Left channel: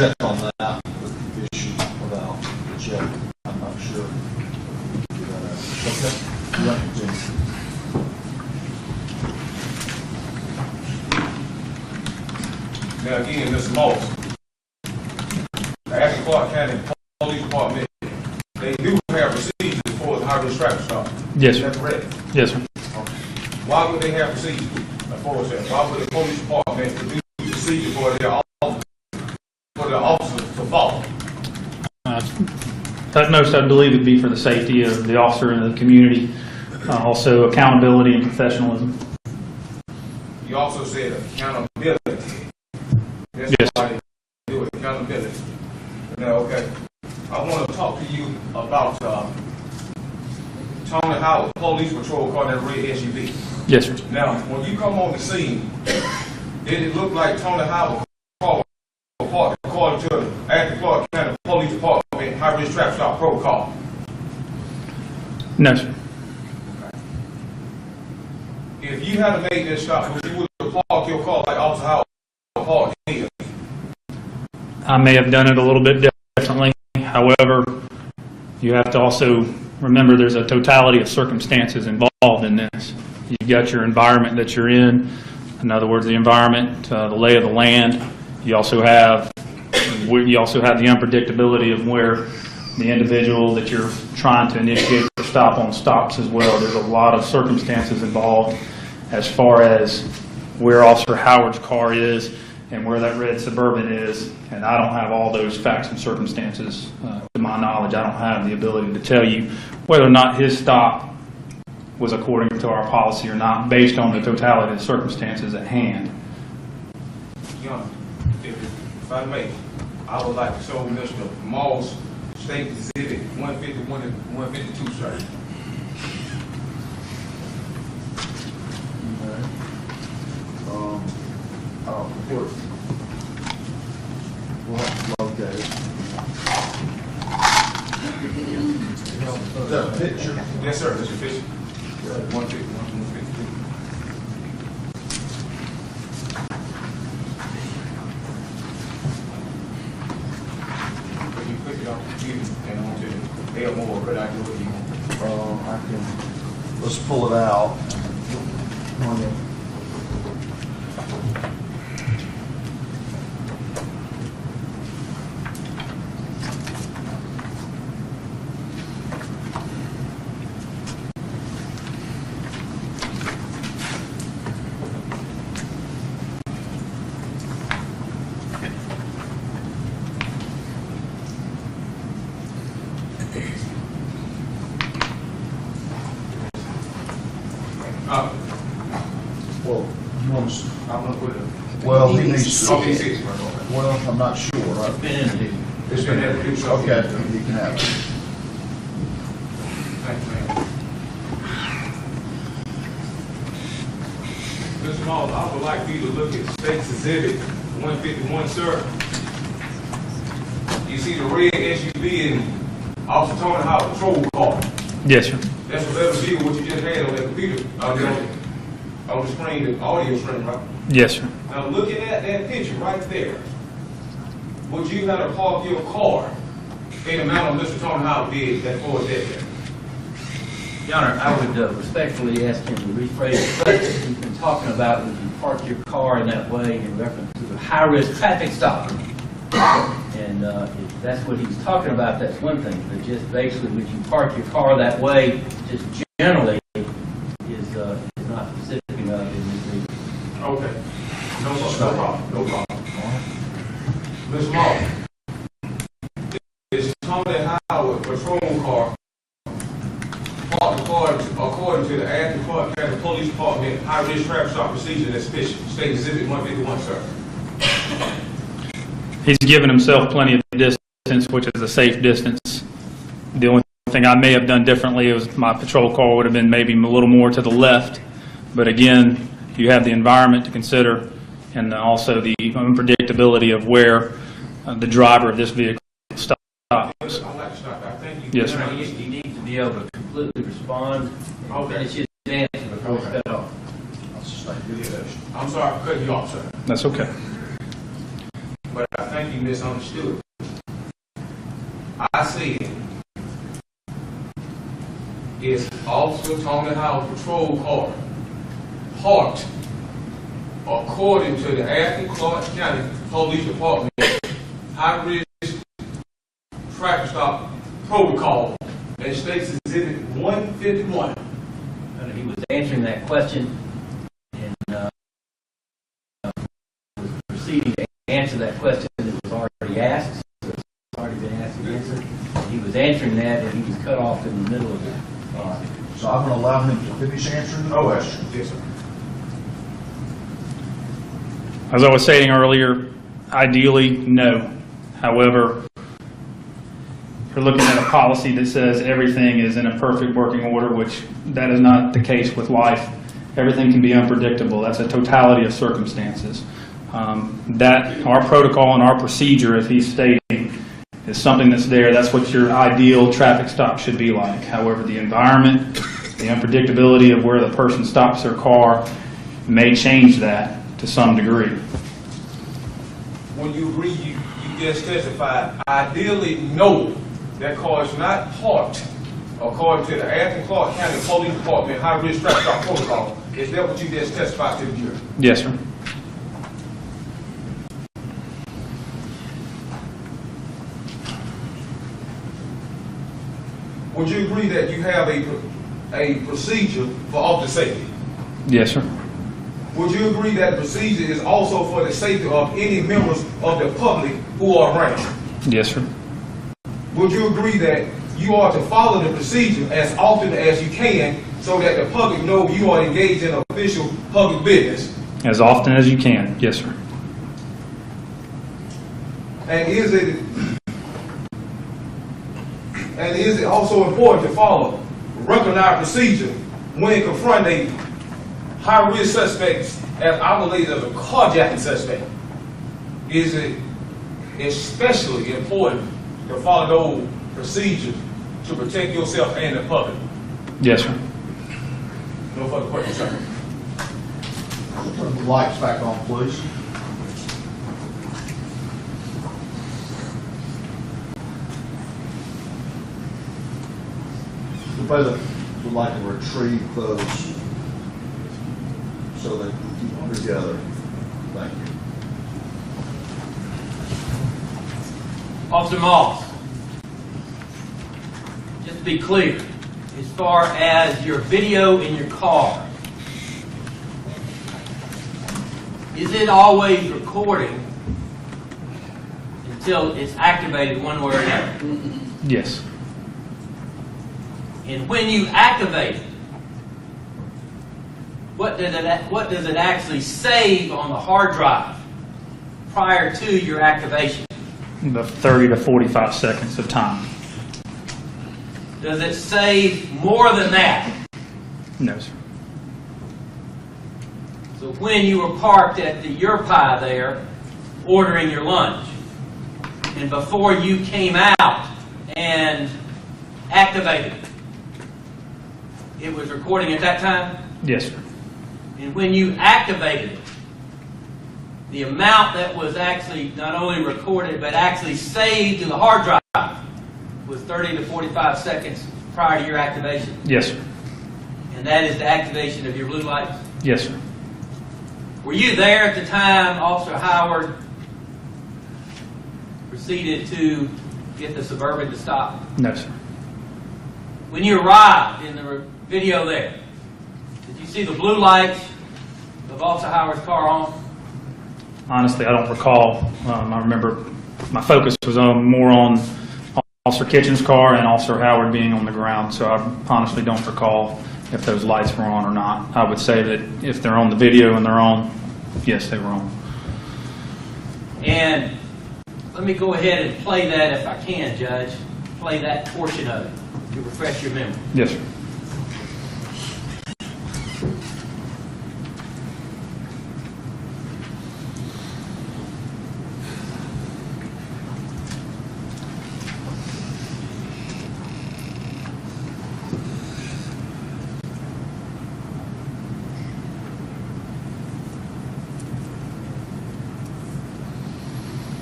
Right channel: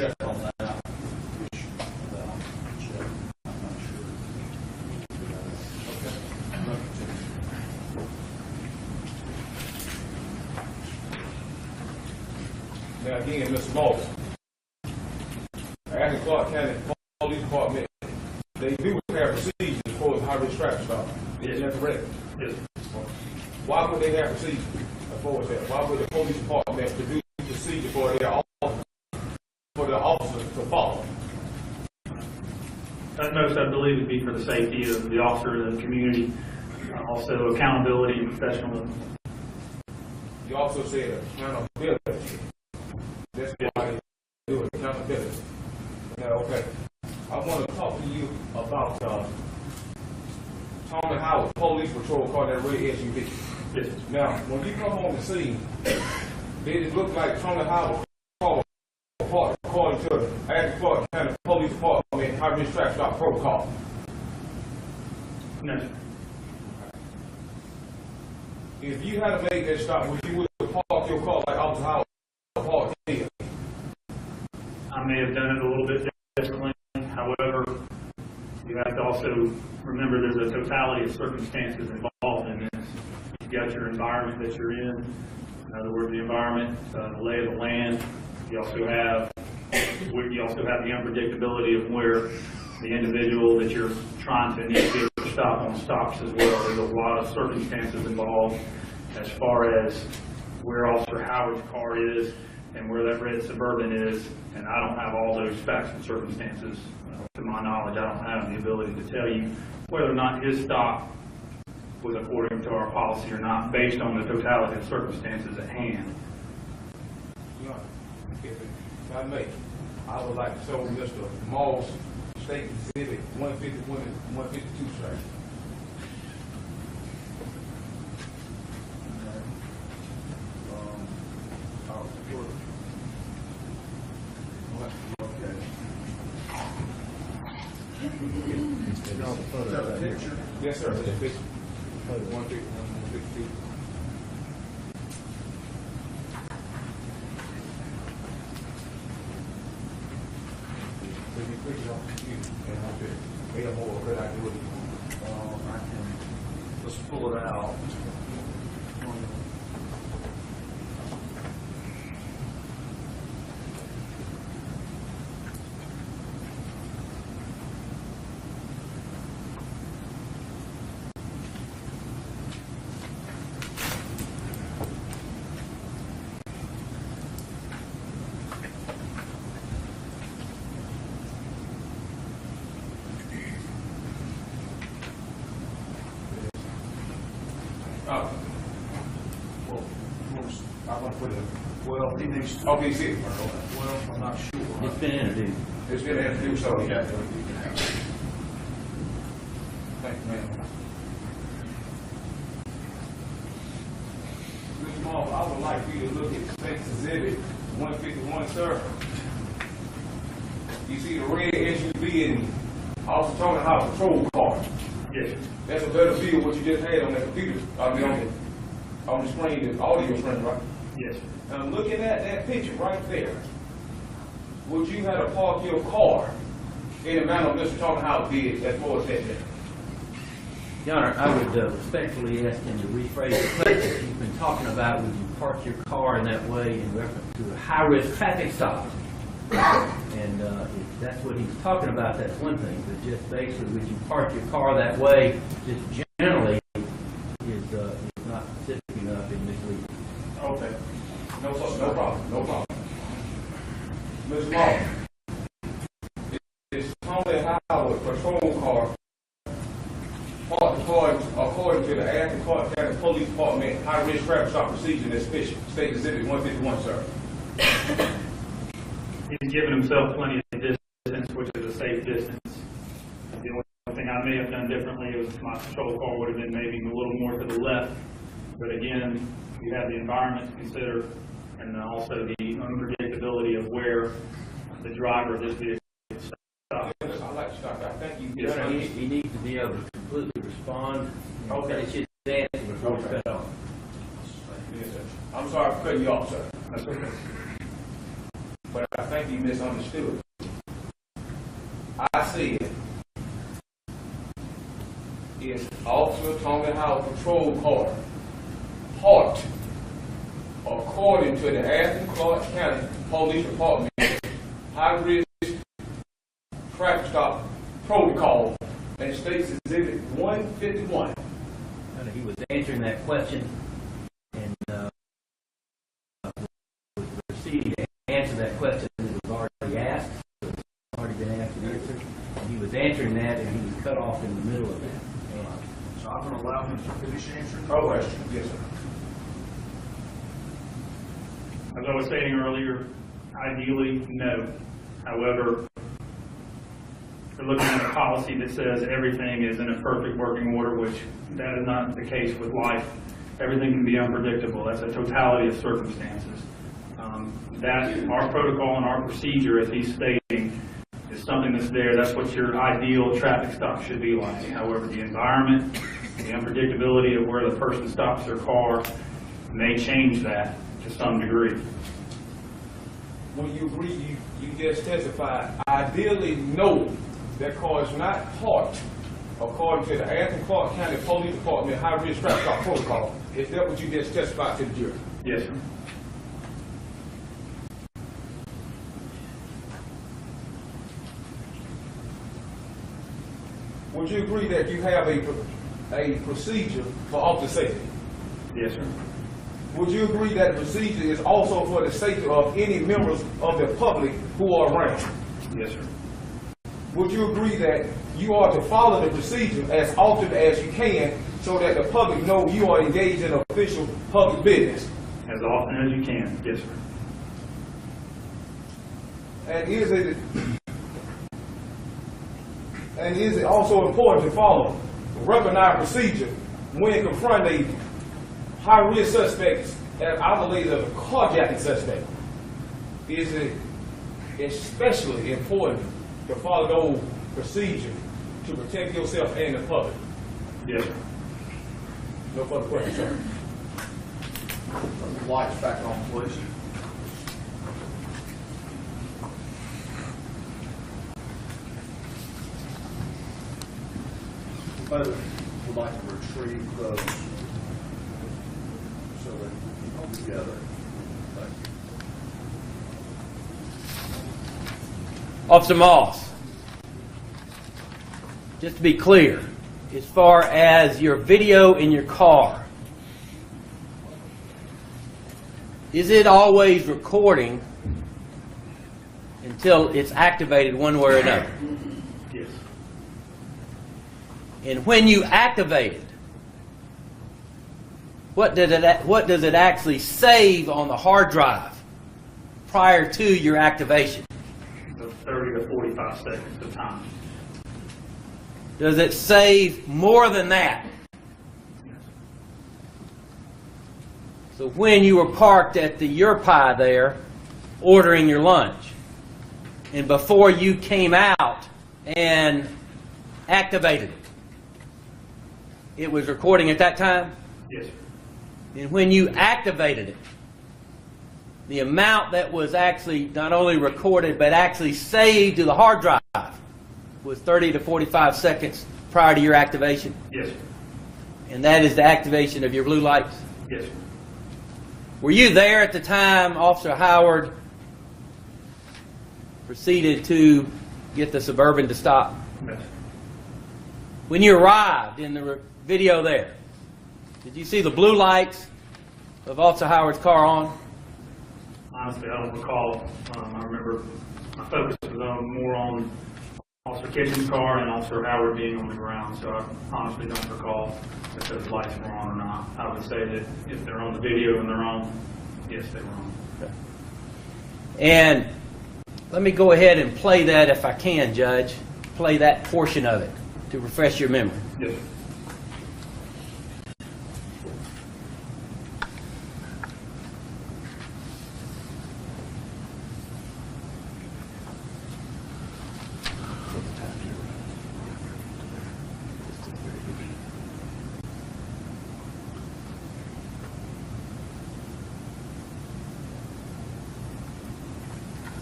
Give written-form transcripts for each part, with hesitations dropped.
check on that issue without the check. I'm not sure. Okay. Yeah, continue. Now again, Mr. Moss, Athens Clark County Police Department, they do have procedures for the high-risk traffic stop. Yes, Is sir. that correct? Yes, sir. Why would they have procedures for that? Why would the police department produce procedures for their officers to follow? At most, I believe it'd be for the safety of the officer and the community, also accountability and professionalism. You also said accountability. That's Yes. why they do accountability. Now, okay, I want to talk to you about Tony Howard, police patrol car, that red SUV. Yes, sir. Now, when you come on the scene, did it look like Tony Howard car was according to the Athens Clark County Police Department high-risk traffic stop protocol? No, sir. If you had made that stop, would you would have parked your car like Officer Howard parked here? I may have done it a little bit differently. However, you have to also remember there's a totality of circumstances involved in this. You've got your environment that you're in. In other words, the environment, the lay of the land. You also have the unpredictability of where the individual that you're trying to initiate the stop on stops as well. There's a lot of circumstances involved as far as where Officer Howard's car is and where that red Suburban is, and I don't have all those facts and circumstances. To my knowledge, I don't have the ability to tell you whether or not his stop was according to our policy or not, based on the totality of the circumstances at hand. Young, if I may, I would like to show Mr. Moss State Exhibit 151 and 152, sir. Report. We'll have to locate it. Is that a picture? Yes, sir, Mr. Fisher. 151, 152. If you click it off the computer and I want you to Elmer, could I do what you want? I can, let's pull it out. Well, you want to, I'm going to put it. well, he needs to, Okay, 6, right, okay. well, I'm not sure. It's been introduced. Okay, you can have it. Thank you, ma'am. Mr. Moss, I would like for you to look at State's Exhibit 151, sir. You see the red SUV in Officer Tony Howard patrol car. Yes, sir. That's a better view of what you just had on the computer, on the screen, the audio screen, right? Yes, sir. Now, looking at that picture right there, would you have to park your car in the manner Mr. Tony Howard did as far as that there? Your Honor, I would respectfully ask him to rephrase the question. He's been talking about would you park your car in that way in reference to a high-risk traffic stop. And if that's what he's talking about, that's one thing. But just basically, would you park your car that way, just generally, is not specific enough in this. Okay. No problem. No problem. Ms. Moss, is Tony Howard patrol car parked according to the Athens Clark County Police Department high-risk traffic stop procedure that's State Exhibit 151, sir? He's given himself plenty of distance, which is a safe distance. The only thing I may have done differently was my patrol car would have been maybe a little more to the left. But again, you have the environment to consider and also the unpredictability of where the driver of this vehicle stops. I'd like to stop. I thank you. Yes, sir. He needs to be able to completely respond and finish his answer before we cut off. I'm sorry for cutting you off, sir. That's okay. But I thank if you misunderstood. I said, is Officer Tony Howard patrol car parked according to the Athens Clark County Police Department high-risk traffic stop protocol and states Exhibit 151. And he was answering that question and was proceeding to answer that question that was already asked. So it's already been asked and answered. He was answering that and he was cut off in the middle of it. So I'm going to allow him to finish answering the question. Yes, sir. As I was saying earlier, ideally, no. However, you're looking at a policy that says everything is in a perfect working order, which that is not the case with life. Everything can be unpredictable. That's a totality of circumstances. That our protocol and our procedure, as he's stating, is something that's there. That's what your ideal traffic stop should be like. However, the environment, the unpredictability of where the person stops their car may change that to some degree. When you agree, you just testified, ideally, no, that car is not parked according to the Athens Clark County Police Department high-risk traffic stop protocol. Is that what you just testified to the jury? Yes, sir. Would you agree that you have a procedure for officer safety? Yes, sir. Would you agree that the procedure is also for the safety of any members of the public who are around? Yes, sir. Would you agree that you are to follow the procedure as often as you can so that the public know you are engaged in official public business? As often as you can. Yes, sir. And is it also important to follow recognized procedure when confronting high-risk suspects as isolated as a carjacking suspect? Is it especially important to follow those procedures to protect yourself and the public? Yes, sir. No further questions, sir. Turn the lights back on, please. Anybody that would like to retrieve those so that we keep them together? Thank you. Officer Moss, just to be clear, as far as your video in your car, is it always recording until it's activated one way or another? Yes. And when you activate it, what does it actually save on the hard drive prior to your activation? The 30 to 45 seconds of time. Does it save more than that? No, sir. So when you were parked at the Your Pie there, ordering your lunch, and before you came out and activated, it was recording at that time? Yes, sir. And when you activated it, the amount that was actually not only recorded but actually saved to the hard drive was 30 to 45 seconds prior to your activation. Yes, sir. And that is the activation of your blue lights. Yes, sir. Were you there at the time Officer Howard proceeded to get the Suburban to stop? No, sir. When you arrived in the video there, did you see the blue lights of Officer Howard's car on? Honestly, I don't recall. I remember my focus was more on Officer Kitchen's car and Officer Howard being on the ground, so I honestly don't recall if those lights were on or not. I would say that if they're on the video and they're on, yes, they were on. And let me go ahead and play that if I can, Judge. Play that portion of it to refresh your memory. Yes, sir.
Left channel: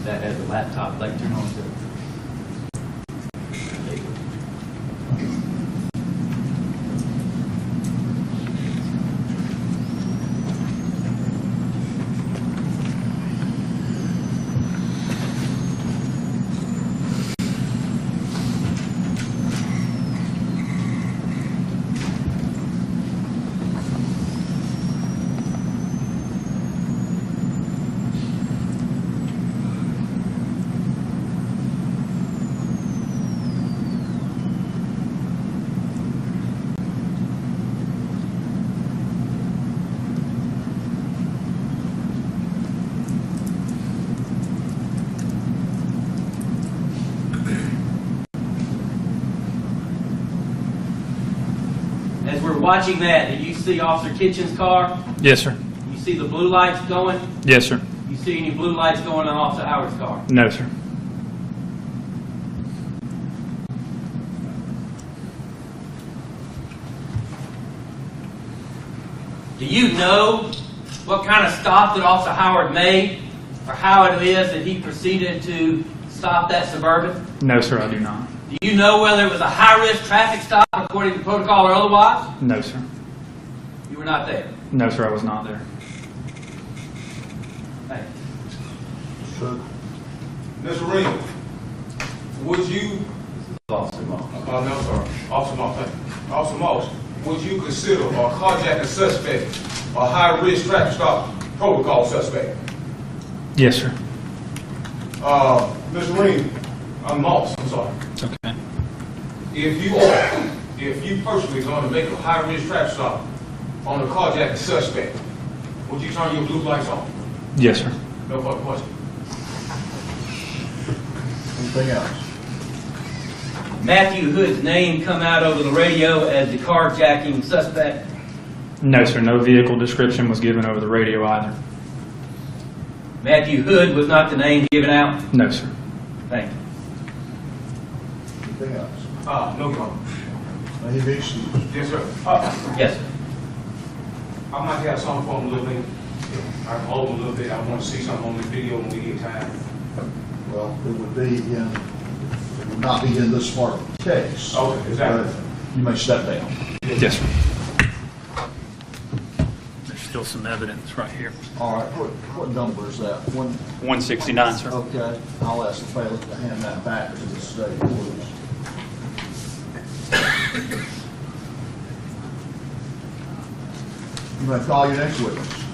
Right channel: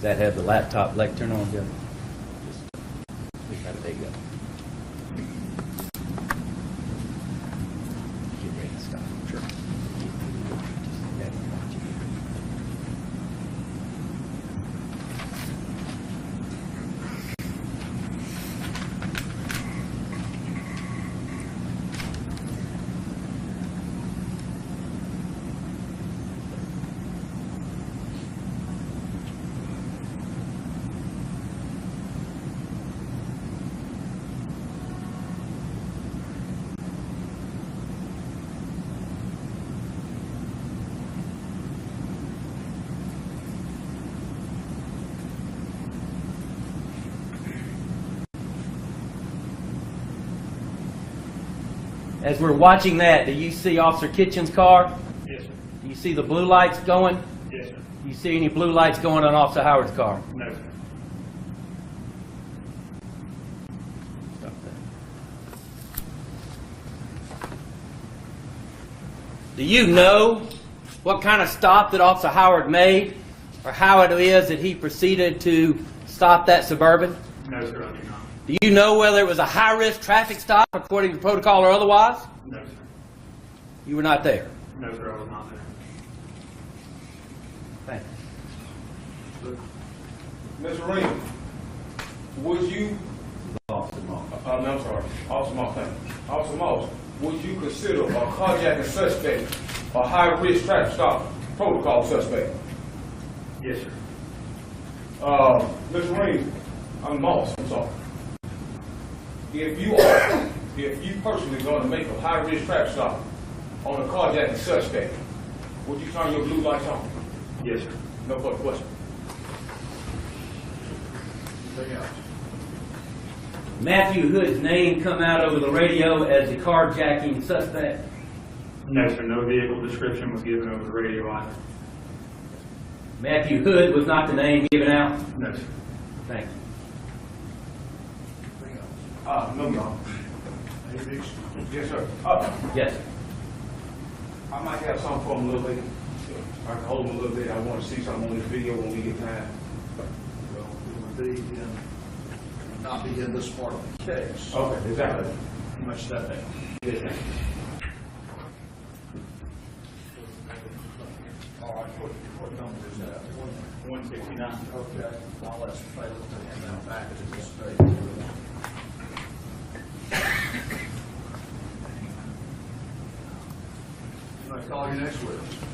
That has a laptop leg turn on. As we're watching that, do you see Officer Kitchen's car? Yes, sir. You see the blue lights going? Yes, sir. You see any blue lights going on Officer Howard's car? No, sir. Do you know what kind of stop that Officer Howard made, or how it is that he proceeded to stop that Suburban? No, sir, I do not. Do you know whether it was a high-risk traffic stop according to protocol or otherwise? No, sir. You were not there. No, sir, I was not there. Thank you. Ms. Ring, would you, Officer Moss. no, I'm sorry, Officer Moss, thank you. Officer Moss, would you consider a carjacking suspect a high-risk traffic stop protocol suspect? Yes, sir. Ms. Ring, I'm Moss, I'm sorry. It's okay. If you personally going to make a high-risk traffic stop on a carjacking suspect, would you turn your blue lights on? Yes, sir. No further question. Anything else? Matthew Hood's name come out over the radio as the carjacking suspect? No, sir. No vehicle description was given over the radio either. Matthew Hood was not the name given out? No, sir. Thank you. Anything else? No, Your Honor. May he be excused. Yes, sir. Yes, sir. I might have something for him a little bit. I can hold him a little bit. I want to see something on this video when we get time. Well, it would not be in this part of the case. Okay, exactly. But you may step down. Yes, sir. There's still some evidence right here. All right, what number is that? 169, sir. Okay, I'll ask the bailiff to hand that back to the state, please. You may call your next witness.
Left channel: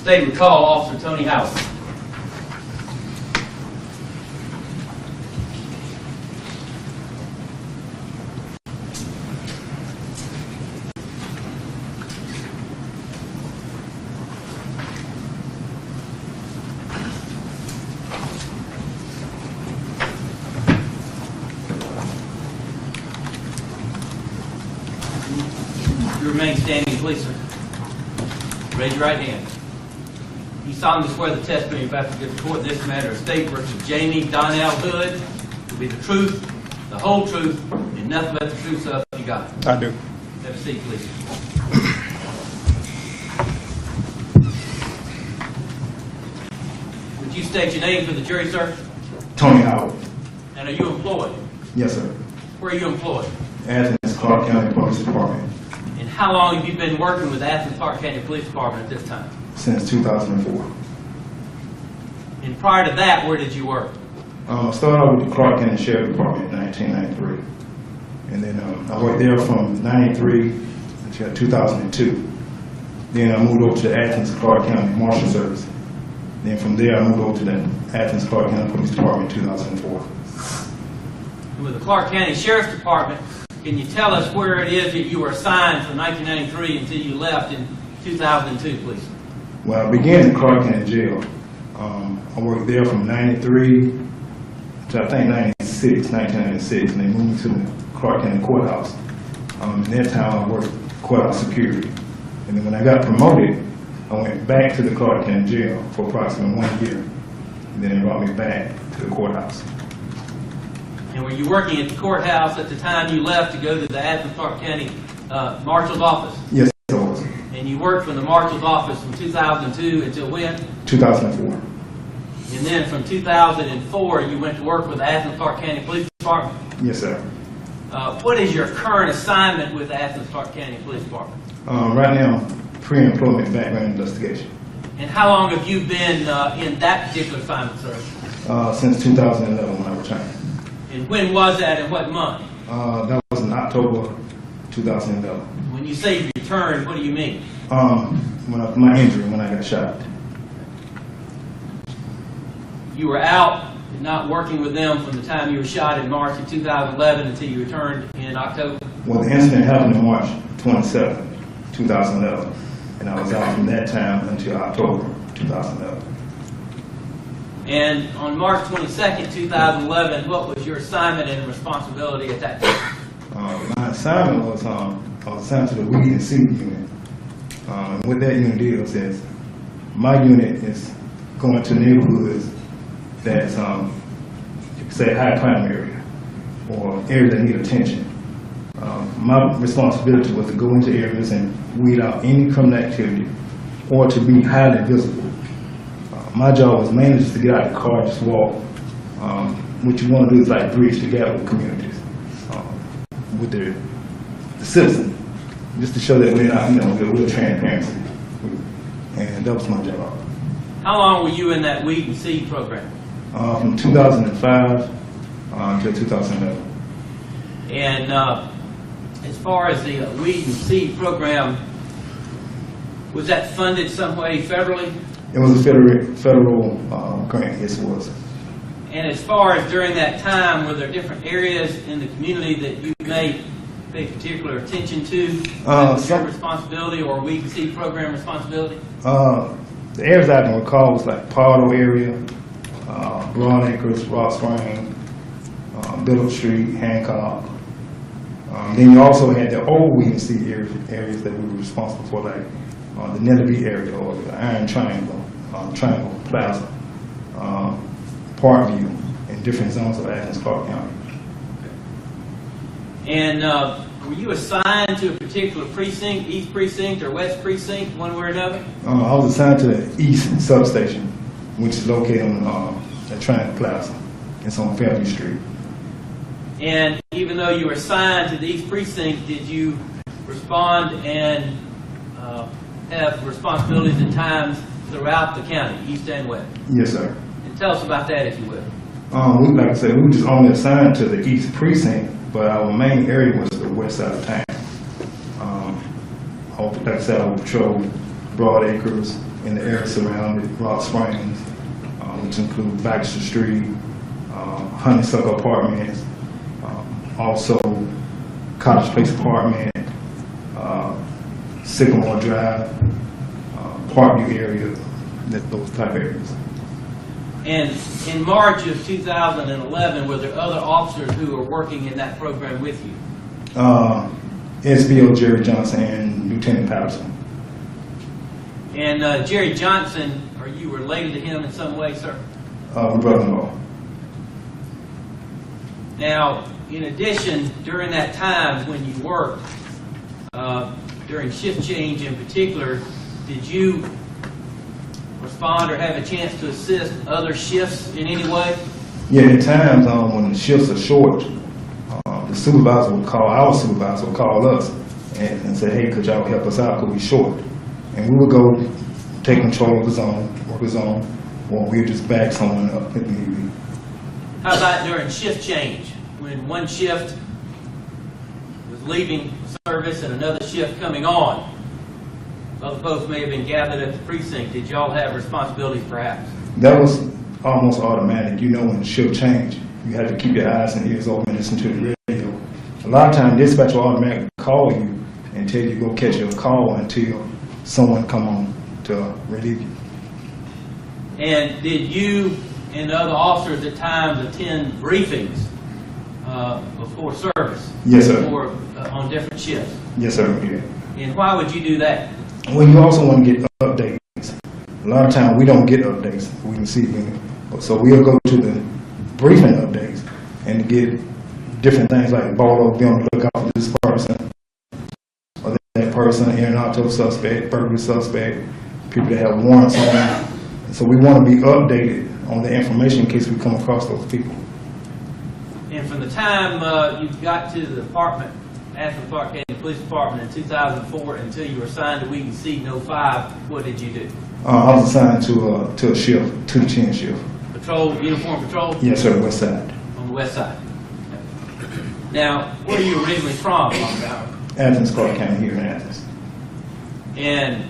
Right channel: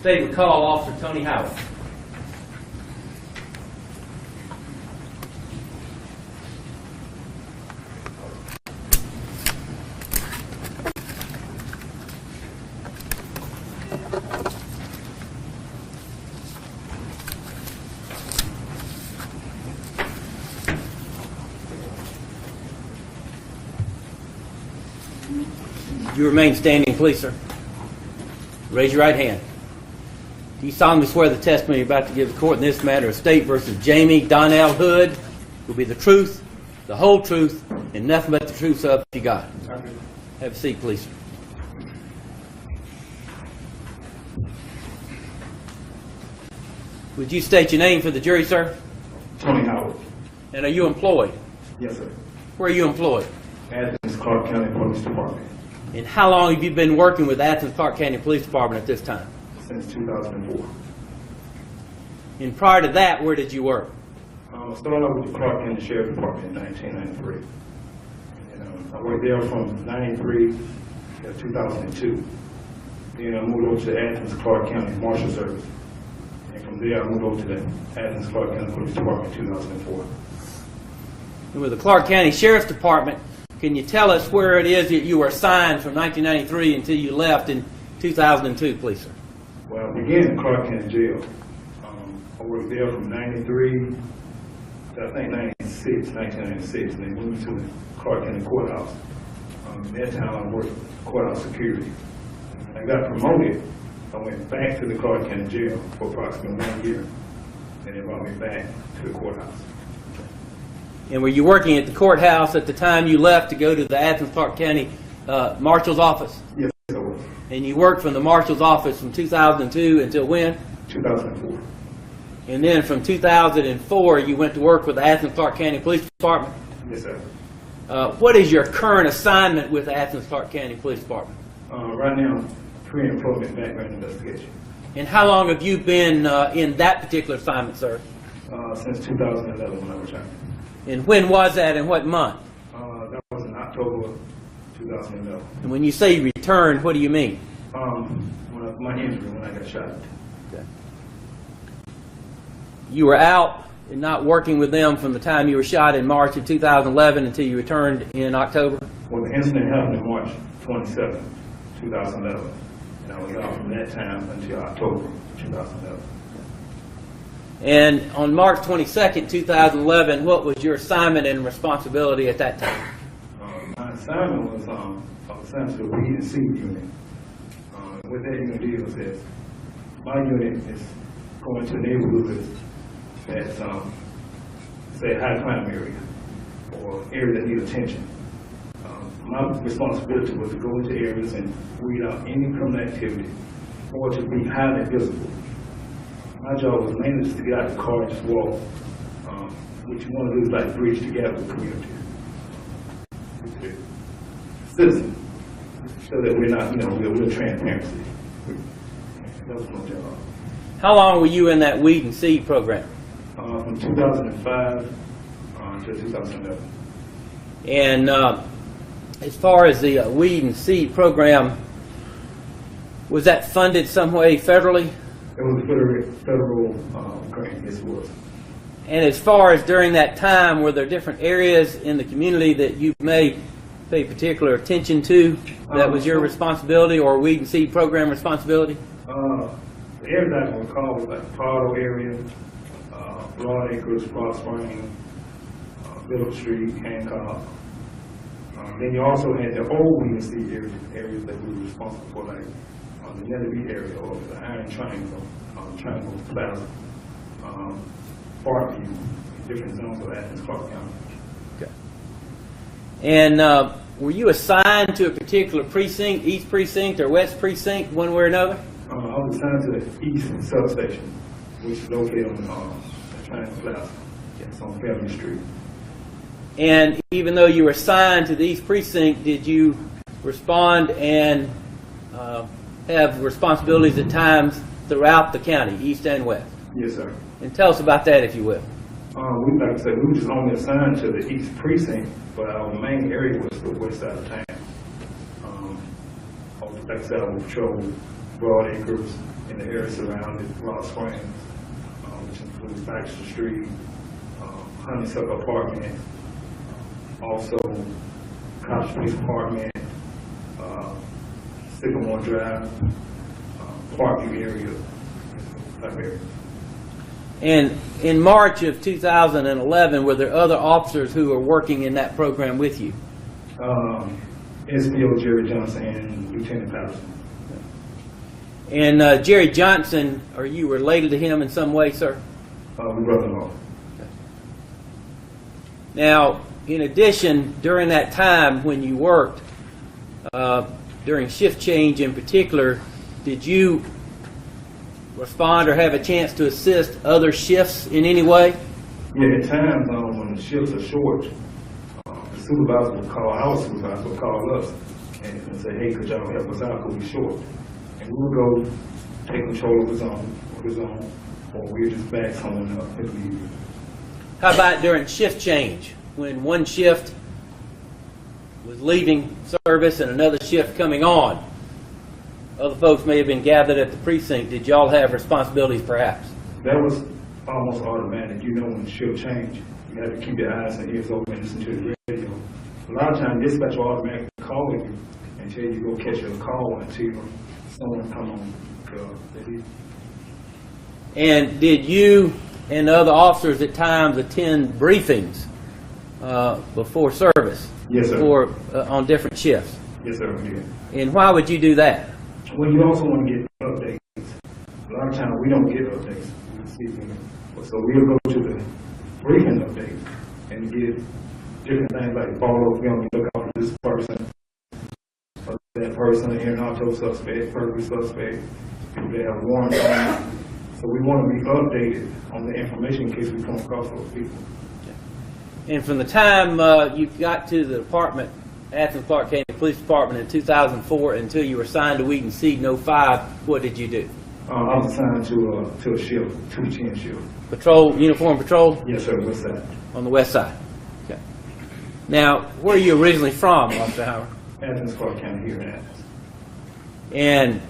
State and call Officer Tony Howard. You remain standing, please, sir. Raise your right hand. You solemnly swear the testimony you're about to give the court in this matter of State versus Jamie Donnell Hood will be the truth, the whole truth, and nothing but the truth, so you got it. I do. Have a seat, please. Would you state your name for the jury, sir? Tony Howard. And are you employed? Yes, sir. Where are you employed? Athens, Clark County Police Department. And how long have you been working with Athens Clark County Police Department at this time? Since 2004. And prior to that, where did you work? I started out with the Clark County Sheriff Department in 1993. And then I worked there from 93 until 2002. Then I moved over to the Athens Clark County Marshal Service. Then from there I moved over to the Athens Clark County Police Department in 2004. And with the Clark County Sheriff's Department, can you tell us where it is that you were assigned from 1993 until you left in 2002, please? When I began at Clark County Jail, I worked there from 93 to I think 1996, and they moved me to the Clark County Courthouse. In that time, I worked courthouse security. And then when I got promoted, I went back to the Clark County Jail for approximately 1 year. And then they brought me back to the courthouse. And were you working at the courthouse at the time you left to go to the Athens Clark County Marshal's office? Yes, I was. And you worked from the Marshal's office from 2002 until when? 2004. And then from 2004, you went to work with the Athens Clarke County Police Department. Yes, sir. What is your current assignment with the Athens Clarke County Police Department? Right now, pre-employment background investigation. And how long have you been in that particular assignment, sir? Since 2011 when I returned. And when was that and what month? That was in October 2011. And when you say you returned, what do you mean? My injury, when I got shot. You were out and not working with them from the time you were shot in March of 2011 until you returned in October? Well, the incident happened on March 27, 2011, and I was out from that time until October 2011. And on March 22nd, 2011, what was your assignment and responsibility at that time? My assignment was, I was assigned to the weed and seed unit. And what that unit deals is, my unit is going to neighborhoods that's, you could say, high crime area, or areas that need attention. My responsibility was to go into areas and weed out any criminal activity, or to be highly visible. My job was mainly just to get out of the car, just walk. What you want to do is like bridge the gap with communities, with the citizens, just to show that we're not, with transparency. And that was my job. How long were you in that weed and seed program? From 2005 until 2011. And as far as the weed and seed program, was that funded some way federally? It was a federal grant, yes it was. And as far as during that time, were there different areas in the community that you may pay particular attention to? That was your responsibility or weed and seed program responsibility? The areas I can recall was like Pardo area, Broad Acres, Rock Spring, Middle Street, Hancock. Then you also had the old weed and seed areas that we were responsible for, like the Netherby area or the Iron Triangle, Triangle Plaza, Parkview, in different zones of Athens, Clarke County. Okay. And were you assigned to a particular precinct, East Precinct or West Precinct, one way or another? I was assigned to the East Substation, which is located on the Triangle Plaza. It's on Fairview Street. And even though you were assigned to the East Precinct, did you respond and have responsibilities at times throughout the county, East and West? Yes, sir. And tell us about that, if you will. Like I said, we were just only assigned to the East Precinct, but our main area was the west side of town. Like I said, I would patrol Broad Acres in the area surrounding Rock Springs, which includes Baxter Street, Honeysuckle Apartments, also Cottage Place Apartment, Sycamore Drive, Parkview area, those type areas. And in March of 2011, were there other officers who were working in that program with you? SBO Jerry Johnson and Lieutenant Patterson. And Jerry Johnson, are you related to him in some way, sir? We're brother-in-law. Now, in addition, during that time when you worked, during shift change in particular, did you respond or have a chance to assist other shifts in any way? Yeah, at times when the shifts are short, the supervisor will call, our supervisor will call us and say, hey, could y'all help us out because we're short? And we would go take control of the zone, work the zone, or we'd just back someone up if need be. How about during shift change? When one shift was leaving service and another shift coming on, other folks may have been gathered at the precinct. Did y'all have responsibilities perhaps? That was almost automatic. You know when the shift changed, you had to keep your eyes and ears open and listen to the radio. A lot of times dispatch will automatically call you and tell you to go catch your call until someone come on to relieve you. And did you and other officers at times attend briefings before service? Yes, sir. Before, on different shifts? Yes, sir, we did. And why would you do that? Well, you also want to get updates. A lot of times we don't get updates. We can see them. So we'll go to the briefing updates and get different things like Baldo, be on the lookout for this person or that person, in and auto suspect, burglary suspect, people that have warrants on them. So we want to be updated on the information in case we come across those people. And from the time you got to the department, Athens Clark County Police Department in 2004 until you were assigned to Wheaton Seat in 05, what did you do? I was assigned to a shift, to the chin shift. Patrol, uniform patrol? Yes, sir, west side. On the west side. Okay. Now, where are you originally from? Athens, Clark County, here in Athens. And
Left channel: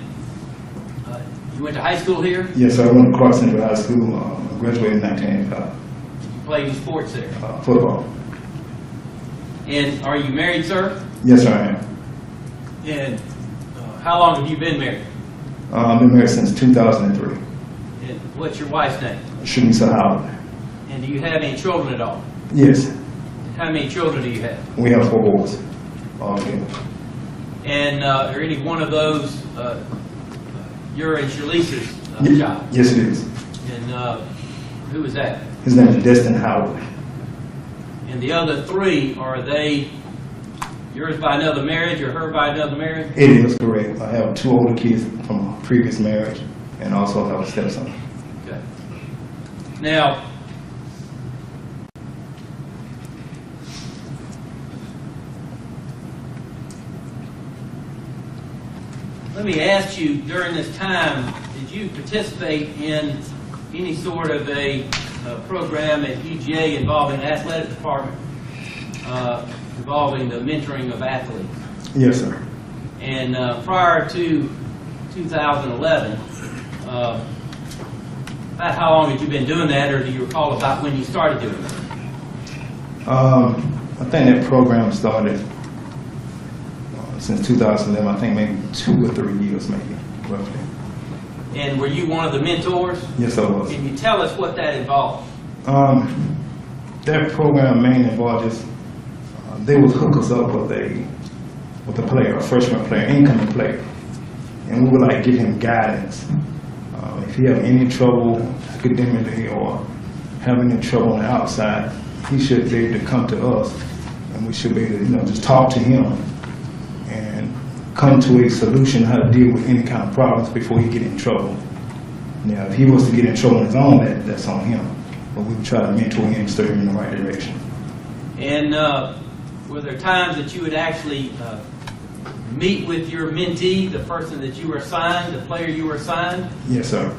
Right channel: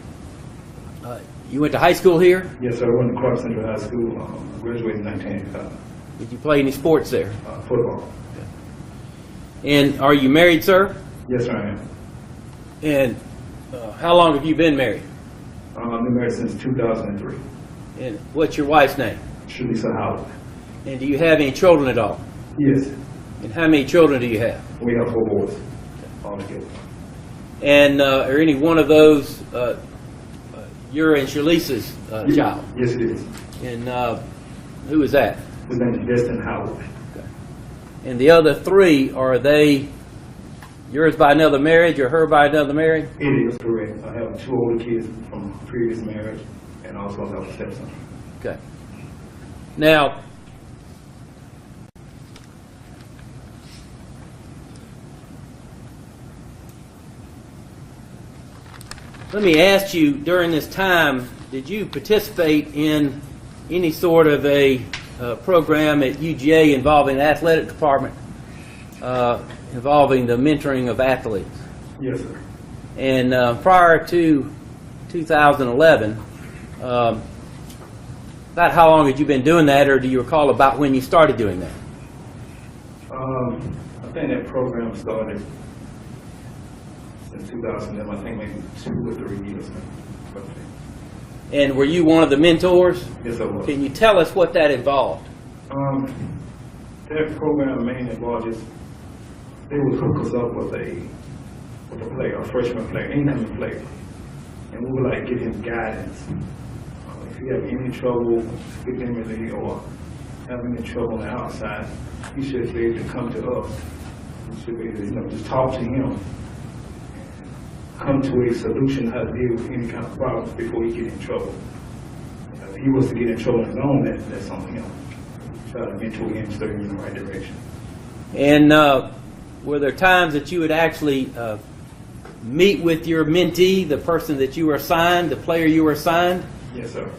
you went to high school here? Yes, sir, I went to Cross Central High School, graduated in 1985. Did you play any sports there? Football. And are you married, sir? Yes, sir, I am. And how long have you been married? I've been married since 2003. And what's your wife's name? Shouldn't be so holiday. And do you have any children at all? Yes, And how many children do you have? we have 4 boys. Okay. And are any one of those your and Shalisa's child? Yes, it is. And who is that? His name is Destin Howard. And the other 3, are they yours by another marriage or her by another marriage? It is correct. I have 2 older kids from a previous marriage, and also I have a stepson. Okay. Now, let me ask you, during this time, did you participate in any sort of a program at UGA involving the athletic department, involving the mentoring of athletes? Yes, sir. And prior to 2011, about how long had you been doing that, or do you recall about when you started doing that? I think that program started since 2011. I think maybe 2 or 3 years, maybe, roughly. And were you one of the mentors? Yes, I was. Can you tell us what that involved? That program mainly involved just, they would hook us up with a player, a freshman player, incoming player. And we would like give him guidance. If he have any trouble academically or having any trouble on the outside, he should be able to come to us, and we should be able to, just talk to him and come to a solution how to deal with any kind of problems before he get in trouble. Now, if he was to get in trouble on his own, that's on him. But we try to mentor him and steer him in the right direction. And were there times that you would actually meet with your mentee, the person that you were assigned, the player you were assigned? Yes, sir.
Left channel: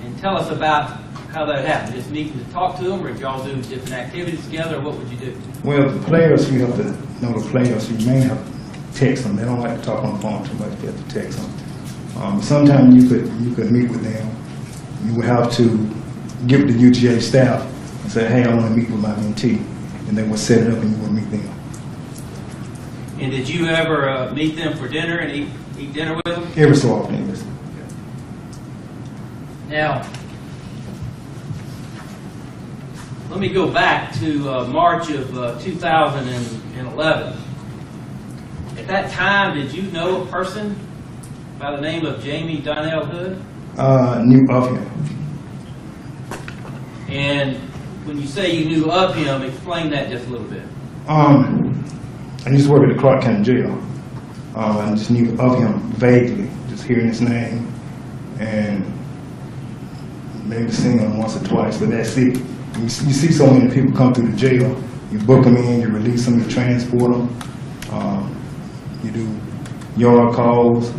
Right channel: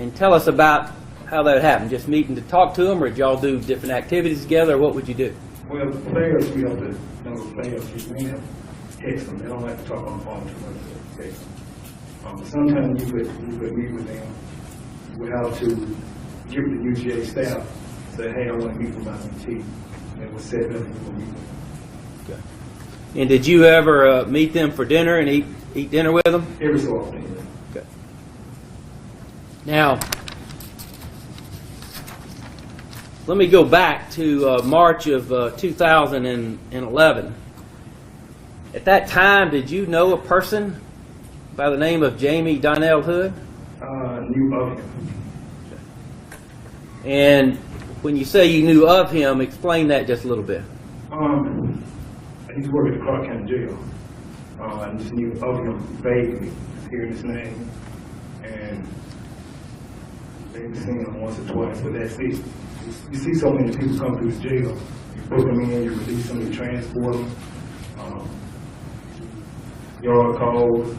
And tell us about how that happened. Just meeting to talk to them, or did y'all do different activities together, or what would you do? Well, the players, we have to know the players. You may have to text them. They don't like to talk on the phone too much. You have to text them. Sometimes you could meet with them. You would have to give the UGA staff and say, hey, I want to meet with my mentee. And they would set it up and you would meet them. And did you ever meet them for dinner and eat dinner with them? Every so often, yes. Okay. Now, let me go back to March of 2011. At that time, did you know a person by the name of Jamie Donnell Hood? Knew of him. And when you say you knew of him, explain that just a little bit. I used to work at the Clark County Jail. I just knew of him vaguely, just hearing his name, and maybe seeing him once or twice, but that's it. You see so many people come through the jail, you book them in, you release them, you transport them, you do yard calls,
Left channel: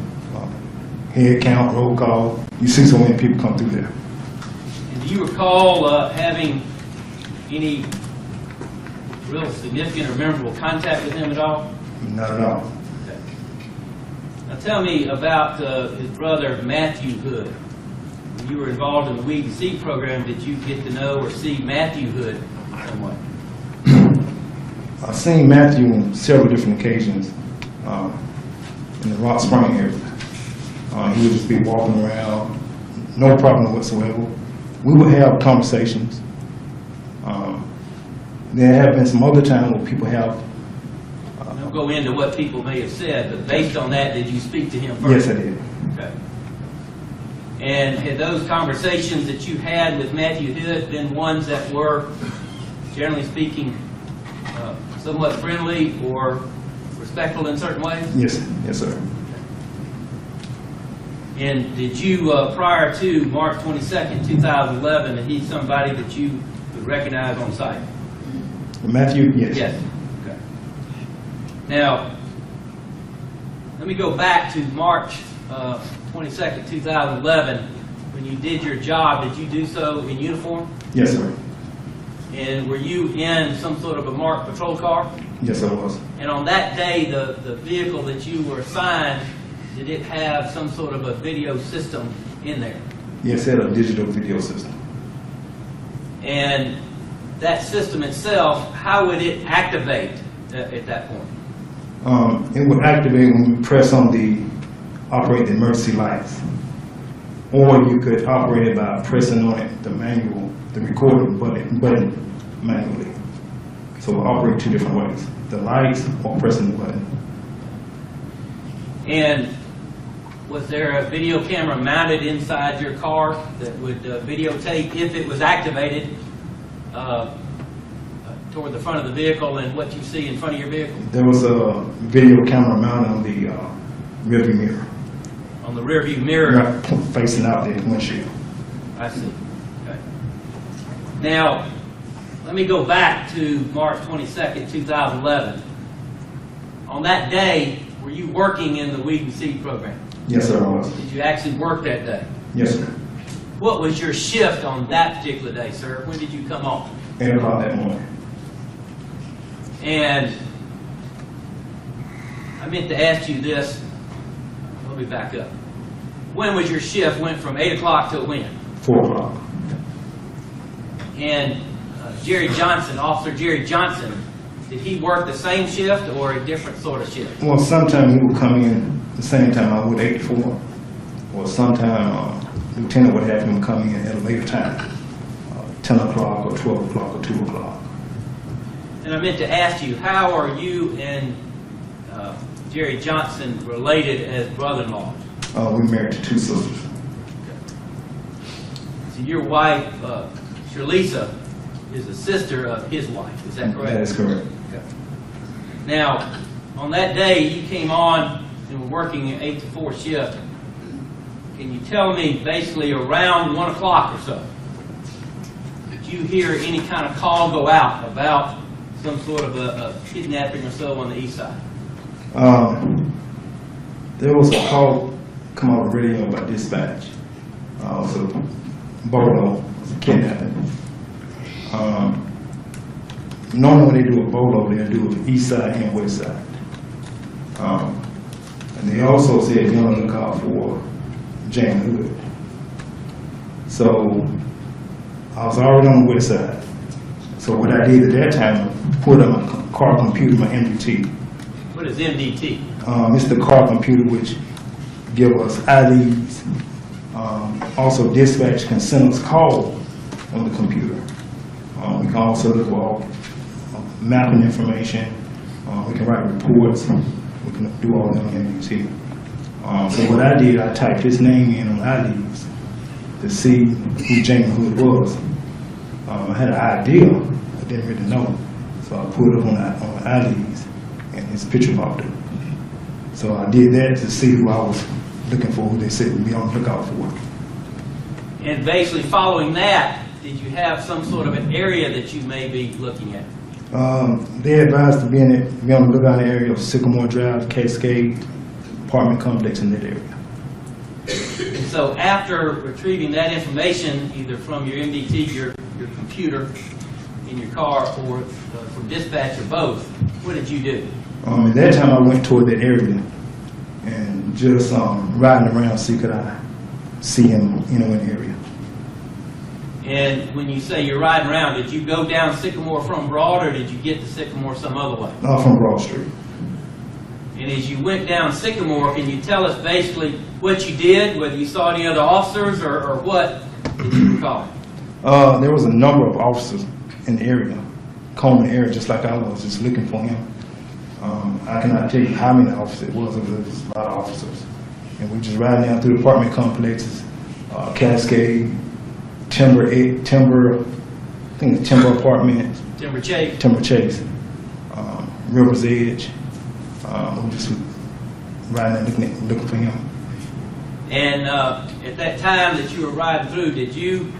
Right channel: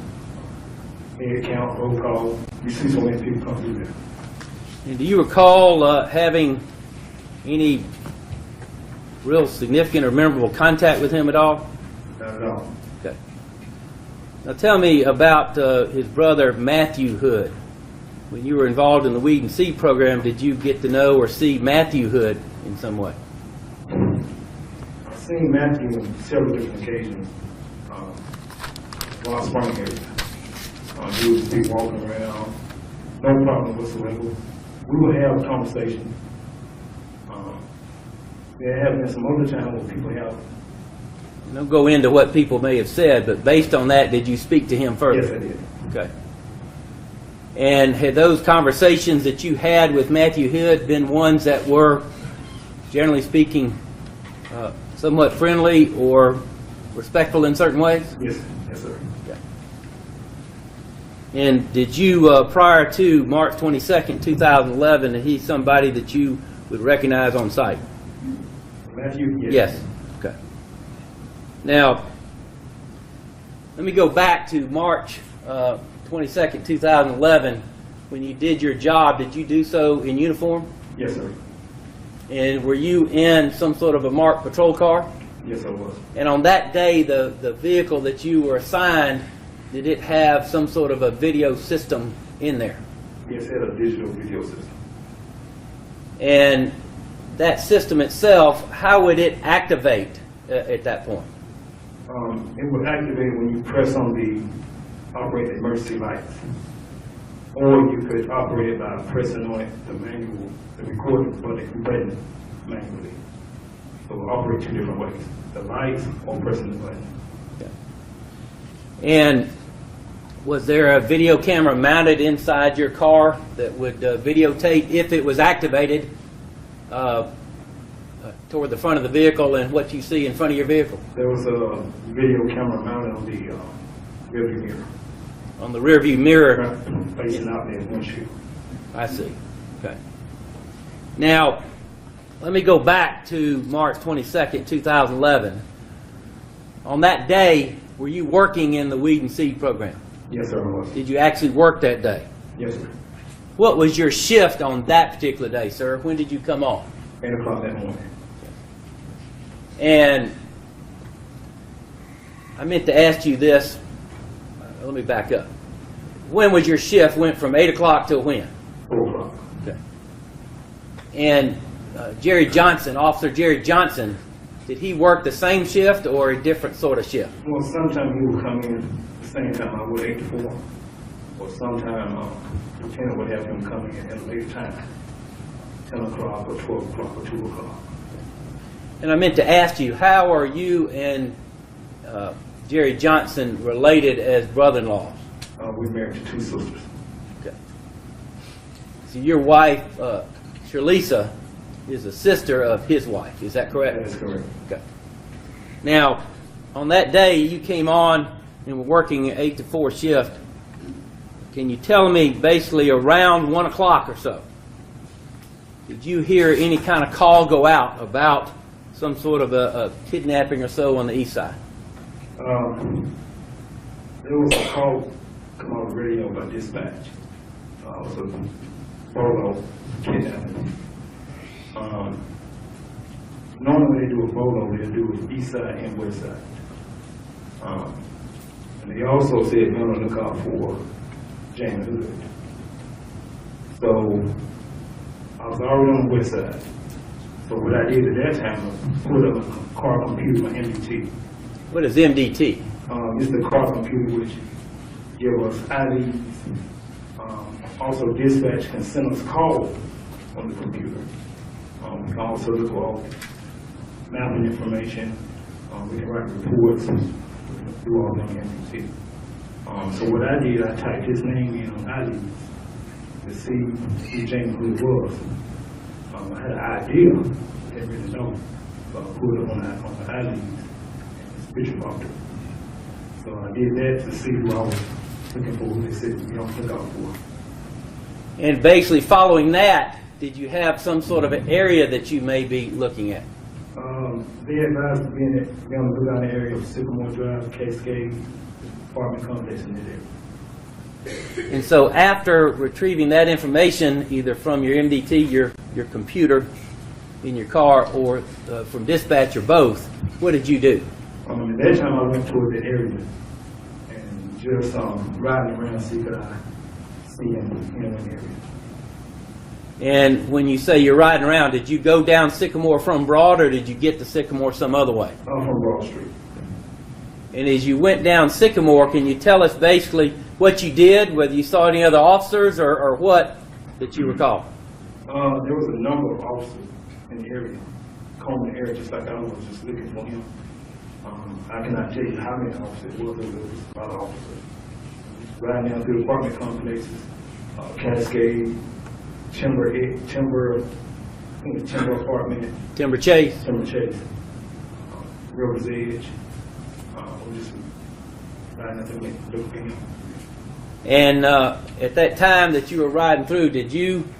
head count, roll call. You see so many people come through there. And do you recall having any real significant or memorable contact with him at all? Not at all. Okay. Now tell me about his brother Matthew Hood. When you were involved in the Weed and Seed program, did you get to know or see Matthew Hood in some way? I've seen Matthew on several different occasions in the Rock Spring area. He would just be walking around, no problem whatsoever. We would have conversations. There have been some other times where people have. Don't go into what people may have said, but based on that, did you speak to him first? Yes, I did. Okay. And had those conversations that you had with Matthew Hood been ones that were, generally speaking, somewhat friendly or respectful in certain ways? Yes, yes, sir. Okay. And did you, prior to March 22nd, 2011, that he's somebody that you would recognize on site? Matthew, yes. Yes. Okay. Now, let me go back to March 22nd, 2011. When you did your job, did you do so in uniform? Yes, sir. And were you in some sort of a marked patrol car? Yes, I was. And on that day, the vehicle that you were assigned, did it have some sort of a video system in there? Yes, it had a digital video system. And that system itself, how would it activate at that point? It would activate when you press on operate the emergency lights. Or you could operate it by pressing on it, the recording button manually. So we'll operate two different ways, the lights or pressing the button. And was there a video camera mounted inside your car that would videotape if it was activated toward the front of the vehicle and what you see in front of your vehicle? There was a video camera mounted on the rearview mirror. On the rear view mirror? Facing out the windshield. I see. Okay. Now, let me go back to March 22nd, 2011. On that day, were you working in the weed and seed program? Yes, sir, I was. Did you actually work that day? Yes, sir. What was your shift on that particular day, sir? When did you come on? 8 o'clock that morning. And I meant to ask you this. Let me back up. When was your shift? Went from 8 o'clock to when? 4 o'clock. Okay. And Jerry Johnson, Officer Jerry Johnson, did he work the same shift or a different sort of shift? Well, sometimes he would come in the same time I would 8 to 4. Or sometimes Lieutenant would have him come in at a later time, 10 o'clock or 12 o'clock or 2 o'clock. And I meant to ask you, how are you and Jerry Johnson related as brother-in-law? We're married to 2 sisters. Okay. So your wife, Sherlisa, is a sister of his wife. Is that correct? That's correct. Okay. Now, on that day, you came on and were working an 8 to 4 shift. Can you tell me basically around 1 o'clock or so, did you hear any kind of call go out about some sort of a kidnapping or so on the east side? There was a call come on the radio by dispatch. So Bolo kidnapping. Normally when they do a Bolo, they'll do it east side and west side. And they also said they're going to look out for Jane Hood. So I was already on the west side. So what I did at that time, put on my car computer, my MDT. What is MDT? It's the car computer which give us IDs. Also dispatch can send us calls on the computer. We can also look for mapping information. We can write reports. We can do all that on MDT. So what I did, I typed his name in on IDs to see who Jamie Hood was. I had an idea, I didn't really know. So I put it on IDs and his picture popped up. So I did that to see who I was looking for, who they said would be on the lookout for. And basically following that, did you have some sort of an area that you may be looking at? They advised to be on the lookout in the area of Sycamore Drive, Cascade, apartment complex in that area. And so after retrieving that information, either from your MDT, your computer in your car, or from dispatch, or both, what did you do? At that time I went toward that area and just riding around, see could I see him, in the area. And when you say you're riding around, did you go down Sycamore from Broad, or did you get to Sycamore some other way? From Broad Street. And as you went down Sycamore, can you tell us basically what you did, whether you saw any other officers or what did you recall? There was a number of officers in the area, combing the area just like I was, just looking for him. I cannot tell you how many officers it was a lot of officers. And we just riding down through the apartment complexes, Cascade, Timber Apartment. Timber Chase. River's Edge. We just riding and looking for him. And at that time that you were riding through, did you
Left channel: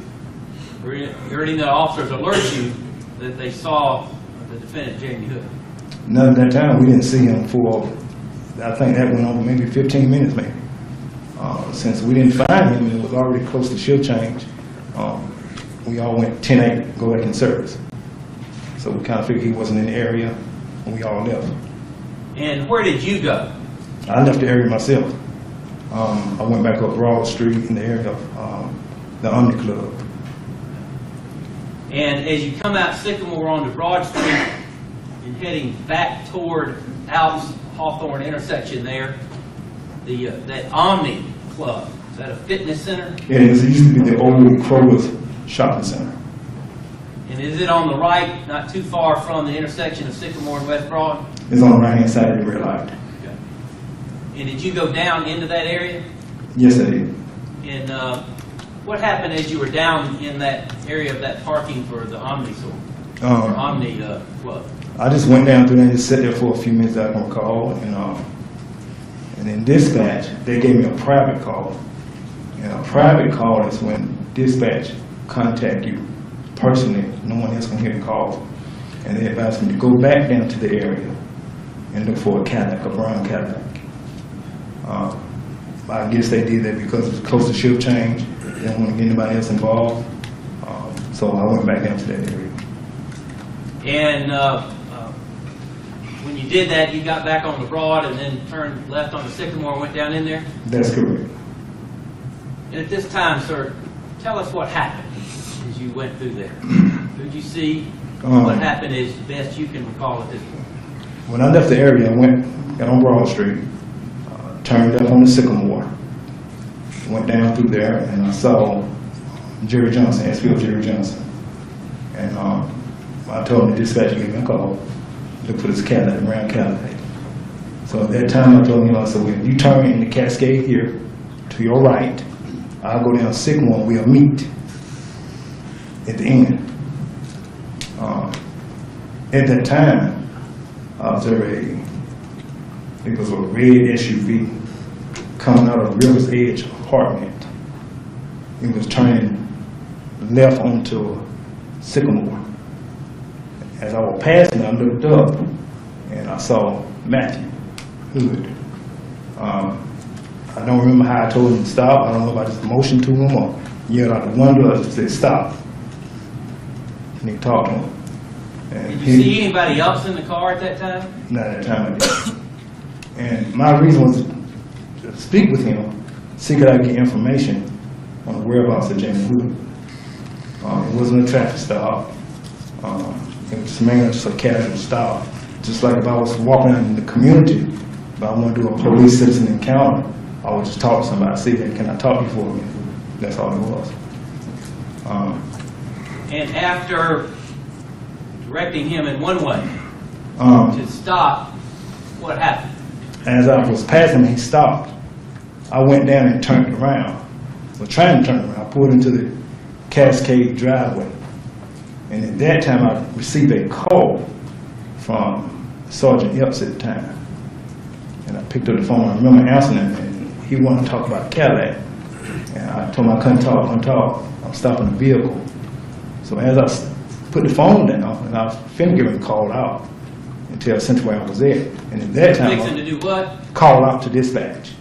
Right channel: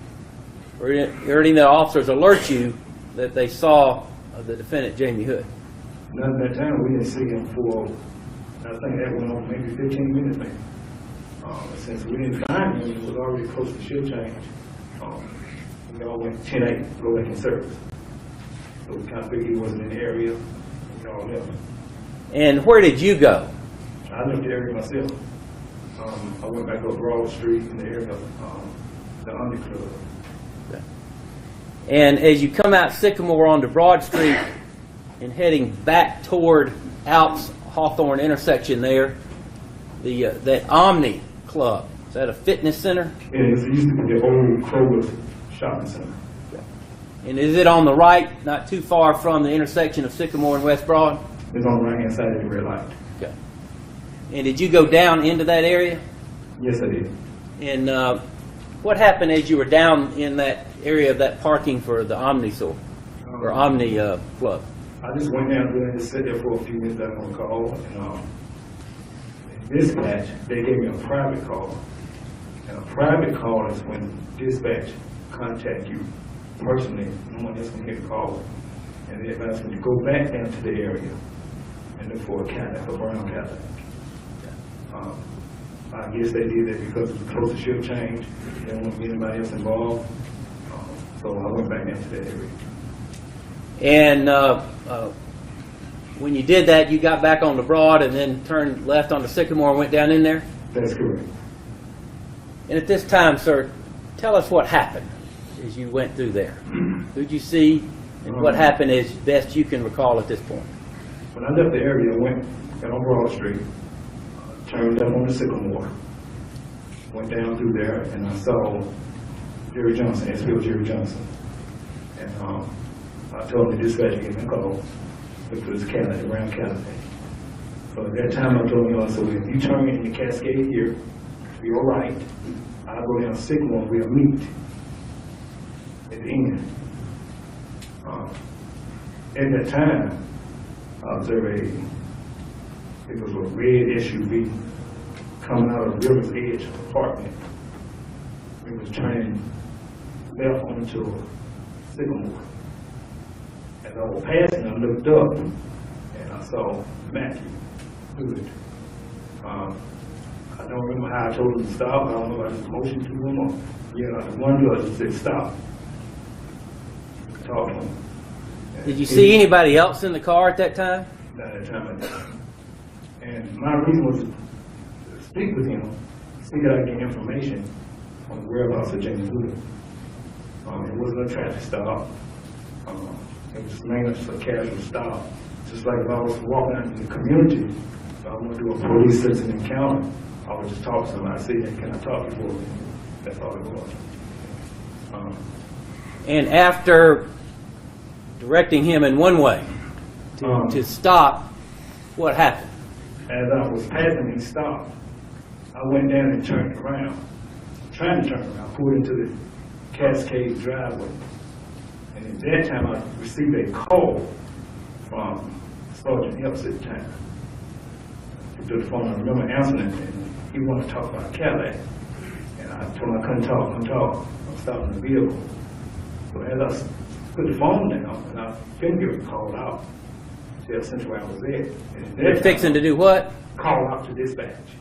or any of the officers alert you that they saw the defendant, Jamie Hood? None at that time. We didn't see him for, I think that went on maybe 15 minutes maybe. Since we didn't find him, it was already close to shift change. We all went 10-8, go back in service. So we kind of figured he wasn't in the area, and we all left. And where did you go? I left the area myself. I went back up Broad Street in the area of the Omni Club. And as you come out Sycamore onto Broad Street and heading back toward Alps Hawthorne intersection there, the Omni Club, is that a fitness center? It used to be the old Kroger's shopping center. And is it on the right, not too far from the intersection of Sycamore and West Broad? It's on the right-hand side of the red light. Okay. And did you go down into that area? Yes, I did. And what happened as you were down in that area of that parking for the Omni store, or Omni Club? I just went down through there and just sat there for a few minutes, I can recall, and in dispatch, they gave me a private call. And a private call is when dispatch contact you personally, no one else can hear the call. And they advised me to go back down to the area and look for a Cadillac, a brown Cadillac. I guess they did that because it was close to shift change. They didn't want to get anybody else involved. So I went back down to that area. And when you did that, you got back on the Broad and then turned left on the Sycamore and went down in there? That's correct. And at this time, sir, tell us what happened as you went through there. Who'd you see? What happened as best you can recall at this point? When I left the area, I got on Broad Street, turned up on the Sycamore, went down through there, and I saw Jerry Johnson, SPO Jerry Johnson. And I told him the dispatcher gave me a call, look for this Cadillac, brown Cadillac. So at that time, I told him, I said, well, if you turn in the Cascade here, to your right, I'll go down Sycamore and we'll meet at the end. At that time, it was a red SUV coming out of River's Edge apartment. It was turning left onto Sycamore. As I was passing, I looked up and I saw Matthew Hood. I don't remember how I told him to stop. I don't know if I just motioned to him or yelled out the window and said, stop. And he talked to him. And Did you see anybody else in the car at that time? Not at that time I didn't. And my reason was to speak with him, see could I get information on the whereabouts of Jamie Hood. It wasn't a traffic stop. It was mainly just a casual stop. Just like if I was walking in the community, if I want to do a police citizen encounter, I would just talk to somebody, see, hey, can I talk to you for a minute? That's all it was. And after directing him in one way to stop, what happened? As I was passing, he stopped. I went down and turned around. So trying to turn around, I pulled into the Cascade driveway. And at that time, I received a call from Sergeant Epps at the time. And I picked up the phone. I remember answering it, and he wanted to talk about Cadillac. And I told him I couldn't talk. I'm stopping the vehicle. So as I put the phone down, and I was finna get him called out and tell Central where I was at. And at that time, Fixing to do what? Call out to dispatch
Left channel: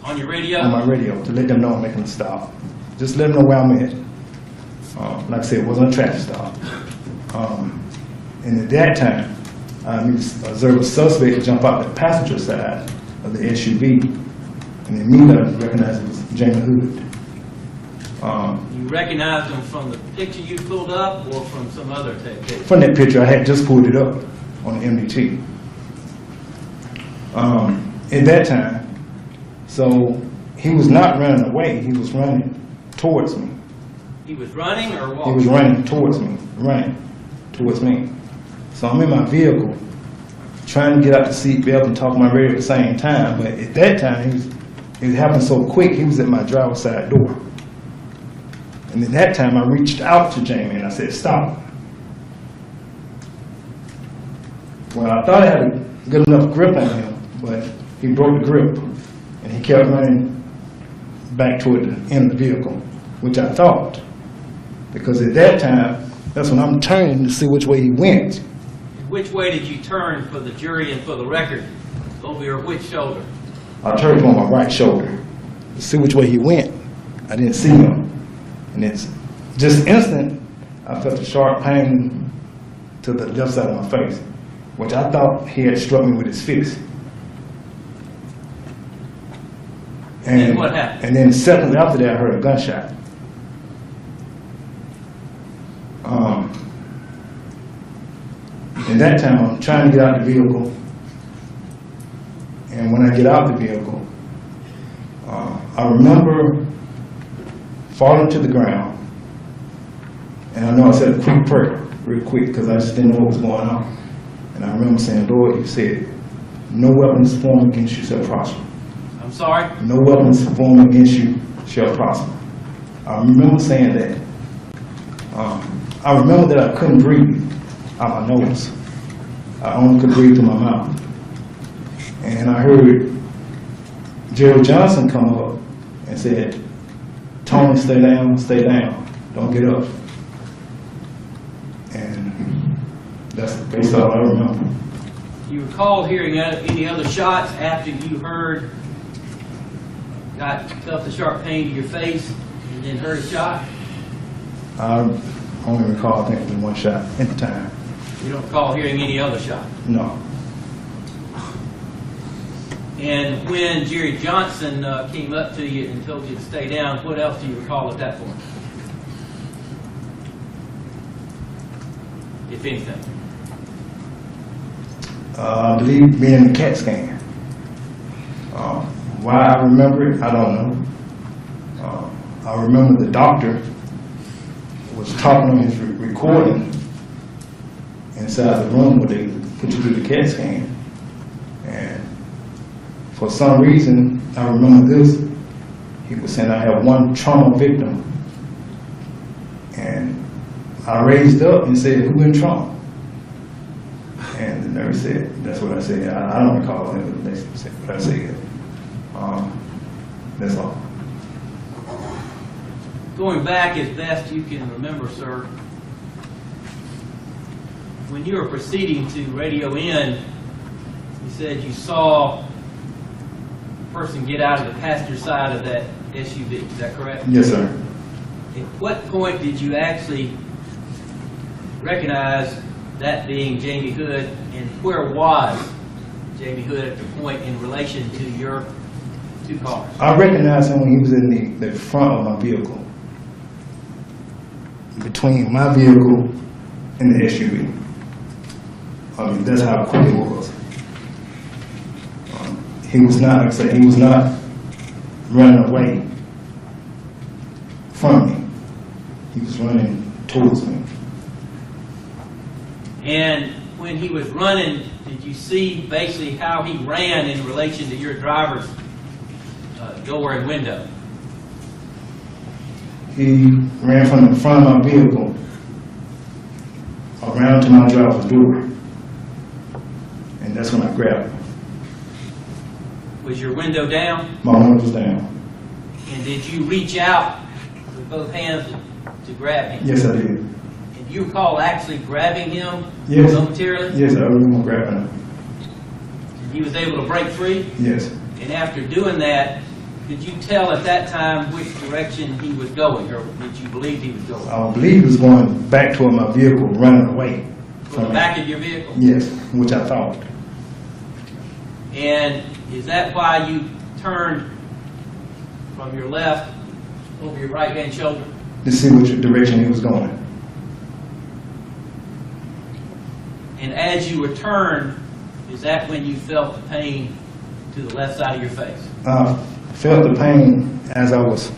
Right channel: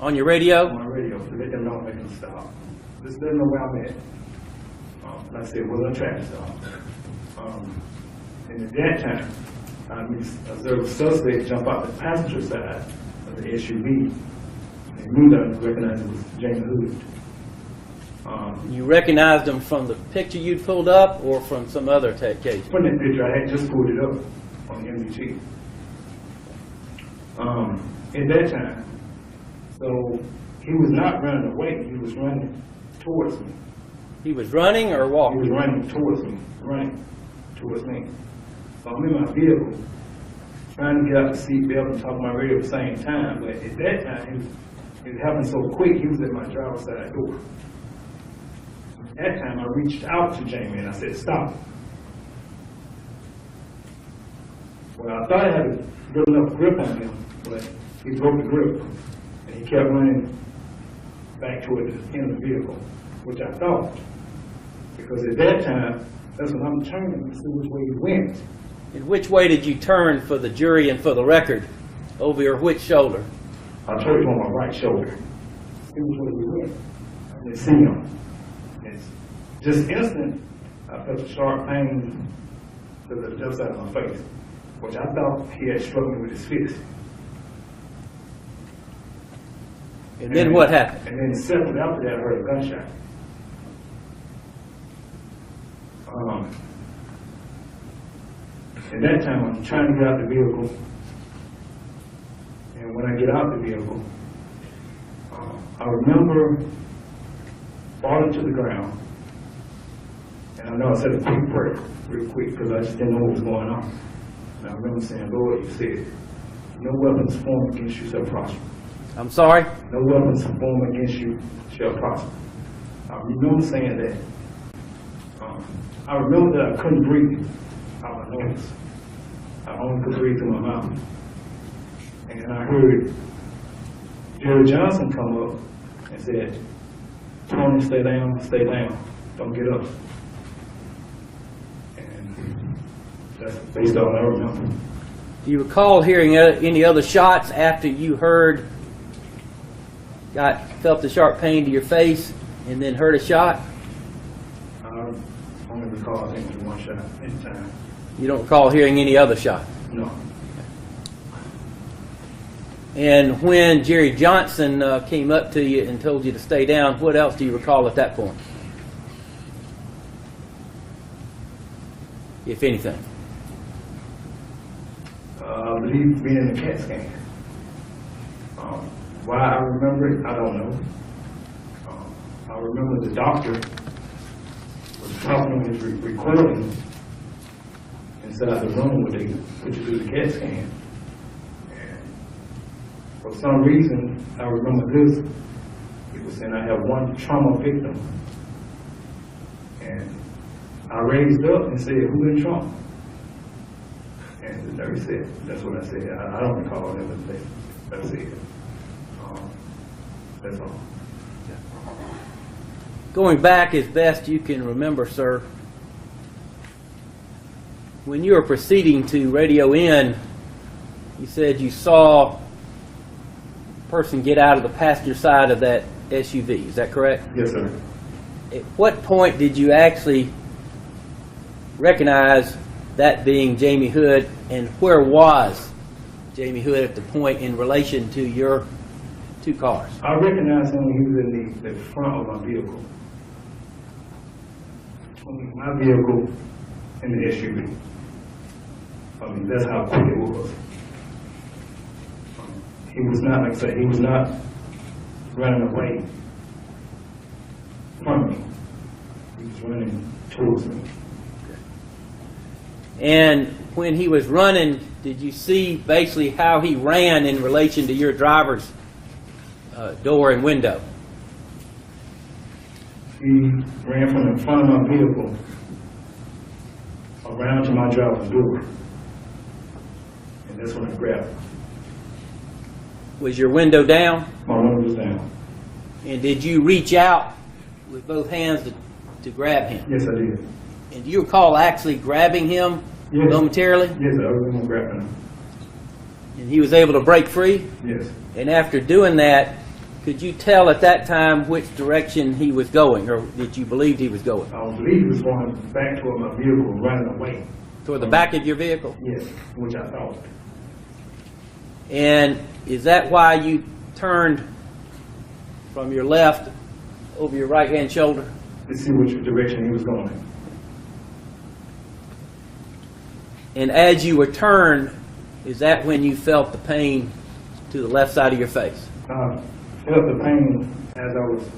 On your radio? on my radio to let them know I'm making a stop. Just let them know where I'm at. Like I said, it wasn't a traffic stop. And at that time, I observed a suspect jump out the passenger side of the SUV, and immediately I recognized it was Jamie Hood. You recognized him from the picture you pulled up or from some other tape case? From that picture, I had just pulled it up on the MDT. At that time, so he was not running away, he was running towards me. He was running or He walking? was running towards me. So I'm in my vehicle, trying to get out the seatbelt and talk to my radio at the same time. But at that time, it happened so quick, he was at my driver's side door. And at that time, I reached out to Jamie and I said, stop. Well, I thought I had a good enough grip on him, but he broke the grip. And he kept running back toward the end of the vehicle, which I thought. Because at that time, that's when I'm turning to see which way he went. And which way did you turn for the jury and for the record? Over your which shoulder? I turned on my right shoulder to see which way he went. I didn't see him. And it's just instant, I felt a sharp pain to the left side of my face, which I thought he had struck me with his fist. And then what happened? And then seconds after that, I heard a gunshot. In that time, I'm trying to get out of the vehicle. And when I get out of the vehicle, I remember falling to the ground. And I know I said a quick prayer, real quick, because I just didn't know what was going on. And I remember saying, Lord, you said, no weapons formed against you shall prosper. I'm sorry? No weapons formed against you shall prosper. I remember saying that. I remember that I couldn't breathe out my nose. I only could breathe through my mouth. And I heard Gerald Johnson come up and said, Tony, stay down, don't get up. And that's basically all I remember. Do you recall hearing any other shots after you felt the sharp pain to your face and then heard a shot? I only recall, I think, it was one shot at the time. You don't recall hearing any other shot? No. And when Jerry Johnson came up to you and told you to stay down, what else do you recall at that point? If anything. I believe being in the CAT scan. Why I remember it, I don't know. I remember the doctor was talking on his recording inside the room where they put you through the CAT scan. And for some reason, I remember this. He was saying, I have one trauma victim. And I raised up and said, who in trauma? And the nurse said, that's what I said. I don't recall that, but basically what I said. That's all. Going back as best you can remember, sir, when you were proceeding to radio in, you said you saw a person get out of the passenger side of that SUV. Is that correct? Yes, sir. At what point did you actually recognize that being Jamie Hood, and where was Jamie Hood at the point in relation to your two cars? I recognized him when he was in the front of my vehicle, between my vehicle and the SUV. That's how quick it was. He was not, like I said, he was not running away from me. He was running towards me. And when he was running, did you see basically how he ran in relation to your driver's door and window? He ran from the front of my vehicle around to my driver's door. And that's when I grabbed him. Was your window down? My window was down. And did you reach out with both hands to grab him? Yes, I did. And do you recall actually grabbing him Yes. momentarily? Yes, I remember grabbing him. And he was able to break free? Yes. And after doing that, could you tell at that time which direction he was going, or did you believe he was going? I believe he was going back toward my vehicle, running away. Toward the back of your vehicle? Yes, which I thought. And is that why you turned from your left over your right-hand shoulder? To see which direction he was going. And as you were turned, is that when you felt the pain to the left side of your face? I felt the pain as I was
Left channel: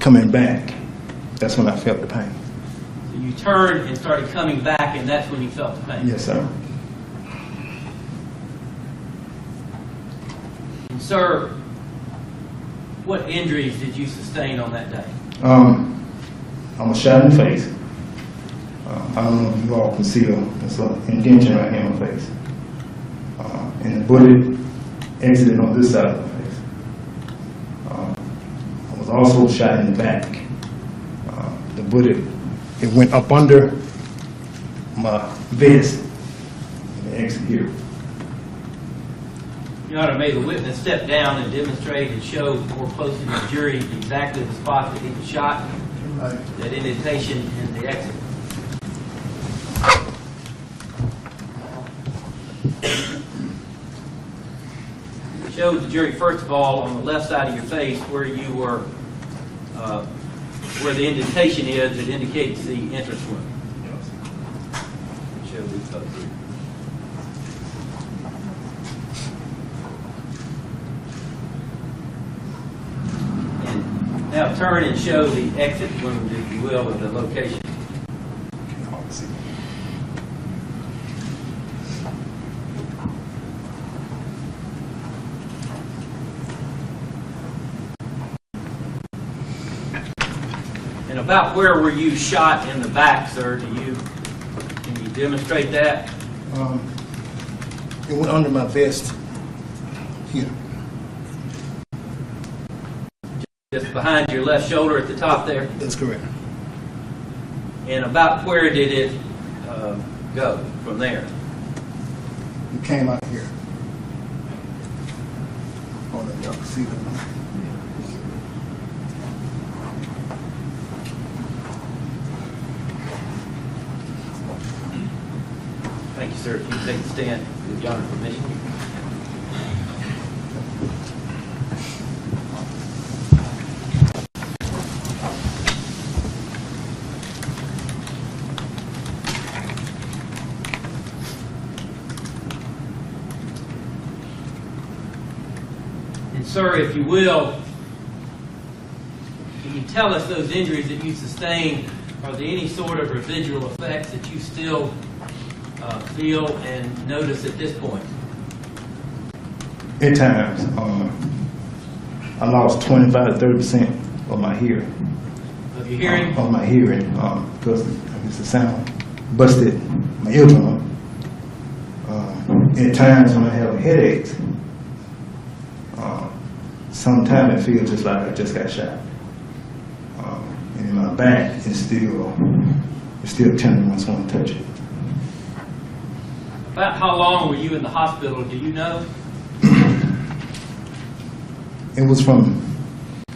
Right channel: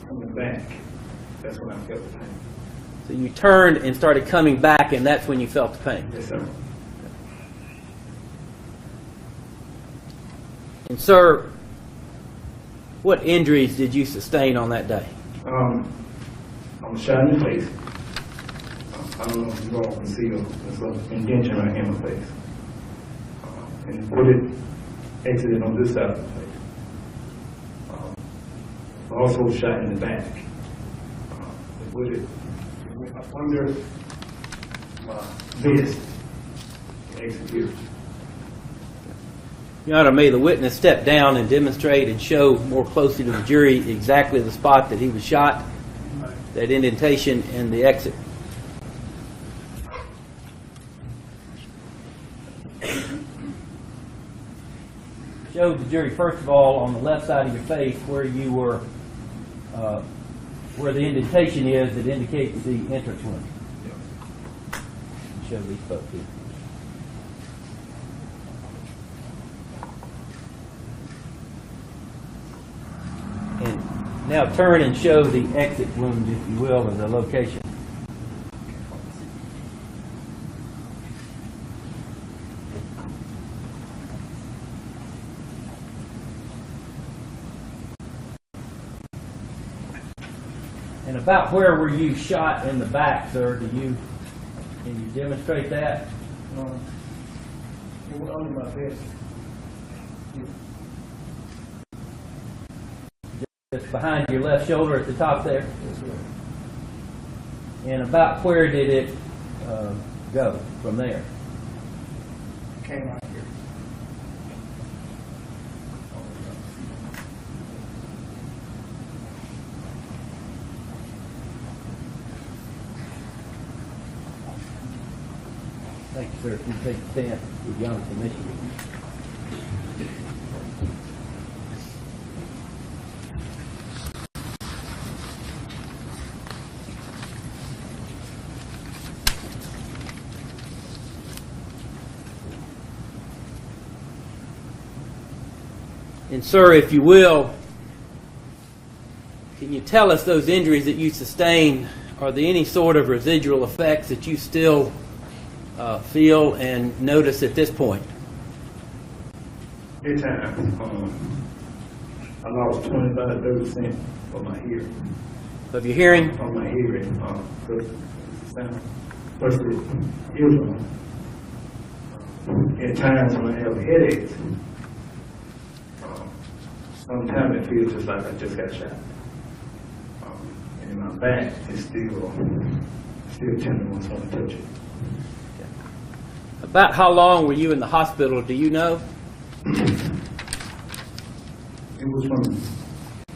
coming back. That's when I felt the pain. So you turned and started coming back, and that's when you felt the pain? Yes, sir. And sir, what injuries did you sustain on that day? I was shot in the face. I don't know if you all can see there's an indentation right here in my face. And the bullet exited on this side of my face. also shot in the back. The bullet, it went up under my vest and executed. Your Honor, may the witness step down and demonstrate and show more closely to the jury exactly the spot that he was shot, that indentation in the exit. Show the jury, first of all, on the left side of your face where you were, where the indentation is that indicates the entrance wound. Show these folks here. And now turn and show the exit wound, if you will, of the location. And about where were you shot in the back, sir? Can you demonstrate that? It went under my vest here. Just behind your left shoulder at the top there? That's correct. And about where did it go from there? It came out here. I don't know if y'all can see that. Thank you, sir. If you can take a stand, with your Honor permission. And sir, if you will, can you tell us those injuries that you sustained, are there any sort of residual effects that you still feel and notice at this point? At times, I lost 25 to 30% of my hearing. Of your hearing? Of my hearing, because it's the sound busted my eardrum. At times when I have headaches, sometimes it feels just like I just got shot. And my back is still tender once I touch it. About how long were you in the hospital, do you know? It was from,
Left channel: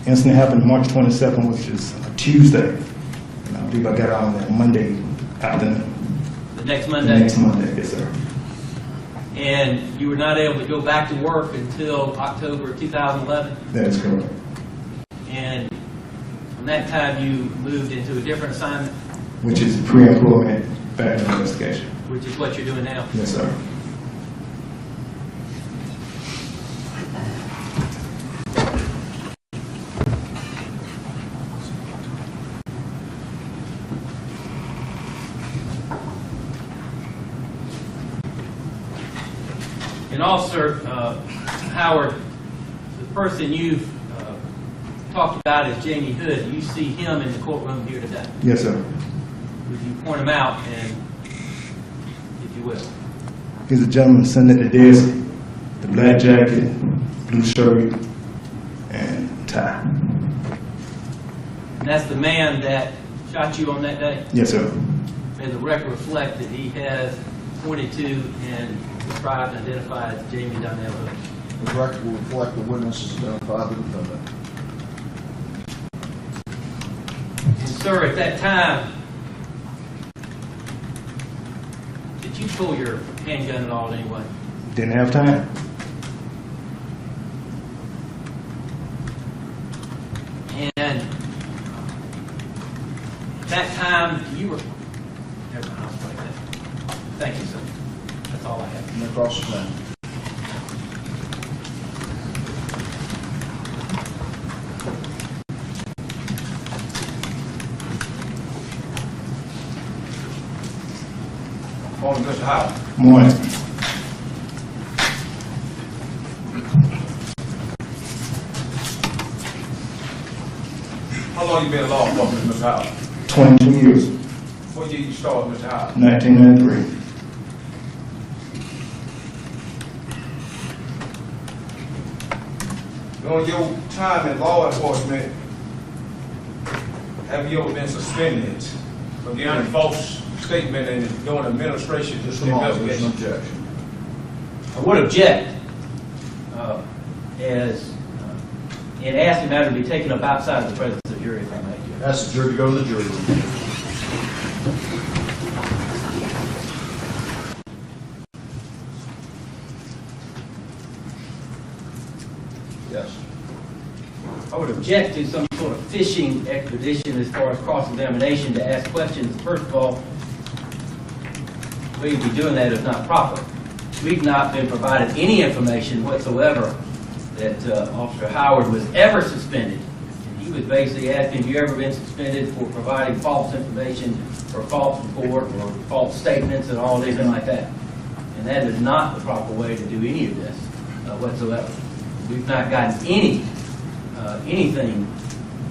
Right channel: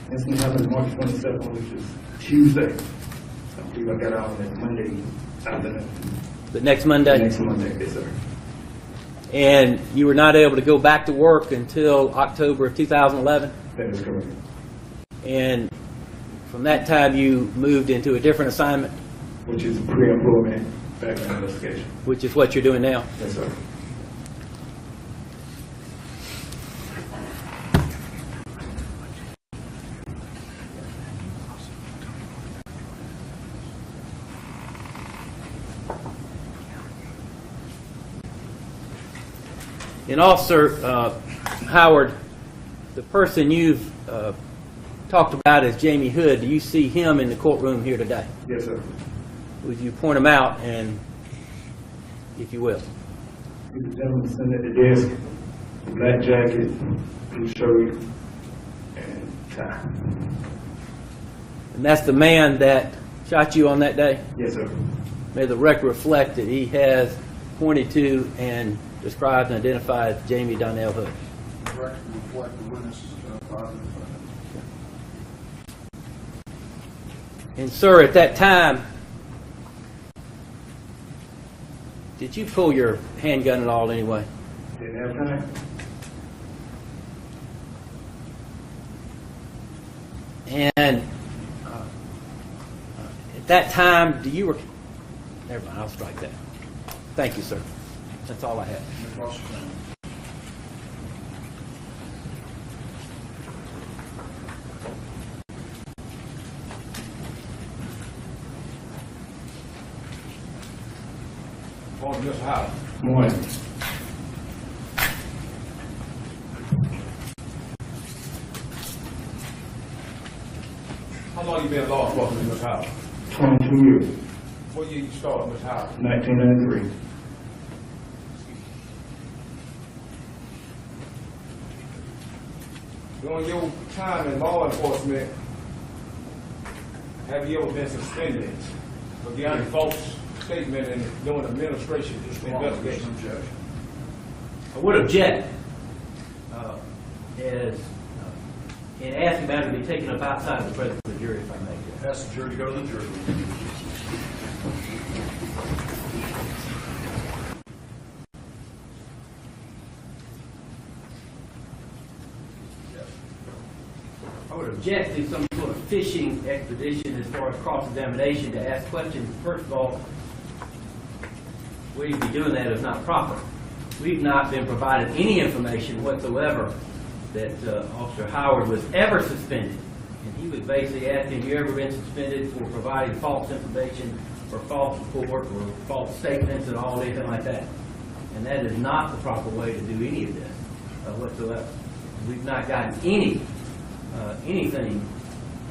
incident happened March 22nd, which is a Tuesday. And I believe I got out on that Monday afternoon. The next Monday? Next Monday, yes, sir. And you were not able to go back to work until October of 2011? That is correct. And from that time you moved into a different assignment? Which is pre-employment background investigation. Which is what you're doing now? Yes, sir. And also, Howard, the person you've talked about is Jamie Hood. Do you see him in the courtroom here today? Yes, sir. Would you point him out, and if you will? He's a gentleman sitting at the desk, the black jacket, blue shirt, and tie. And that's the man that shot you on that day? Yes, sir. May the record reflect that he has pointed to and described and identified Jamie Donnell Hood. The record will reflect the witnesses identified the defendant. And sir, at that time, did you pull your handgun at all anyway? Didn't have time. And at that time, do you never mind, I'll strike that. Thank you, sir. That's all I have. And across the name. Morning, Mr. Howard. Morning. How long you been in law enforcement, Mr. Howard? 22 years. What year you started, Mr. Howard? 1993. During your time in law enforcement, have you ever been suspended for giving a false statement and doing administration Just a moment, there's an investigation? objection. I would object in asking the matter to be taken up outside the presence of the jury, if I may. Ask the jury to go to the jury room. Yes. I would object to some sort of fishing expedition as far as cross-examination to ask questions. First of all, the way you'd be doing that is not proper. We've not been provided any information whatsoever that Officer Howard was ever suspended. He was basically asking, have you ever been suspended for providing false information or false report or false statements and all anything like that? And that is not the proper way to do any of this whatsoever. We've not gotten anything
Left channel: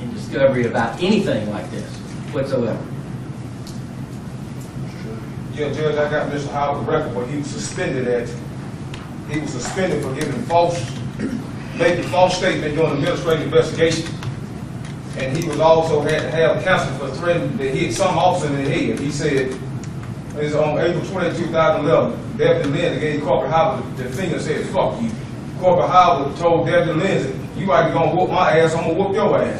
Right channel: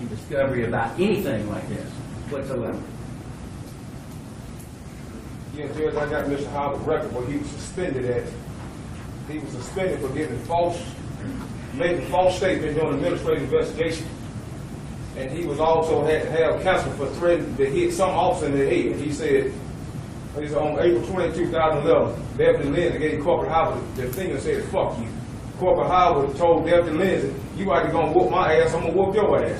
in discovery about anything like this whatsoever. Yeah, Judge, I got Mr. Howard's record, but he was suspended for making false statement during an administrative investigation. And he was also had to have counsel for threatening to hit some officer in the head. He said, it's on April 20, 2011, Deputy Lindsay gave Corporal Howard the finger and said, fuck you. Corporal Howard told Deputy Lindsay, you ain't gonna whoop my ass, I'm gonna whoop your ass.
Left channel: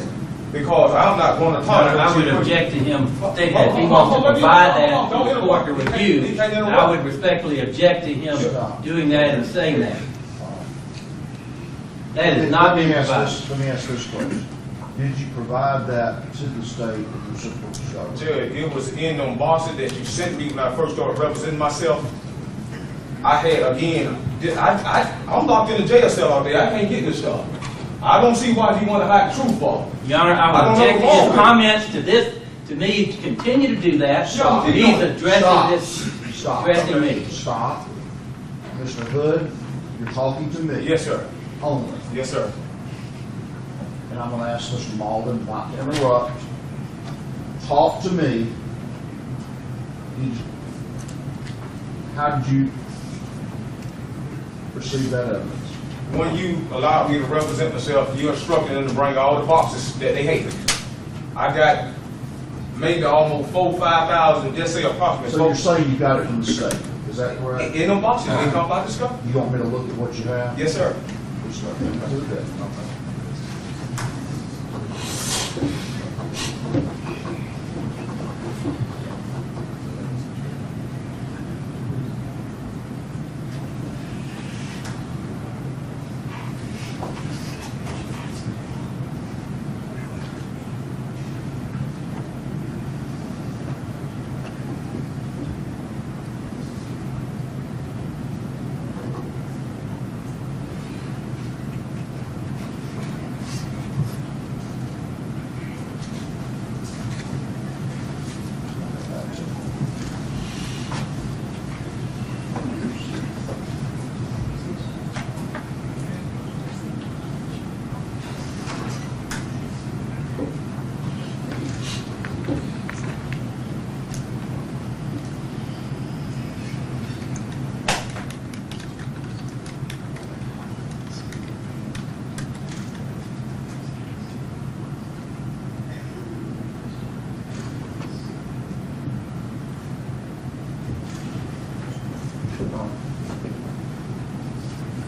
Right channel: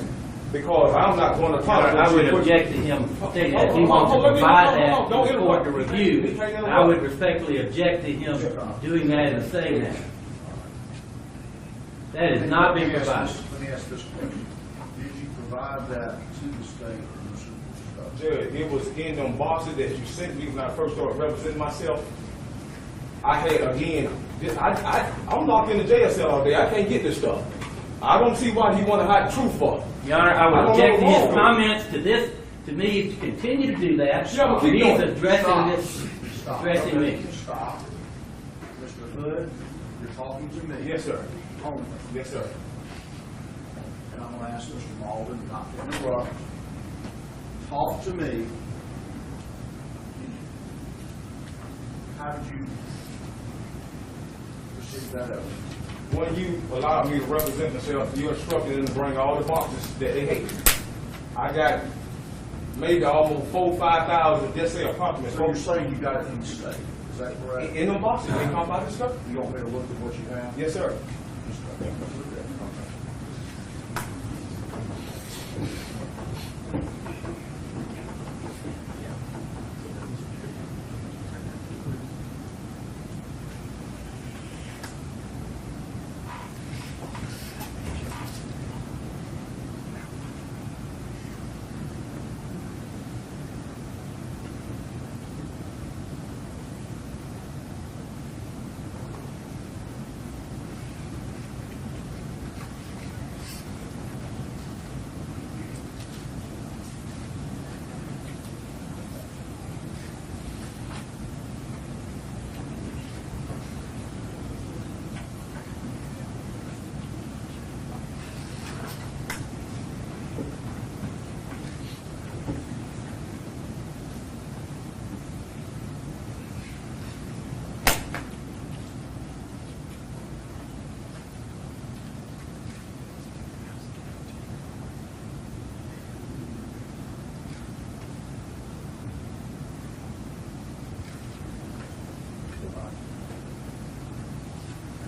Because I'm not going to I would object to him saying that if he wants to provide that to court to review. I would respectfully object to him doing that and saying that. That has not been provided. Let me ask this question. Did you provide that to the state that you were supposed to show? Judge, it was in them boxes that you sent me when I first started representing myself. I had, again, I'm locked in the jail cell all day. I can't get this stuff. I don't see why you want to hide the truth for. Your Honor, I would object to his comments to me to continue to do that. Stop. He's addressing this, Stop. addressing me. Stop. Mr. Hood, you're talking to me. Yes, sir. Only. Yes, sir. And I'm going to ask Mr. Malden not to interrupt. Talk to me. How did you receive that evidence? When you allowed me to represent myself, you instructed them to bring all the boxes that they hated. I got maybe almost 4,000 or 5,000, just say approximately. So you're saying you got it from the state? Is that correct? In them boxes, they come by the stuff. You want me to look at what you have? Yes, sir. Yes, sir. Okay.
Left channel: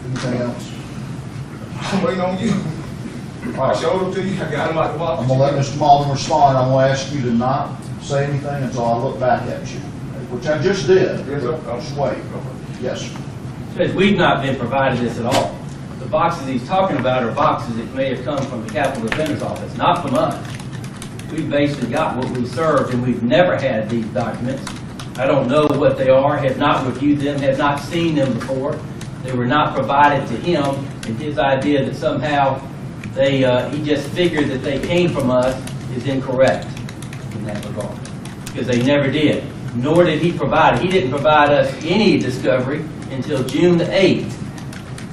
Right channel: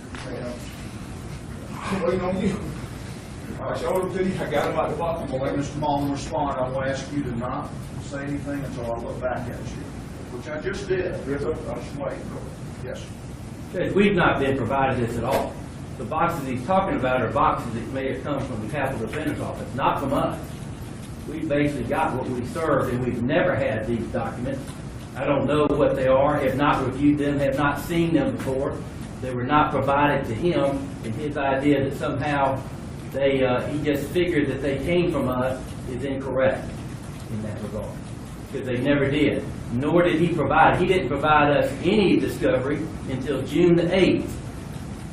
Anything else? I'm waiting on you. I showed them to you. I got them out the box. I'm going to let Mr. Malden respond. I'm going to ask you to not say anything until I look back at you, which I just did. Yes, sir. Just wait. Yes, sir. Judge, we've not been provided this at all. The boxes he's talking about are boxes that may have come from the Capitol Defender's Office, not from us. We basically got what we served, and we've never had these documents. I don't know what they are, have not reviewed them, have not seen them before. They were not provided to him, and his idea that somehow he just figured that they came from us is incorrect in that regard, because they never did. Nor did he provide it. He didn't provide us any discovery until June 8th,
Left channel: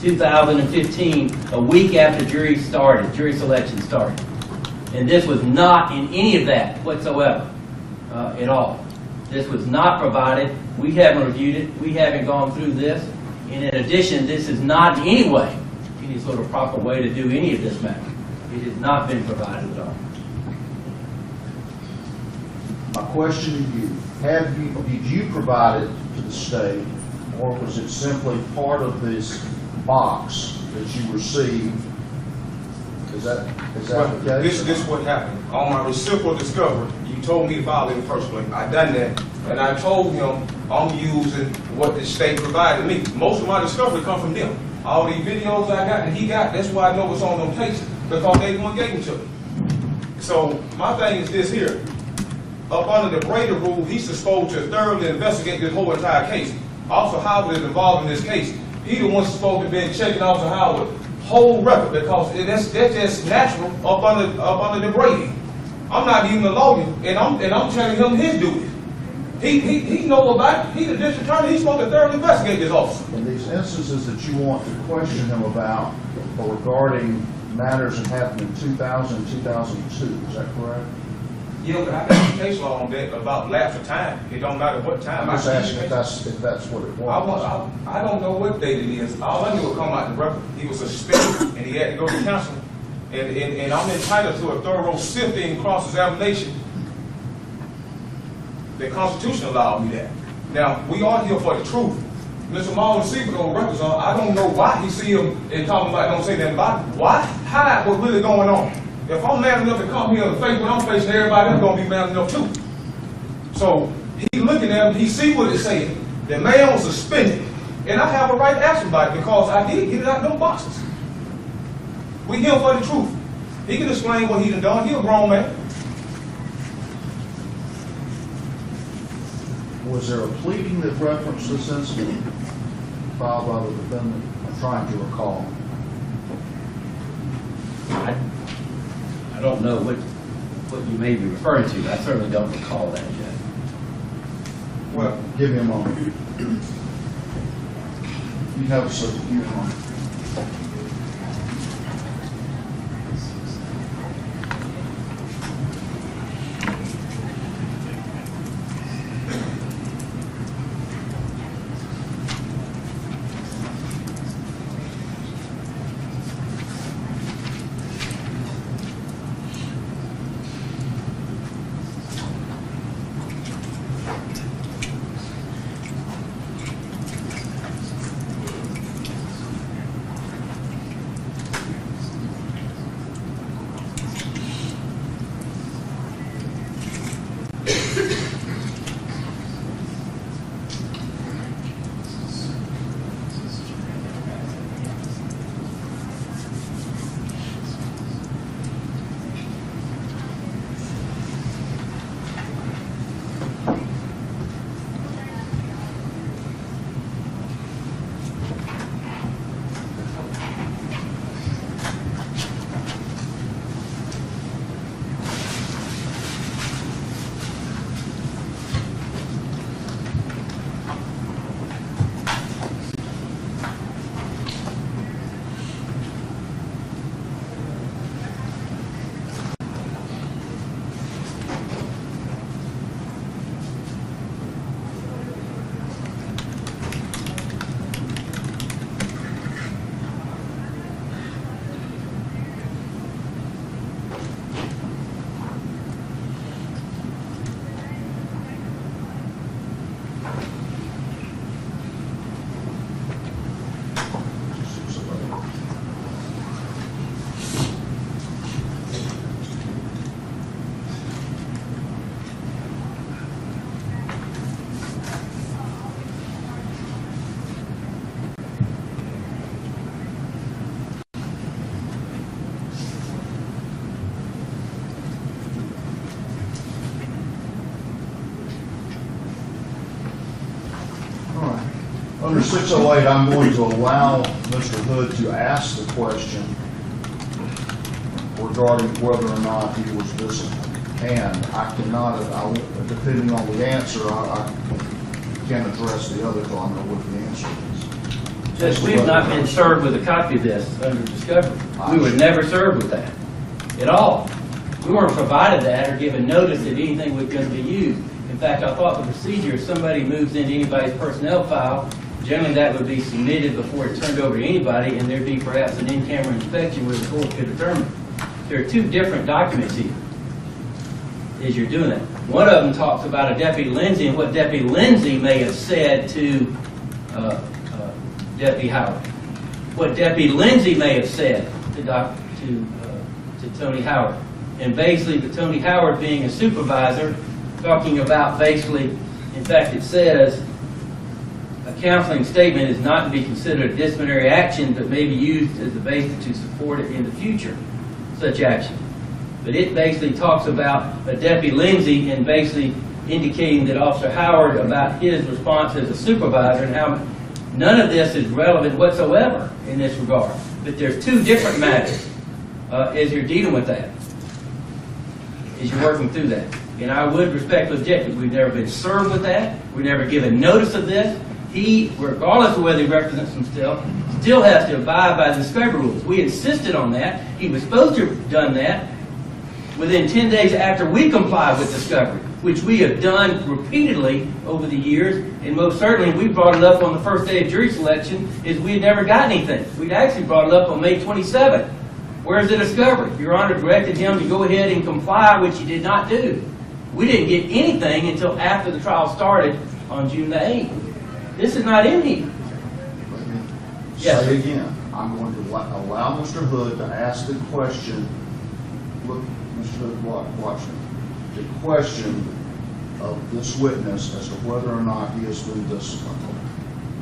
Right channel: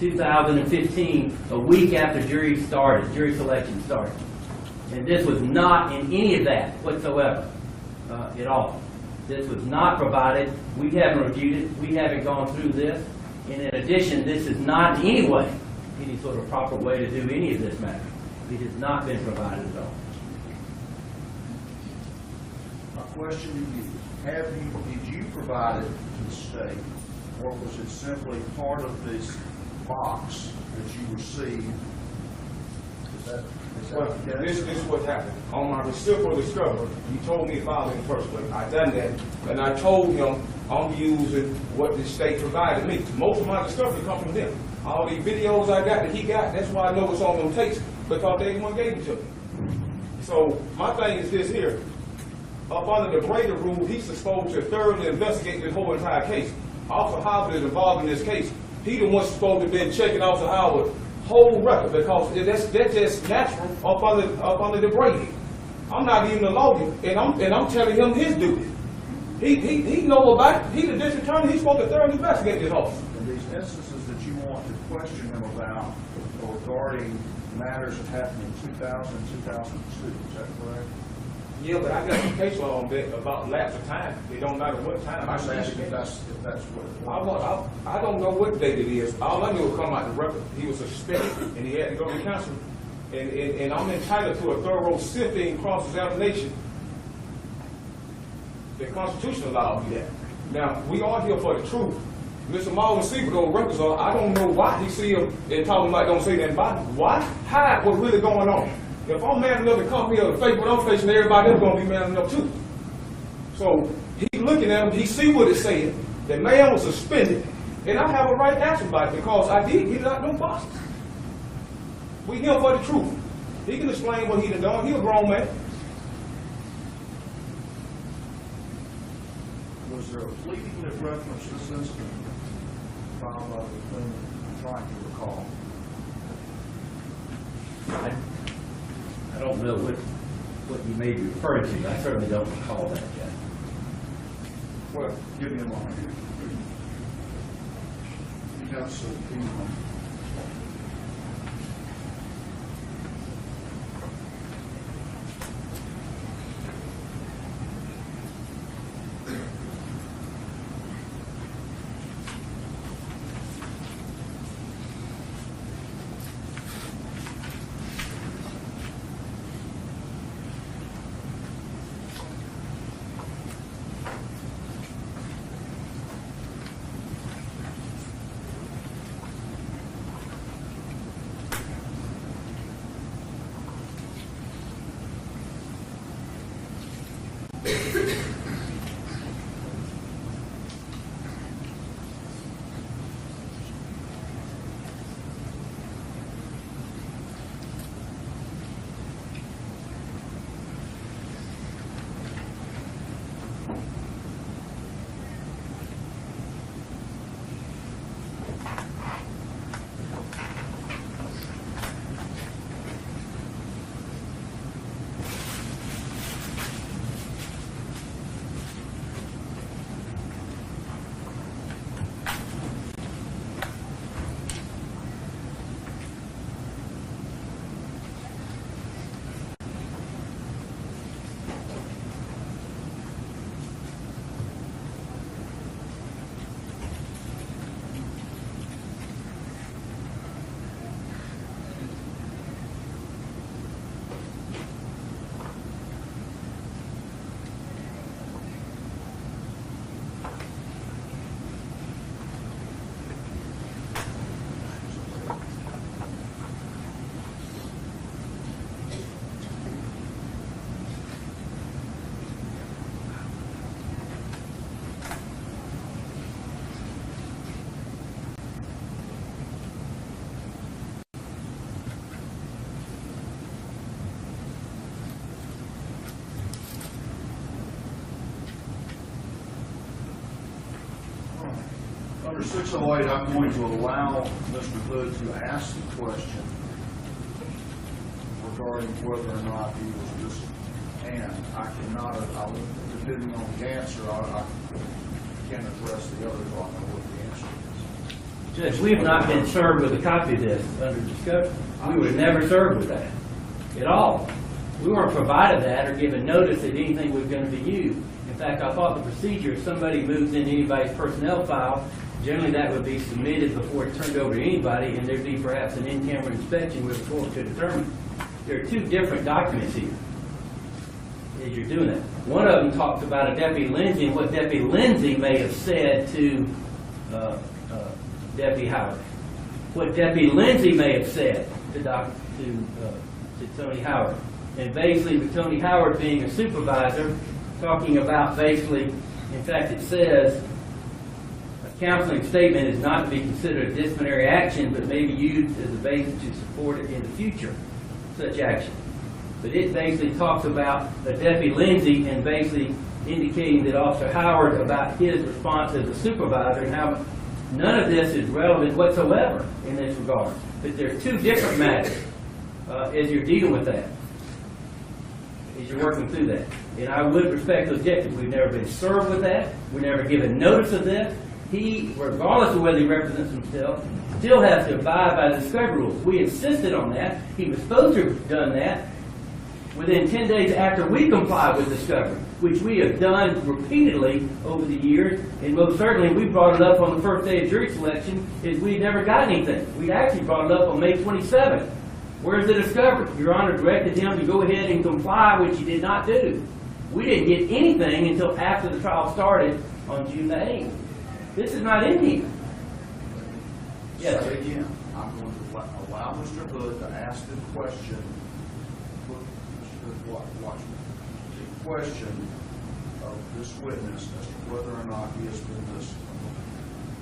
2015, a week after jury selection started. And this was not in any of that whatsoever at all. This was not provided. We haven't reviewed it. We haven't gone through this. And in addition, this is not in any way any sort of proper way to do any of this matter. It has not been provided at all. My question to you, did you provide it to the state, or was it simply part of this box that you received? Is that the case? This is what happened. On my reciprocal discovery, you told me to file it in the first place. I done that, and I told him I'm using what the state provided me. Most of my discovery come from them. All these videos I got that he got, that's why I know what's on them tapes, because they the one gave them to me. So my thing is this here. Up under the Brady rule, he's supposed to thoroughly investigate this whole entire case. Officer Howard is involved in this case. He the one supposed to be checking Officer Howard whole record, because that's just natural up under the Brady. I'm not even a lawyer, and I'm telling him his duty. He know about it. He's the district attorney. He's supposed to thoroughly investigate this officer. In these instances that you want to question him about or regarding matters that happened in 2000 and 2002, is that correct? Yeah, but I got some case law on that about lapse of time. It don't matter what time. I'm just asking if that's what it was. I don't know what date it is. All I knew would come out the record. He was suspended and he had to go to counseling. And I'm entitled to a thorough sifting cross-examination. The Constitution allowed me that. Now, we are here for the truth. Mr. Marlon Seabold records, I don't know why he see him and talking about don't say that about it. Why? Hide what's really going on. If I'm mad enough to come here and face what I'm facing, everybody else gonna be mad enough too. So he looking at him, he see what it's saying. The man was suspended, and I have a right to ask him about it because I did get it out of those boxes. We here for the truth. He can explain what he done. He a grown man. Was there a pleading that referenced this incident filed by the defendant? I'm trying to recall. I don't know what you may be referring to. I certainly don't recall that, Jeff. Well, give me a moment. You have a seat. Give me a moment. Under 608, I'm going to allow Mr. Hood to ask the question regarding whether or not he was disciplined. And I cannot, depending on the answer, I can't address the other until I know what the answer is. Judge, we've not been served with a copy of this under discovery. We were never served with that at all. We weren't provided that or given notice that anything was going to be used. In fact, I thought the procedure, if somebody moves into anybody's personnel file, generally that would be submitted before it's turned over to anybody, and there'd be perhaps an in-camera inspection where the court could determine. There are two different documents here. as you're doing that. One of them talks about a Deputy Lindsay and what Deputy Lindsay may have said to Deputy Howard. What Deputy Lindsay may have said to Tony Howard. And basically, with Tony Howard being a supervisor, talking about basically, in fact, it says, a counseling statement is not to be considered a disciplinary action, but may be used as a basis to support it in the future, such action. But it basically talks about a Deputy Lindsay and basically indicating that Officer Howard about his response as a supervisor and how none of this is relevant whatsoever in this regard. But there's two different matters as you're dealing with that, as you're working through that. And I would respectfully object that we've never been served with that. We've never given notice of this. He, regardless of whether he represents himself, still has to abide by the discovery rules. We insisted on that. He was supposed to have done that within 10 days after we comply with discovery, which we have done repeatedly over the years. And most certainly, we brought it up on the first day of jury selection, is we had never got anything. We actually brought it up on May 27th. Where's the discovery? Your Honor directed him to go ahead and comply, which he did not do. We didn't get anything until after the trial started on June the 8th. This is not in here. Yes, Say again, I'm going to allow Mr. Hood to ask the question. Look, Mr. Hood, watch me. The question of this witness as to whether or not he has been disciplined.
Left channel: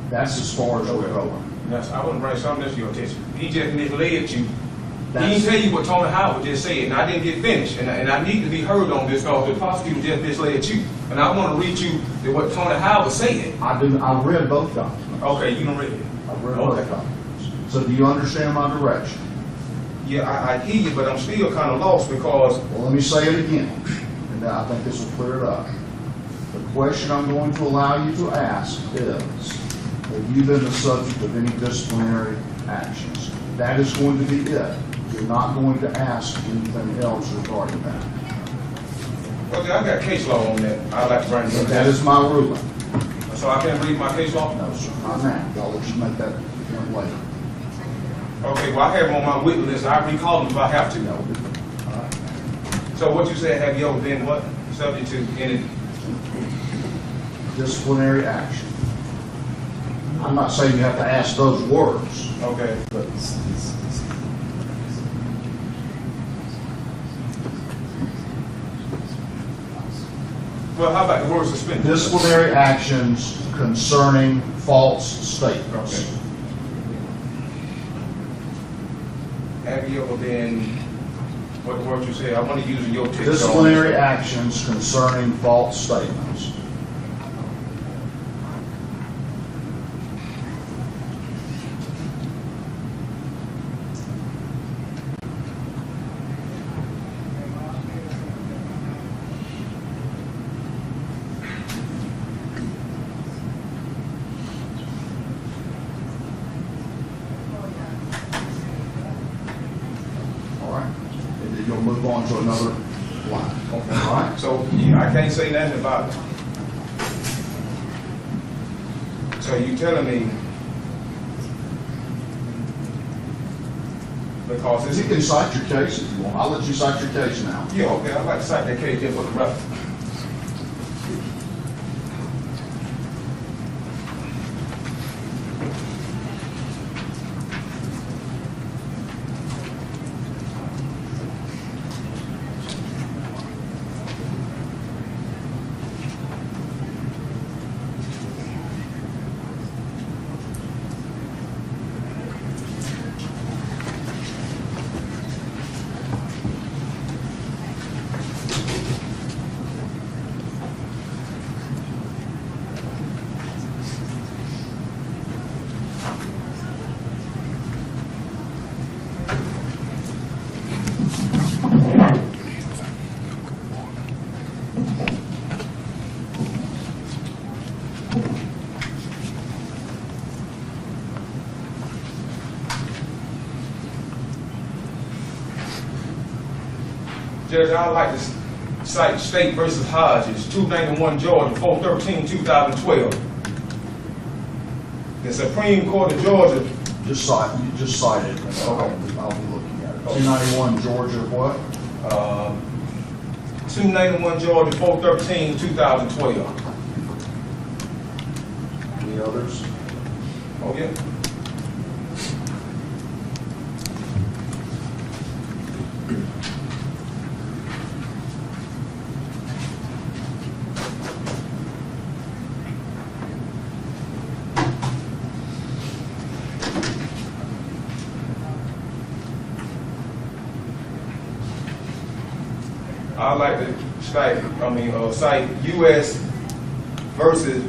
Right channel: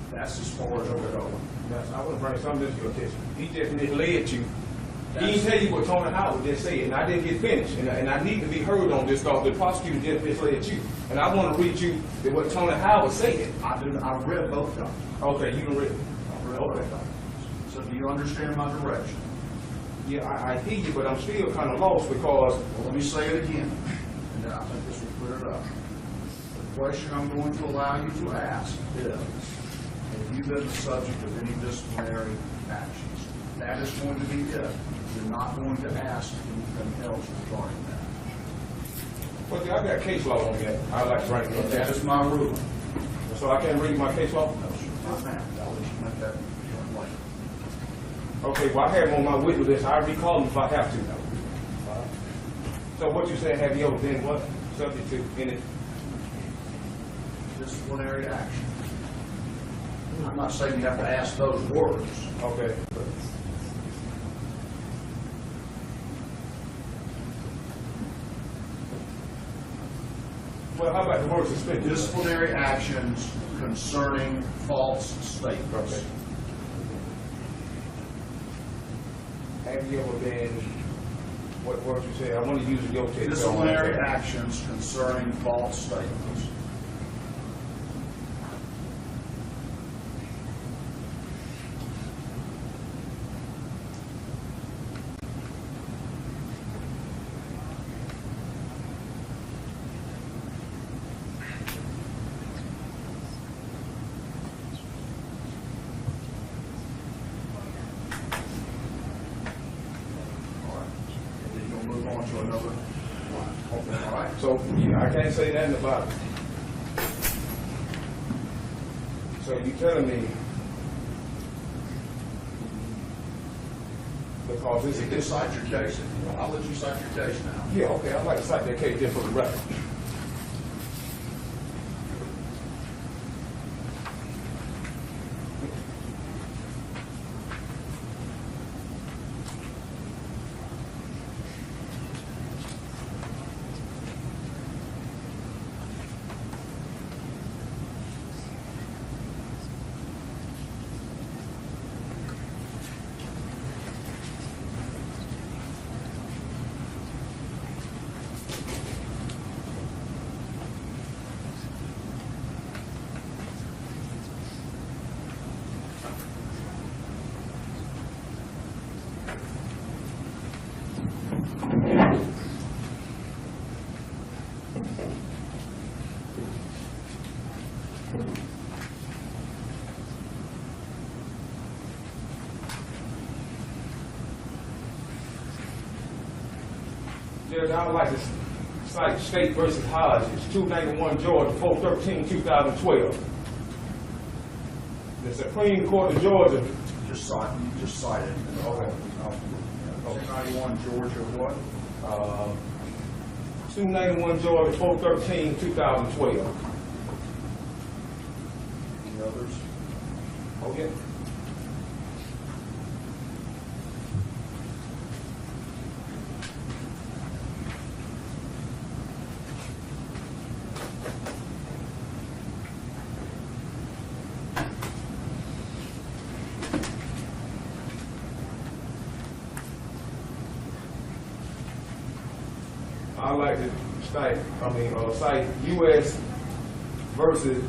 That's as far as we're going. Yes, I want to bring something to your attention. He just misled you. He That's- didn't tell you what Tony Howard just said, and I didn't get finished. And I need to be heard on this because the prosecutor just misled you. And I want to read you what Tony Howard said. I read both documents. Okay, you don't read it. I've read Okay. both documents. So do you understand my direction? Yeah, I hear you, but I'm still kind of lost because Well, let me say it again, and I think this will clear it up. The question I'm going to allow you to ask is, have you been the subject of any disciplinary actions? That is going to be it. You're not going to ask anything else regarding that. well, I got case law on that. I'd like to bring it up. That is my ruling. So I can't read my case law? No, sir, not now. I'll let you make that point later. Okay, well, I have on my witness list. I recall him if I have to. No. All right. So what you said, have you ever been what? Subject to any? Disciplinary action. I'm not saying you have to ask those words, Okay. but Well, how about the word suspended? disciplinary actions concerning false statements. Okay. Have you ever been, what word you said? I want to use in your text. Disciplinary actions concerning false statements. All right, and then you'll move on to another line. All right? So, yeah, I can't say nothing about it. So you telling me, because this You can cite your case if you want. I'll let you cite your case now. yeah, okay, I'd like to cite that case in for the record. Judge, I'd like to cite State versus Hodges, 291 Georgia, 4/13/2012. The Supreme Court of Georgia, You just cite it, and I'll be looking at it. 291 Georgia, what? 291 Georgia, 413, 2012. Any others? Oh, yeah. I'd like to cite U.S. versus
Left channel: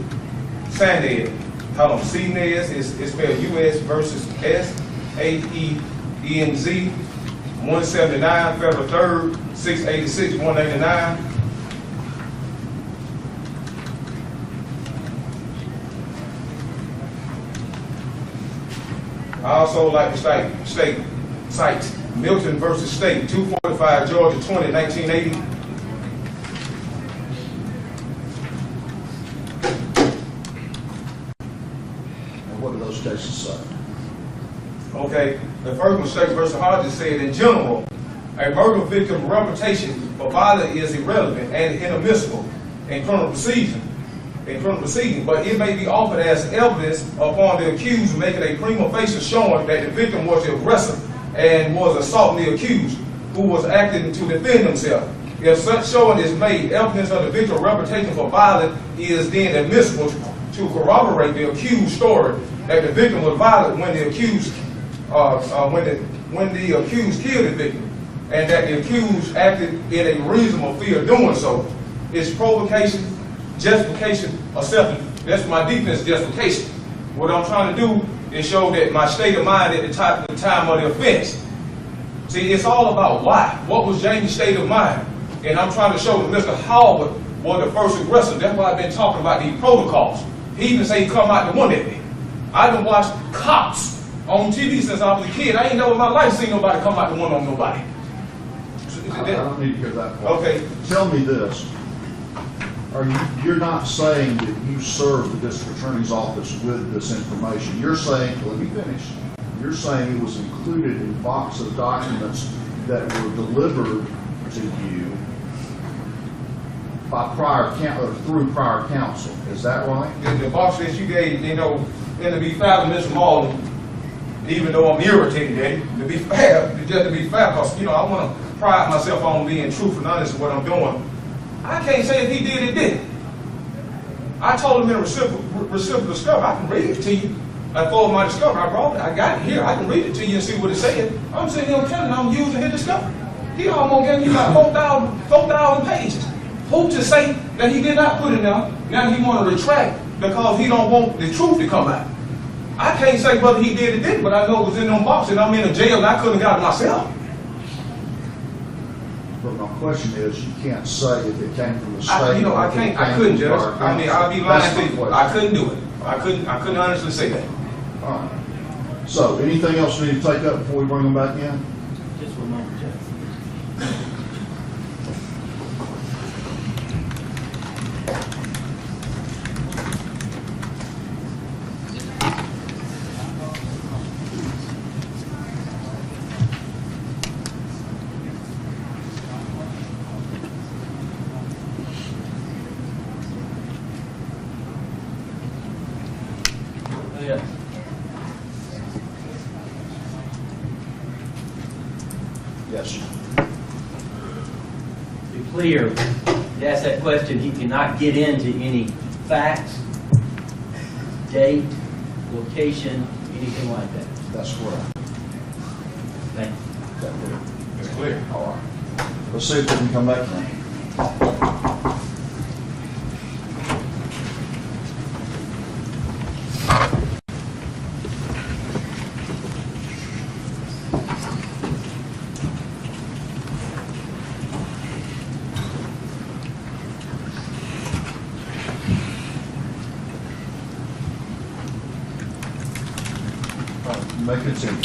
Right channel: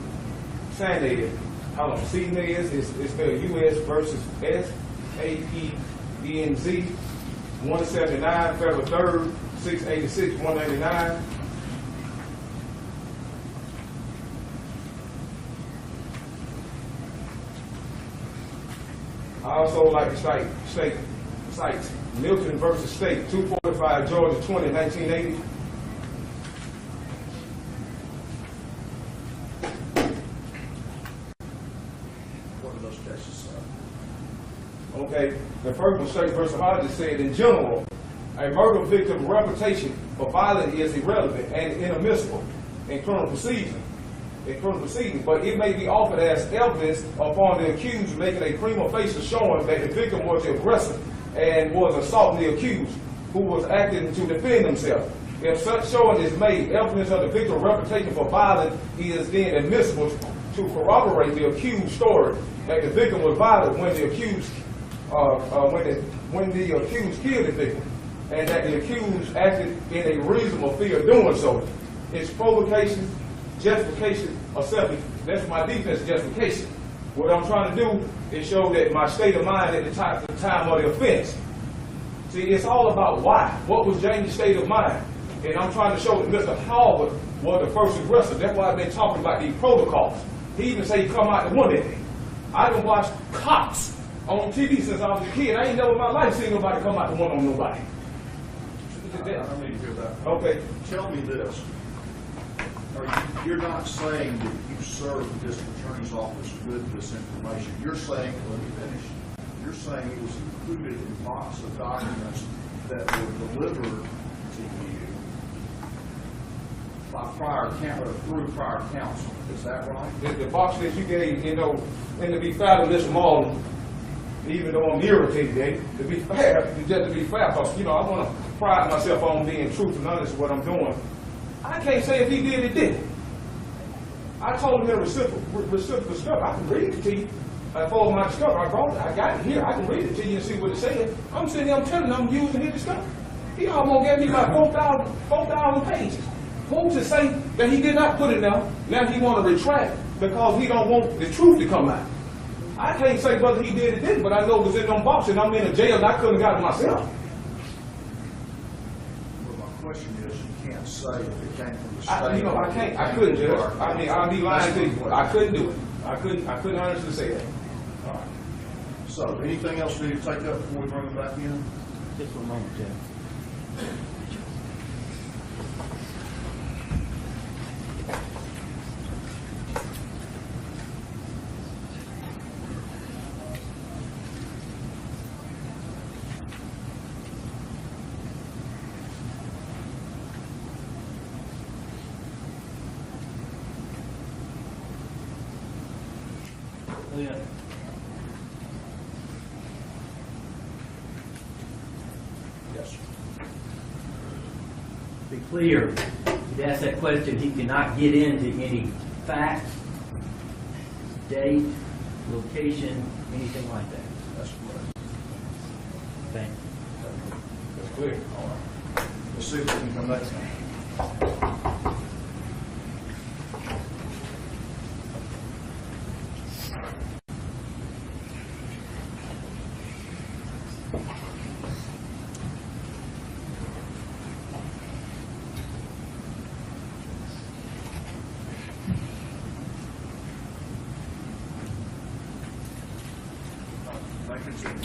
Sanez. Hold on, Sanez is spelled U.S. versus S-A-E-N-Z, 179 Federal 3rd, 686, 189. I also like to cite Milton versus State, 245 Georgia 20, 1980. And what do those cases say? Okay, the first one, State versus Hodges, said in general, a murder victim's reputation for violence is irrelevant and inadmissible in criminal proceedings. But it may be offered as evidence upon the accused making a prima facie showing that the victim was the aggressor and was assaulting the accused, who was acting to defend himself. If such showing is made, evidence of the victim's reputation for violence is then admissible to corroborate the accused's story that the victim was violent when the accused killed the victim, and that the accused acted in a reasonable fear of doing so. It's provocation, justification, or self-defense. That's my defense justification. What I'm trying to do is show that my state of mind at the time of the offense. See, it's all about why. What was Jamie's state of mind? And I'm trying to show that Mr. Howard was the first aggressor. That's why I've been talking about these protocols. He even say he come out the one at me. I done watched cops on TV since I was a kid. I ain't never in my life seen nobody come out the one on nobody. I don't need to hear that part. Okay. Tell me this. You're not saying that you served the district attorney's office with this information. You're saying, let me finish. You're saying it was included in a box of documents that were delivered to you by through prior counsel. Is that right? The box that you gave, and to be fair to Mr. Marlin, even though I'm irritated at him, to be fair, because, I want to pride myself on being truthful and honest with what I'm doing. I can't say if he did or didn't. I told him in a reciprocal discovery, I can read it to you. For my discovery, I got it here. I can read it to you and see what it said. I'm sitting here, I'm telling him I'm using his discovery. He almost gave me like 4,000 pages. Who to say that he did not put it there? Now he want to retract because he don't want the truth to come out. I can't say whether he did or didn't, but I know it was in them boxes and I'm in a jail and I couldn't have got it myself. But my question is, you can't say if it came from the state. I couldn't, Judge. I'd be lying to you. I couldn't do it. I couldn't honestly say that. All right. So, anything else we need to take up before we bring them back in? Just one moment, Jeff. Yeah. Yes, sir. Be clear, to ask that question, he cannot get into any facts, date, location, anything like that. That's correct. Thank you. It's clear. All right. Let's see if we can come back now. May continue.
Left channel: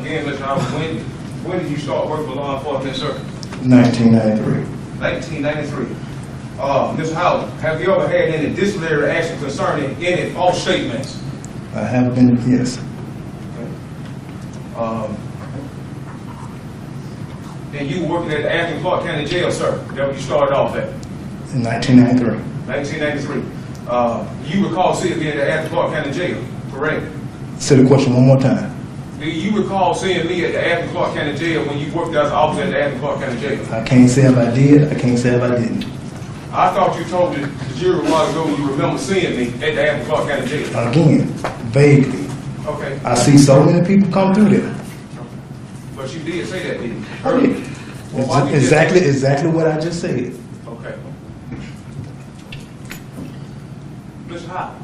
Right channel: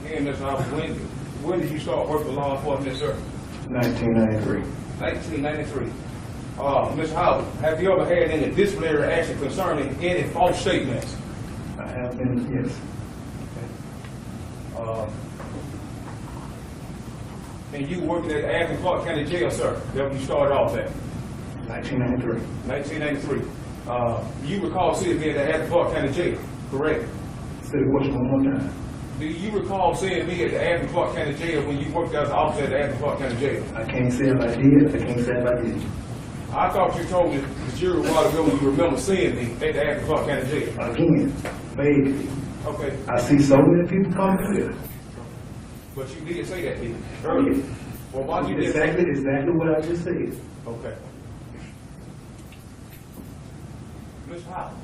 Again, Mr. Howard, when did you start working for law enforcement, sir? 1993. 1993. Mr. Howard, have you ever had any disciplinary action concerning any false statements? I have been, yes, And you working at the Athens Clark County Jail, sir? That you started off at, in 1993. 1993. You recall seeing me at the Athens Clark County Jail, correct? Say the question one more time. Do you recall seeing me at the Athens Clark County Jail when you worked as an officer at the Athens Clark County Jail? I can't say if I did, I can't say if I didn't. I thought you told me the jury a while ago you remember seeing me at the Athens Clark County Jail. Again, vaguely. Okay, I see so many people come through there. but you did say that, didn't you? I did. Well, why you just- Exactly what I just said. Okay. Mr. Howard.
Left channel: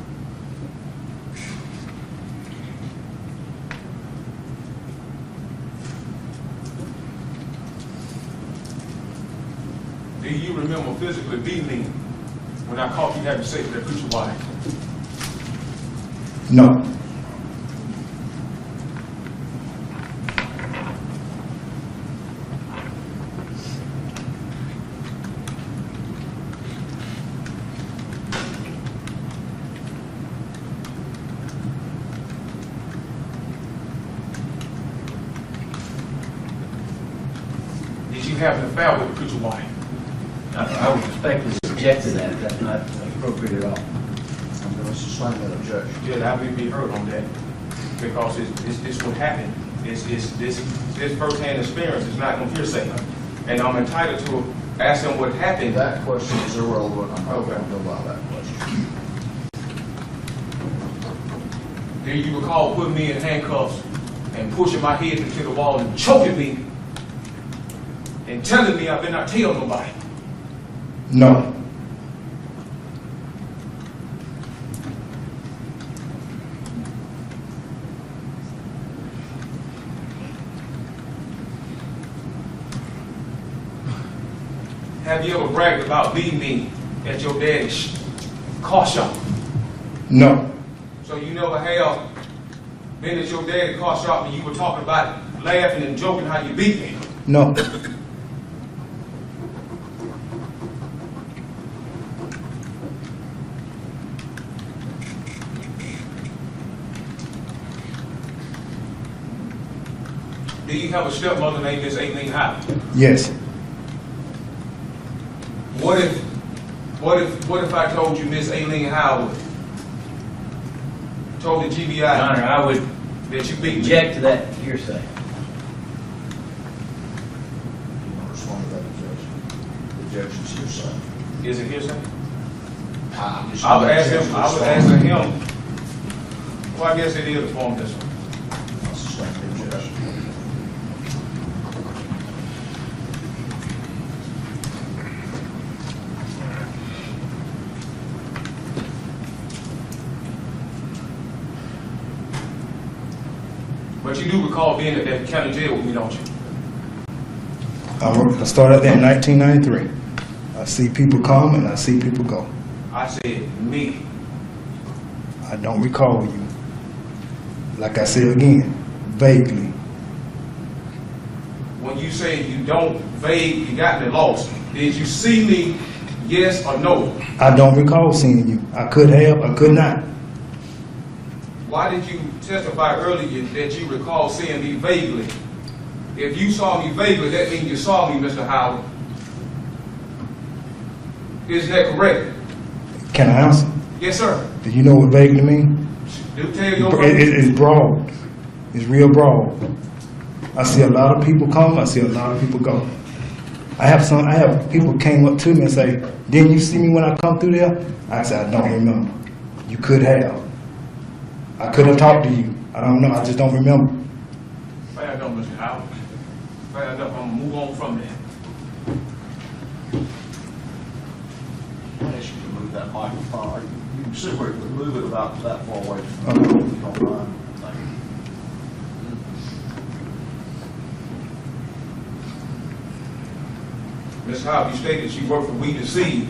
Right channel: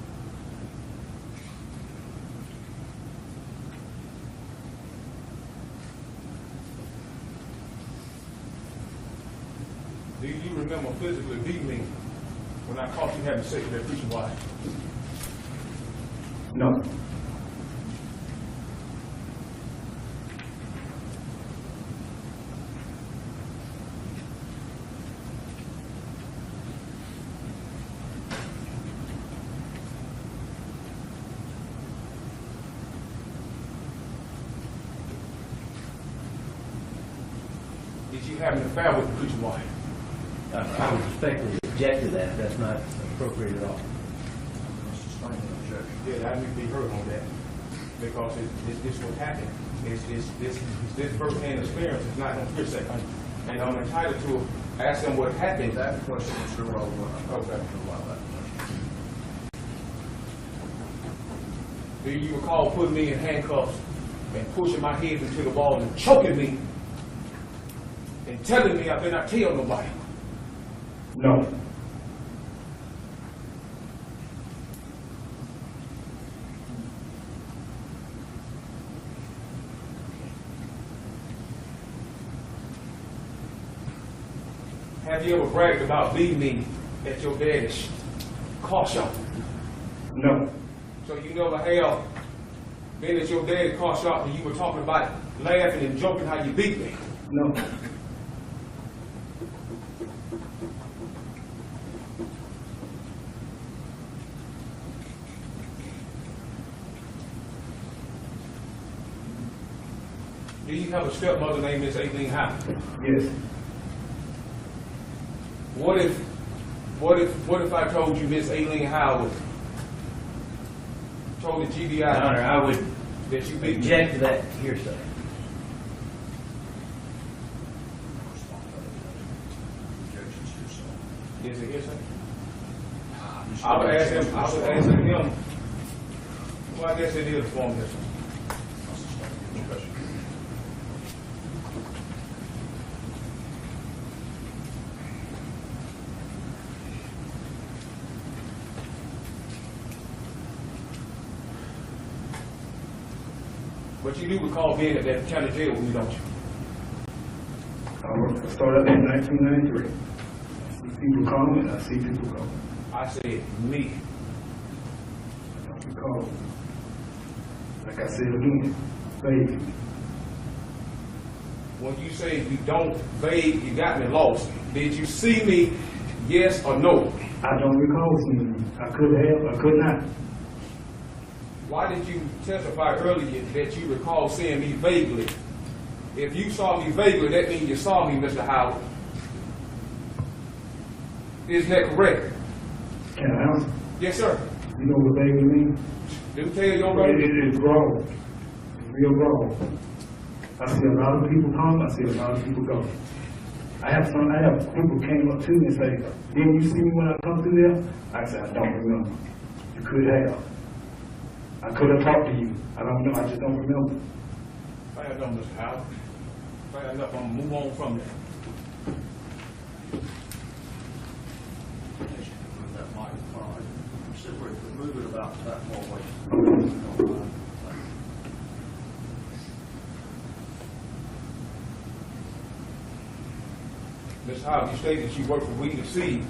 Do you remember physically beating me when I caught you having sex with that preacher wife? No. Did you have an affair with the preacher wife? I would respectfully object to that. That's not appropriate at all. Let's sustain that objection. Yeah, I would be heard on that, because this what happened. This first-hand experience is not no hearsay, and I'm entitled to ask them what happened. That question is irrelevant. I'm not Okay. going to allow that question. Do you recall putting me in handcuffs and pushing my head into the wall and choking me and telling me I better not tell nobody? No. Have you ever bragged about leaving me at your daddy's car shop? No. So you never have been at your daddy's car shop and you were talking about laughing and joking how you beat me? No. Do you have a stepmother named Miss Aileen Howard? Yes. What if I told you Miss Aileen Howard told the Your GBI Honor, I would that you beat me? object to that hearsay. I'll respond to that objection. The objection's hearsay. Is it hearsay? I'm just I would gonna ask let him, you I would respond. ask him. Well, I guess it is a form of this one. I'll sustain the objection. But you do recall being at that county jail with me, don't you? I started there in 1993. I see people come and I see people go. I said, me. I don't recall you. Like I said again, vaguely. When you say you don't vague, you got me lost. Did you see me, yes or no? I don't recall seeing you. I could have, I could not. Why did you testify earlier that you recall seeing me vaguely? If you saw me vaguely, that means you saw me, Mr. Howard. Isn't that correct? Can I answer? Yes, sir. Do you know what vaguely means? Do tell your It's broad. It's real broad. I see a lot of people come, I see a lot of people go. I have people came up to me and say, didn't you see me when I come through there? I said, I don't remember. You could have. I could have talked to you. I don't know, I just don't remember. Fair enough, Mr. Howard. Fair enough, I'm gonna move on from that. I ask you to move that microphone. You can see where it would move it about that far away from Okay. the if you don't mind. Thank you. Ms. Howard, you stated you work for We the Seed.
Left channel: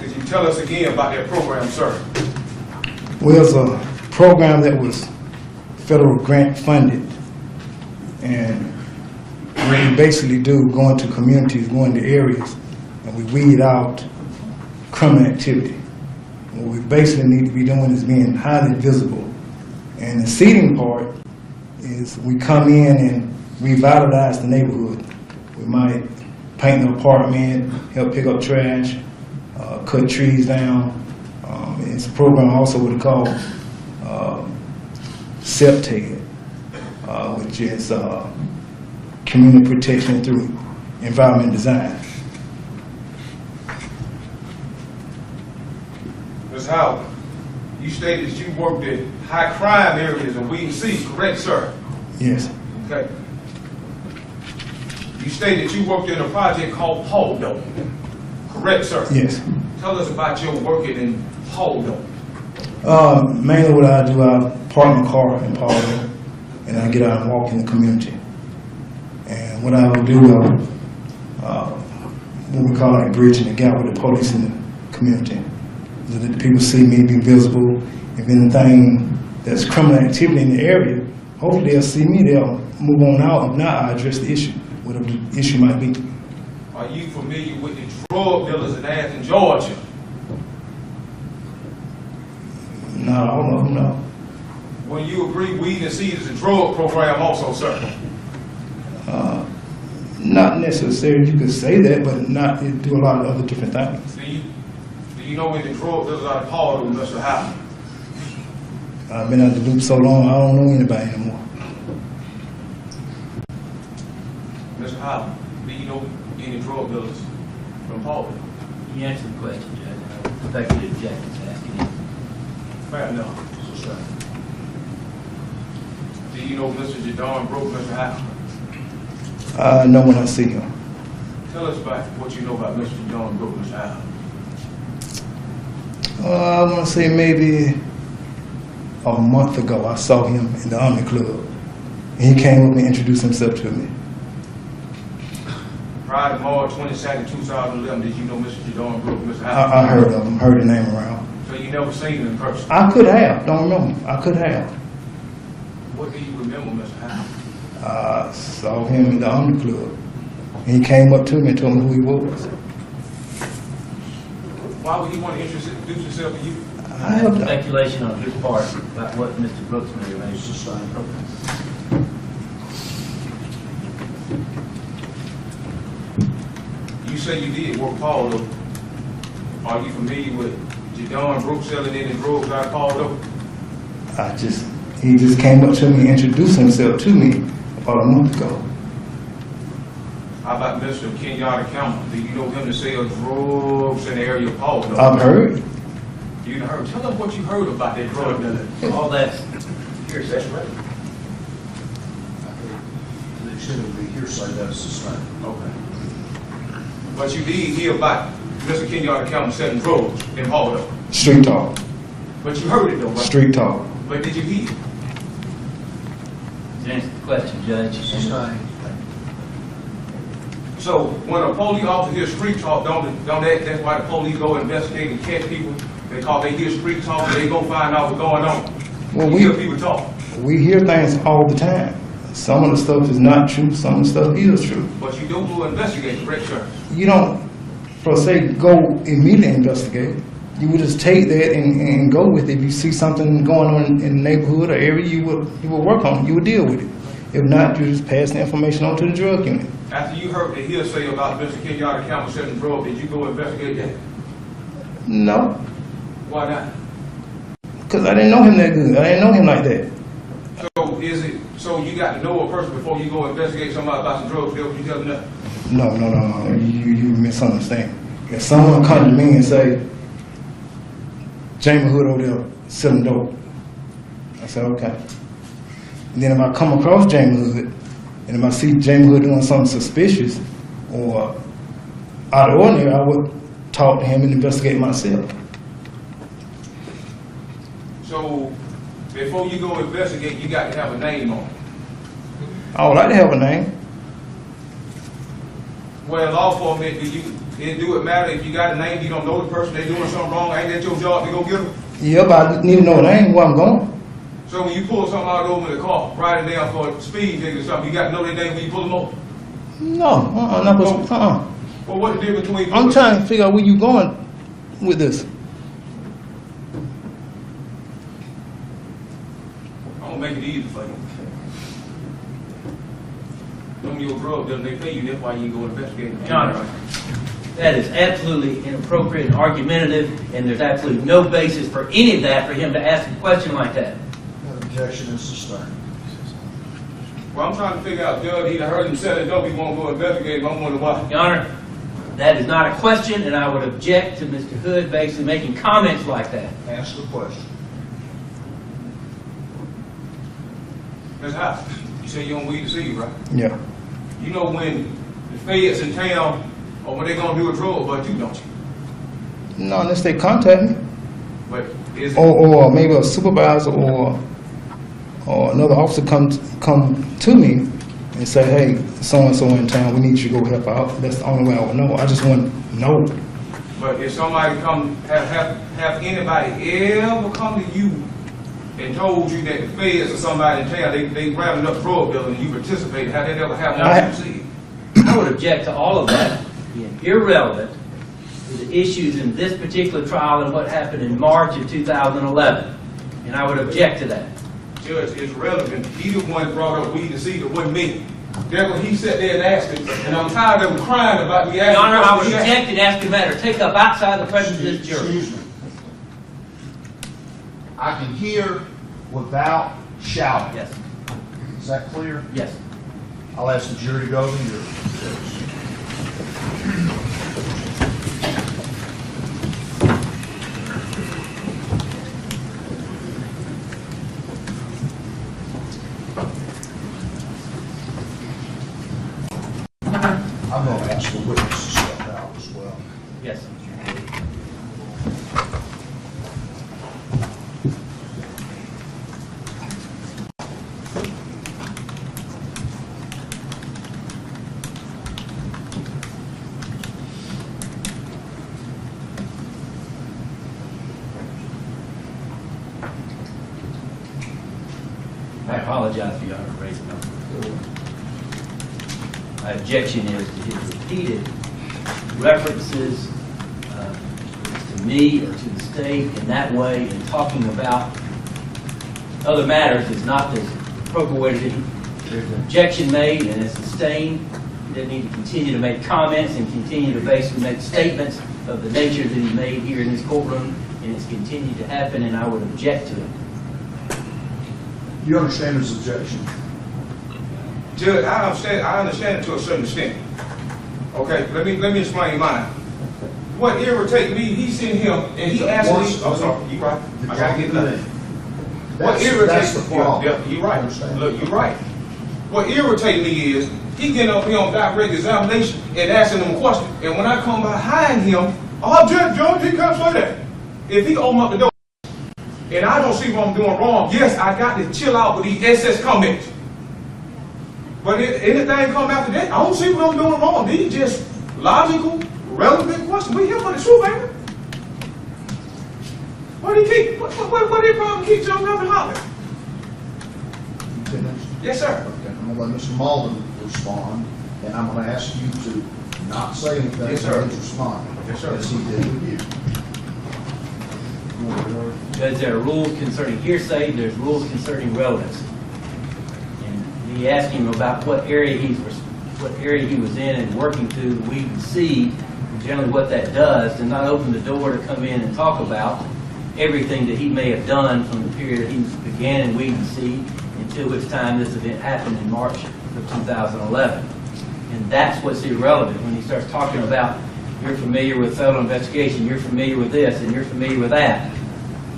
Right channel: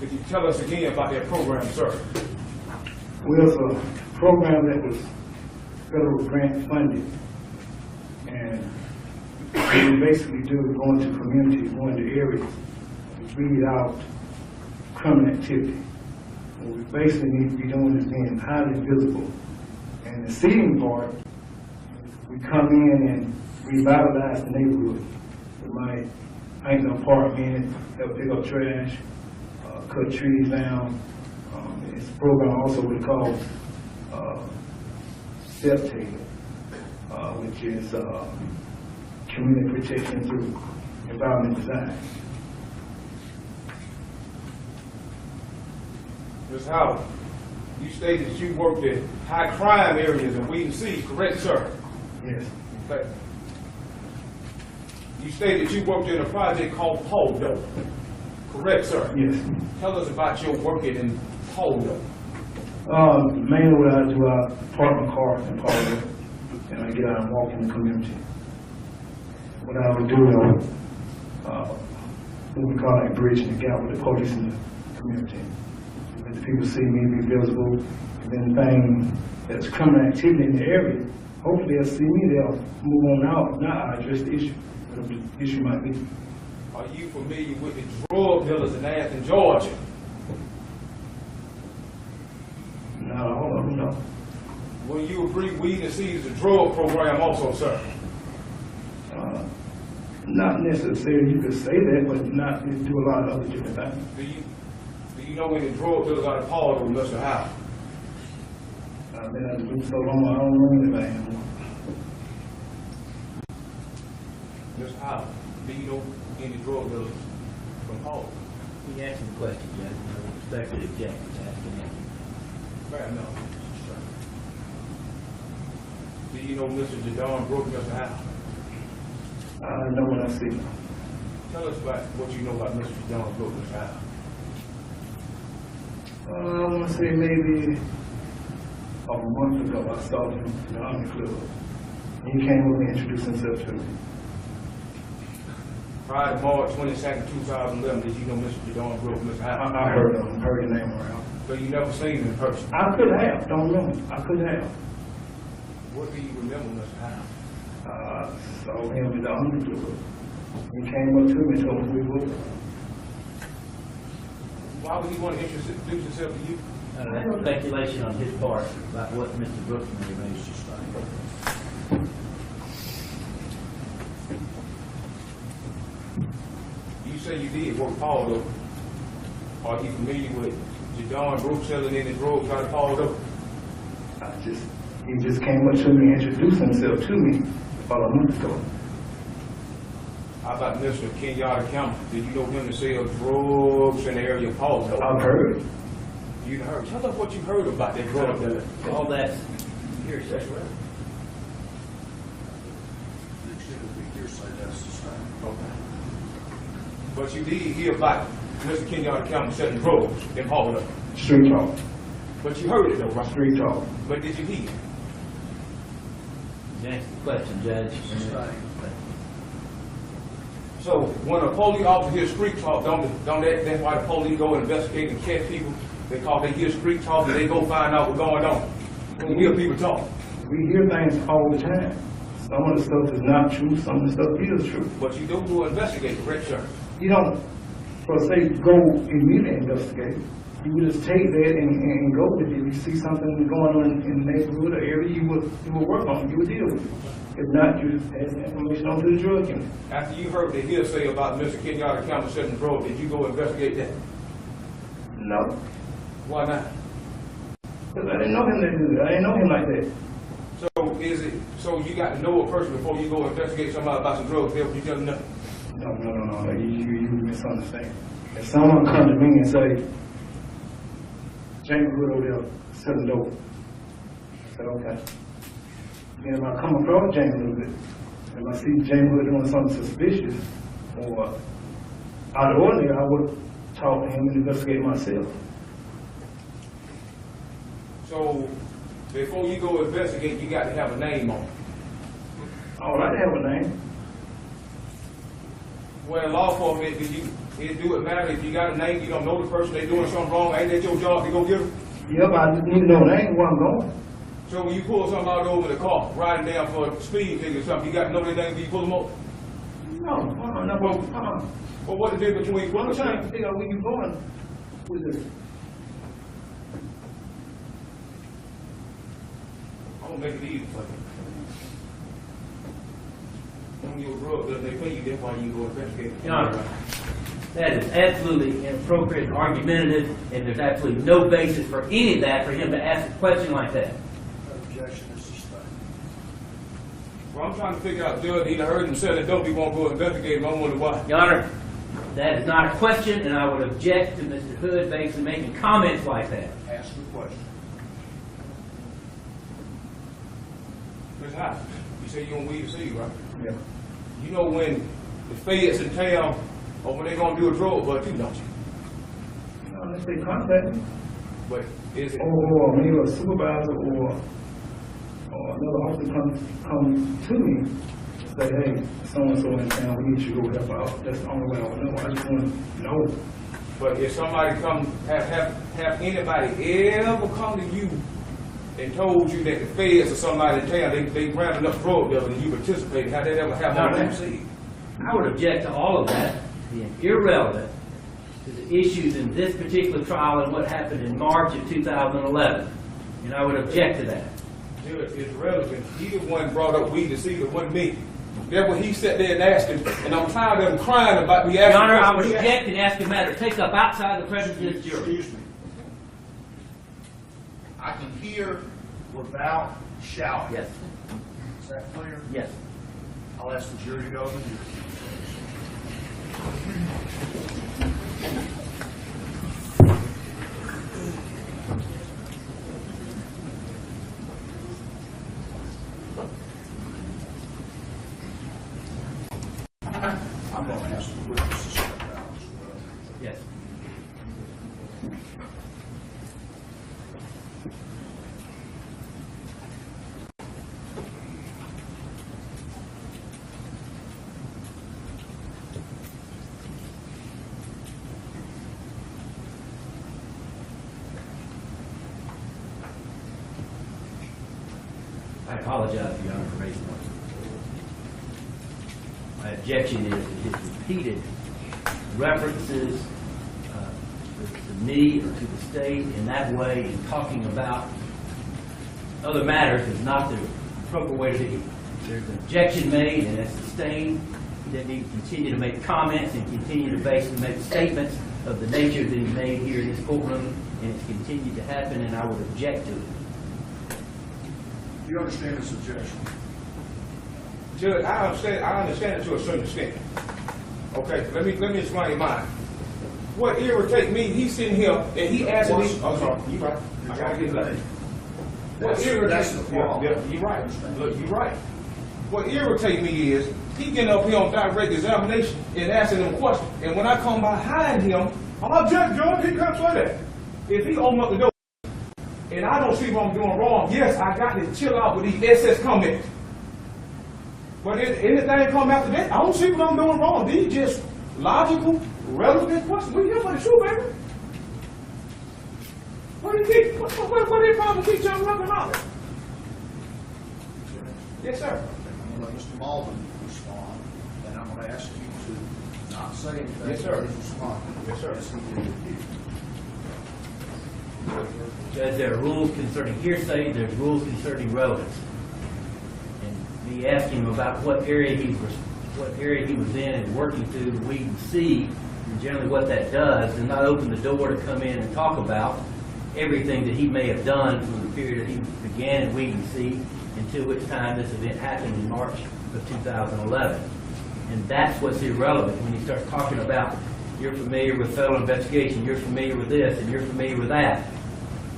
Could you tell us again about that program, sir? Well, it's a program that was federal grant funded. And what we basically do, go into communities, go into areas, and we weed out criminal activity. What we basically need to be doing is being highly visible. And the seeding part is we come in and revitalize the neighborhood. We might paint the apartment, help pick up trash, cut trees down. It's a program also what they call SEPTED, which is community protection through environment design. Ms. Howard, you stated that you worked in high crime areas in Weed C, correct, sir? Yes, Okay. You stated you worked in a project called Poldo, correct, sir? yes. Tell us about your working in Poldo. Mainly what I do, I park my car in Paulding, and I get out and walk in the community. And what I will do, what we call like bridging the gap with the police in the community. So that the people see me, be visible. If anything that's criminal activity in the area, hopefully they'll see me, they'll move on out. If not, I address the issue, whatever the issue might be. Are you familiar with the drug dealers in Athens, Georgia? Not all of them, no. Will you agree Weed and Seed is a drug program also, sir? Not necessarily, you could say that, but not, it do a lot of other different things. Do you know any drug dealers out of Poldo, Mr. Howard? I've been out the loop so long, I don't know anybody anymore. Mr. Howard, do you know any drug dealers from Poldo? You answered the question, Judge. Executive Jack is asking you. Fair enough. Do you know Mr. Jadon Brooke, Mr. Howard? I know when I see him. Tell us about what you know about Mr. Jadon Brooke, Mr. Howard. I want to say maybe a month ago, I saw him in the Army Club. And he came up and introduced himself to me. Friday, March 22nd, 2011, did you know Mr. Jadon Brooke, Mr. Howard? I heard of him, heard the name around. So you never seen him in person? I could have, don't remember. I could have. What do you remember, Mr. Howard? I saw him in the Army Club. And he came up to me and told me who he was. Why would he want to introduce himself to you? I have that. Speculation on his part about what Mr. Brooks may have made. You say you did work Poldo. Are you familiar with Jadon Brooke selling any drugs out of Poldo? He just came up to me and introduced himself to me about a month ago. How about Mr. Kenyatta Campbell? Do you know him to sell drugs in the area of Poldo? I've heard. You heard. Tell us what you heard about that drug dealer. All that's hearsay. That's right. The extent of the hearsay, that's the same. Okay. But you did hear about Mr. Kenyatta Campbell selling drugs in Poldo. Street talk. But you heard it though, right? Street talk. But did you hear it? You answered the question, Judge. So when a police officer hears street talk, that's why the police go investigate and catch people. They hear street talk and they go find out what's going on. Well, You hear people talk. We hear things all the time. Some of the stuff is not true, some of the stuff is true. But you don't go investigate, correct, sir? You don't, per se, go immediately investigate. You would just take that and go with it. If you see something going on in the neighborhood or area, you would work on it, you would deal with it. If not, you just pass the information on to the drug unit. After you heard the hearsay about Mr. Kenyatta Campbell selling drugs, did you go investigate that? No, Why not? because I didn't know him that good. I didn't know him like that. So you got to know a person before you go investigate somebody about some drugs, that's what you telling them? No. You misunderstand. If someone comes to me and say, Jamie Hood over there selling dope, I say, okay. And then if I come across Jamie Hood, and if I see Jamie Hood doing something suspicious or out of ordinary, I would talk to him and investigate myself. So before you go investigate, you got to have a name on it. I would like to have a name. Well, law enforcement, do it matter if you got a name, you don't know the person, they're doing something wrong, ain't that your job to go get them? Yeah, but I need to know a name, where I'm going. So when you pull something out over in the car, riding down for a speed ticket or something, you got to know their name when you pull them over? No, not supposed to. Well, what the difference between? I'm trying to figure out where you going with this. I'm gonna make it easy for you. Them your drug dealers, they pay you, that's why you go investigate. Your Honor, that is absolutely inappropriate and argumentative, and there's absolutely no basis for any of that for him to ask a question like that. Objection is sustained. Well, I'm trying to figure out, Judge, he heard him selling dope, he won't go investigate, but I'm wondering why. Your Honor, that is not a question, and I would object to Mr. Hood basically making comments like that. Ask the question. That's how. You say you don't weed to see you, right? Yeah. You know when the feds in town, or when they gonna do a drug, but you don't you? No, unless they contact me, But is it? or maybe a supervisor or another officer come to me and say, hey, so and so in town, we need you to go help out. That's the only way I would know. I just want to know. But if somebody come, have anybody ever come to you and told you that the feds or somebody in town, they grabbed enough drug dealers and you participated, have they ever happened to you see? I would object to all of that being irrelevant to the issues in this particular trial and what happened in March of 2011. And I would object to that. Judge, it's relevant. He the one brought up weed to see that wasn't me. That's what he sat there and asked him, and I'm tired of him crying about the Your Honor, I would questions he object and ask a matter take up outside the presence of this jury. Excuse me. I can hear without shouting. Yes, Is that clear? yes. I'll ask the jury to go to your. I'm going to ask the witness to step out as well. Yes. I apologize for Your Honor for raising my voice. My objection is to his repeated references to me or to the state in that way and talking about other matters is not the appropriate way to do. There's an objection made and it's sustained. They need to continue to make comments and continue to basically make statements of the nature that he made here in this courtroom, and it's continued to happen, and I would object to it. You understand his objection? Judge, I understand it to a certain extent. Okay, let me explain mine. What irritates me, he's sitting here and he asking me, I'm sorry, you right, I gotta get that. What irritates That's the problem. Yeah, you're right. Understand? Look, you're right. What irritates me is he getting up here on direct examination and asking them questions, and when I come behind him, oh, Judge, he can't say that. If he open up the door and I don't see what I'm doing wrong, yes, I got to chill out with these SS comments. But if anything come after that, I don't see what I'm doing wrong. These just logical, relevant questions. We here for the truth, baby. What they probably keep jumping up and hollering? You finished? Yes, sir. Okay, I'm going to let Mr. Malden respond, and I'm going to ask you to not say anything Yes, sir. until he's responding. Yes, sir. As he did with you. Judge, there are rules concerning hearsay, there's rules concerning relevance. And me asking him about what area he was in and working through, we can see generally what that does, to not open the door to come in and talk about everything that he may have done from the period he began in Weed and Seed until which time this event happened in March of 2011. And that's what's irrelevant when he starts talking about you're familiar with federal investigation, you're familiar with this, and you're familiar with that.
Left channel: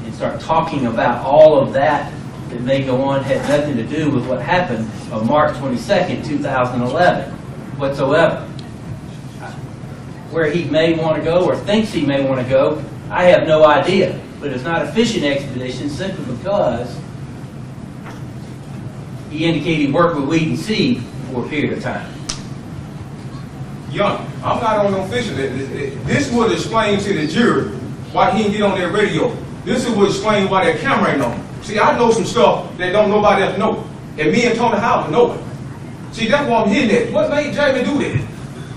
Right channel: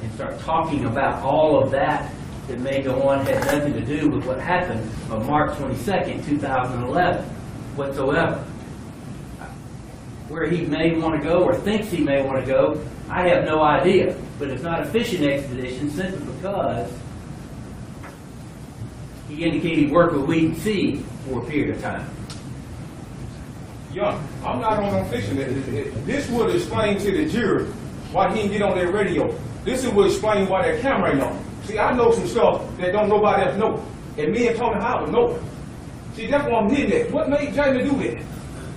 And start talking about all of that that may go on, had nothing to do with what happened on March 22nd, 2011 whatsoever. Where he may want to go or thinks he may want to go, I have no idea. But it's not a fishing expedition simply because he indicated he worked with Weed and Seed for a period of time. Young, I'm not on no fishing. This would explain to the jury why he didn't get on their radio. This would explain why that camera ain't on. See, I know some stuff that don't nobody else know. And me and Tony Howard know it. See, that's what I'm hitting at. What made Jamie do that?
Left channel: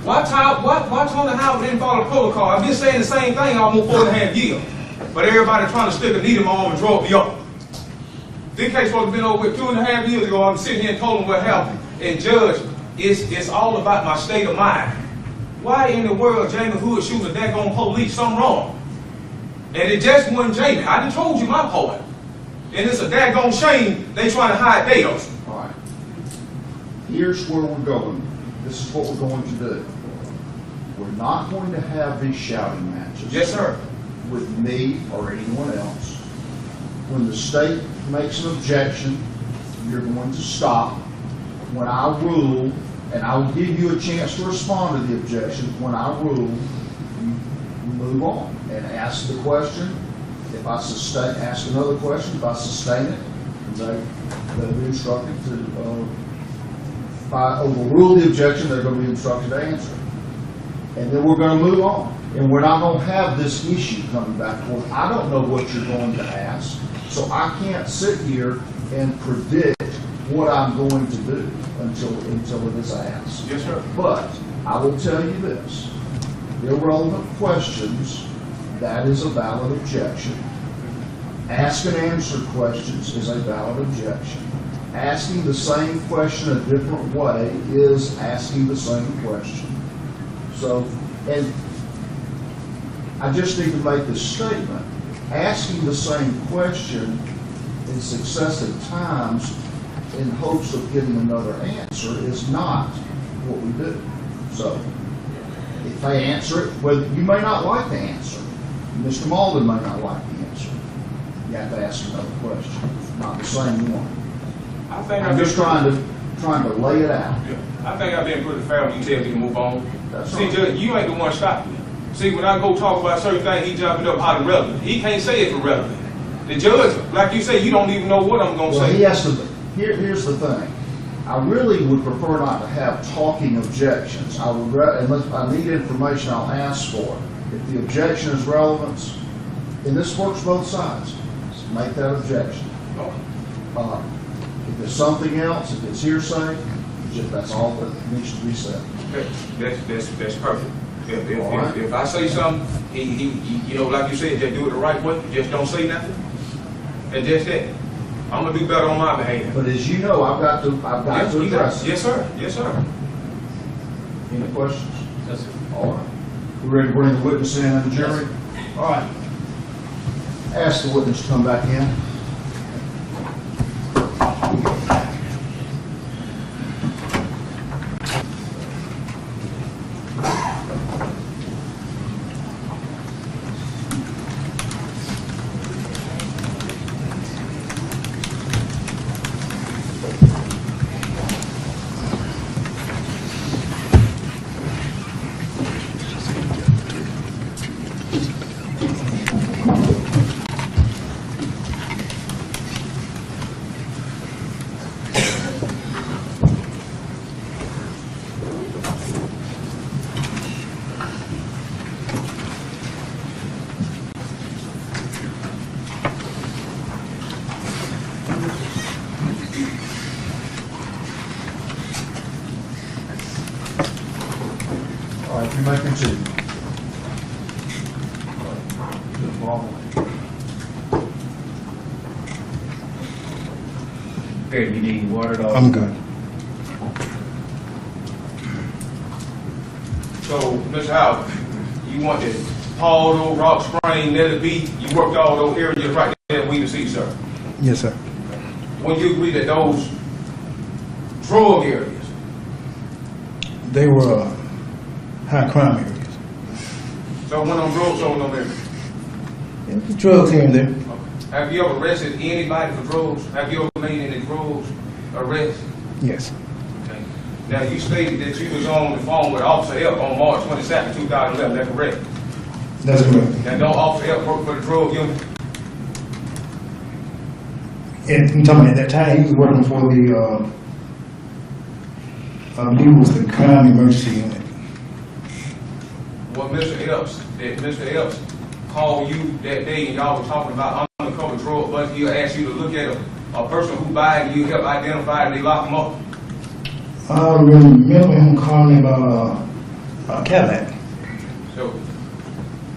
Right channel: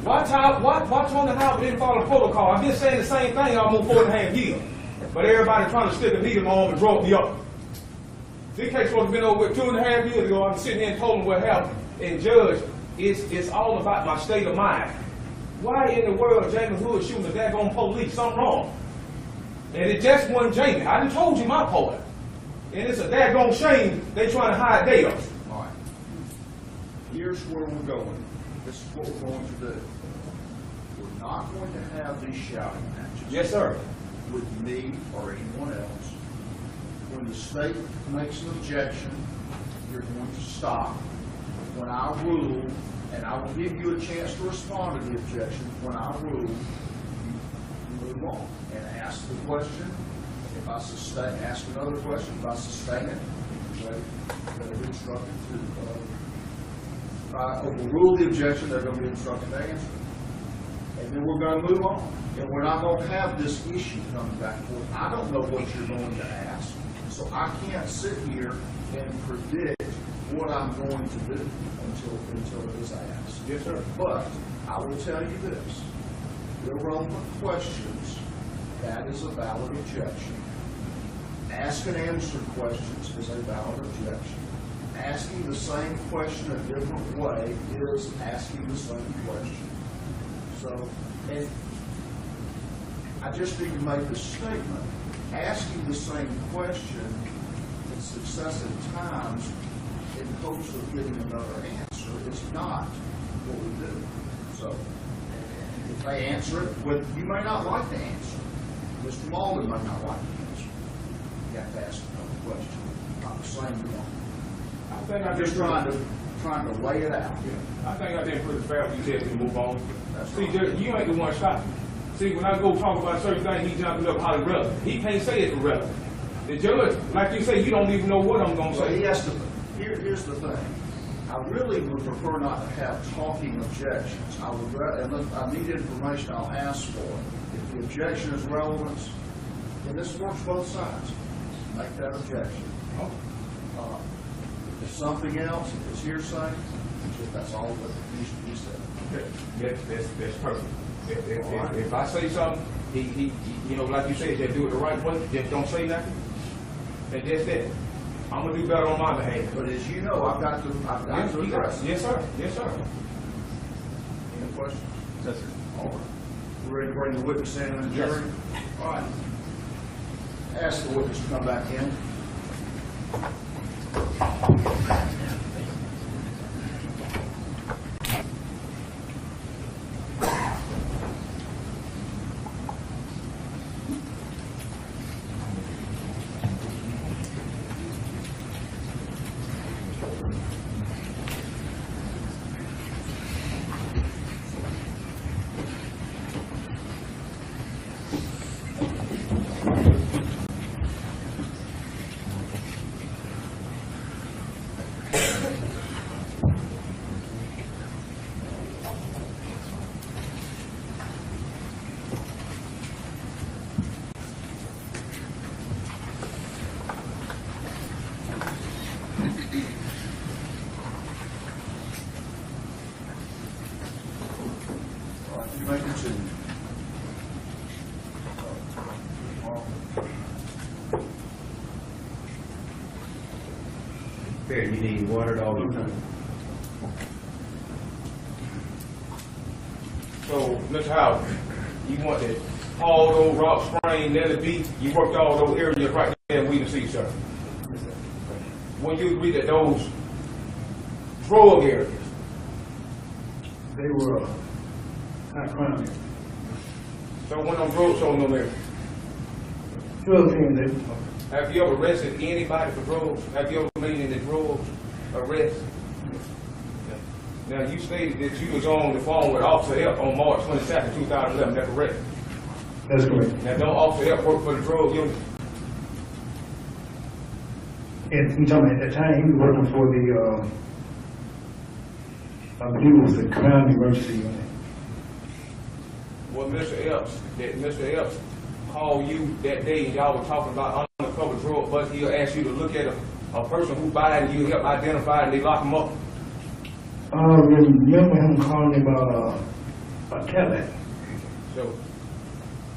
Why Tony Howard didn't follow the protocol? I've been saying the same thing almost 4.5 years. But everybody trying to stick a needle in my arm and draw me up. This case supposed to have been over with 2.5 years ago. I'm sitting here and told him what happened. And Judge, it's all about my state of mind. Why in the world Jamie Hood shooting a daggone police? Something wrong. And it just wasn't Jamie. I done told you my part. And it's a daggone shame they trying to hide theirs. All right. Here's where we're going. This is what we're going to do. We're not going to have these shouting matches. Yes, sir. With me or anyone else. When the state makes an objection, you're going to stop. When I rule, and I will give you a chance to respond to the objection, when I rule, you move on and ask the question. If I sustain, ask another question. If I sustain it, they'll be instructed to, if I overrule the objection, they're going to be instructed to answer. And then we're going to move on. And we're not going to have this issue coming back forth. I don't know what you're going to ask, so I can't sit here and predict what I'm going to do until it is asked. Yes, sir. But I will tell you this, irrelevant questions, that is a valid objection. Ask and answer questions is a valid objection. Asking the same question a different way is asking the same question. So, and I just need to make this statement. Asking the same question in successive times in hopes of getting another answer is not what we do. So, if they answer it, well, you may not like the answer. Mr. Malden may not like the answer. You have to ask another question, not the same one. I think I'm just trying to lay it out. Yeah, I think I've been pretty fair when you tell me to move on. That's See, right. Judge, you ain't the one stopping me. See, when I go talk about certain things, he jumping up how irrelevant. He can't say it's irrelevant. The judge, like you say, you don't even know what I'm going to Well, say. he has to, here's the thing. I really would prefer not to have talking objections. I would, unless I need information, I'll ask for it. If the objection is relevant, and this works both sides, make that objection. If there's something else, if it's hearsay, that's all that needs to be said. That's perfect. All right. If I say something, he, you know, like you said, just do it the right way. Just don't say nothing. And just that. I'm gonna do better on my behalf. But as you know, I've got to address it. Yes, sir. Yes, sir. Any questions? Yes, sir. All right. We ready to bring the witness in and the jury? All right. Ask the witness to come back in. All right, you may continue. Here, you need water, dog? I'm good. So, Mr. Howard, you want to Paul, Rock Spring, Nelly Beach, you worked all those areas right there in Wheaton City, sir. Yes, sir. When you agree that those drug areas, They were high crime areas. so when them drugs sold in them areas, The drugs here and there. have you ever arrested anybody for drugs? Have you ever made any drugs arrests? Yes. Okay. Now, you stated that you was on the phone with Officer F on March 22nd, 2011, that's correct? That's correct. Now, don't Officer F work for the drug unit? And I'm talking at that time, he was working for the, he was the crime emergency unit. Well, Mr. Epps called you that day and y'all were talking about undercover drug, but he'll ask you to look at a person who died and you help identify and they lock him up. I remember him calling me about a Cadillac. So,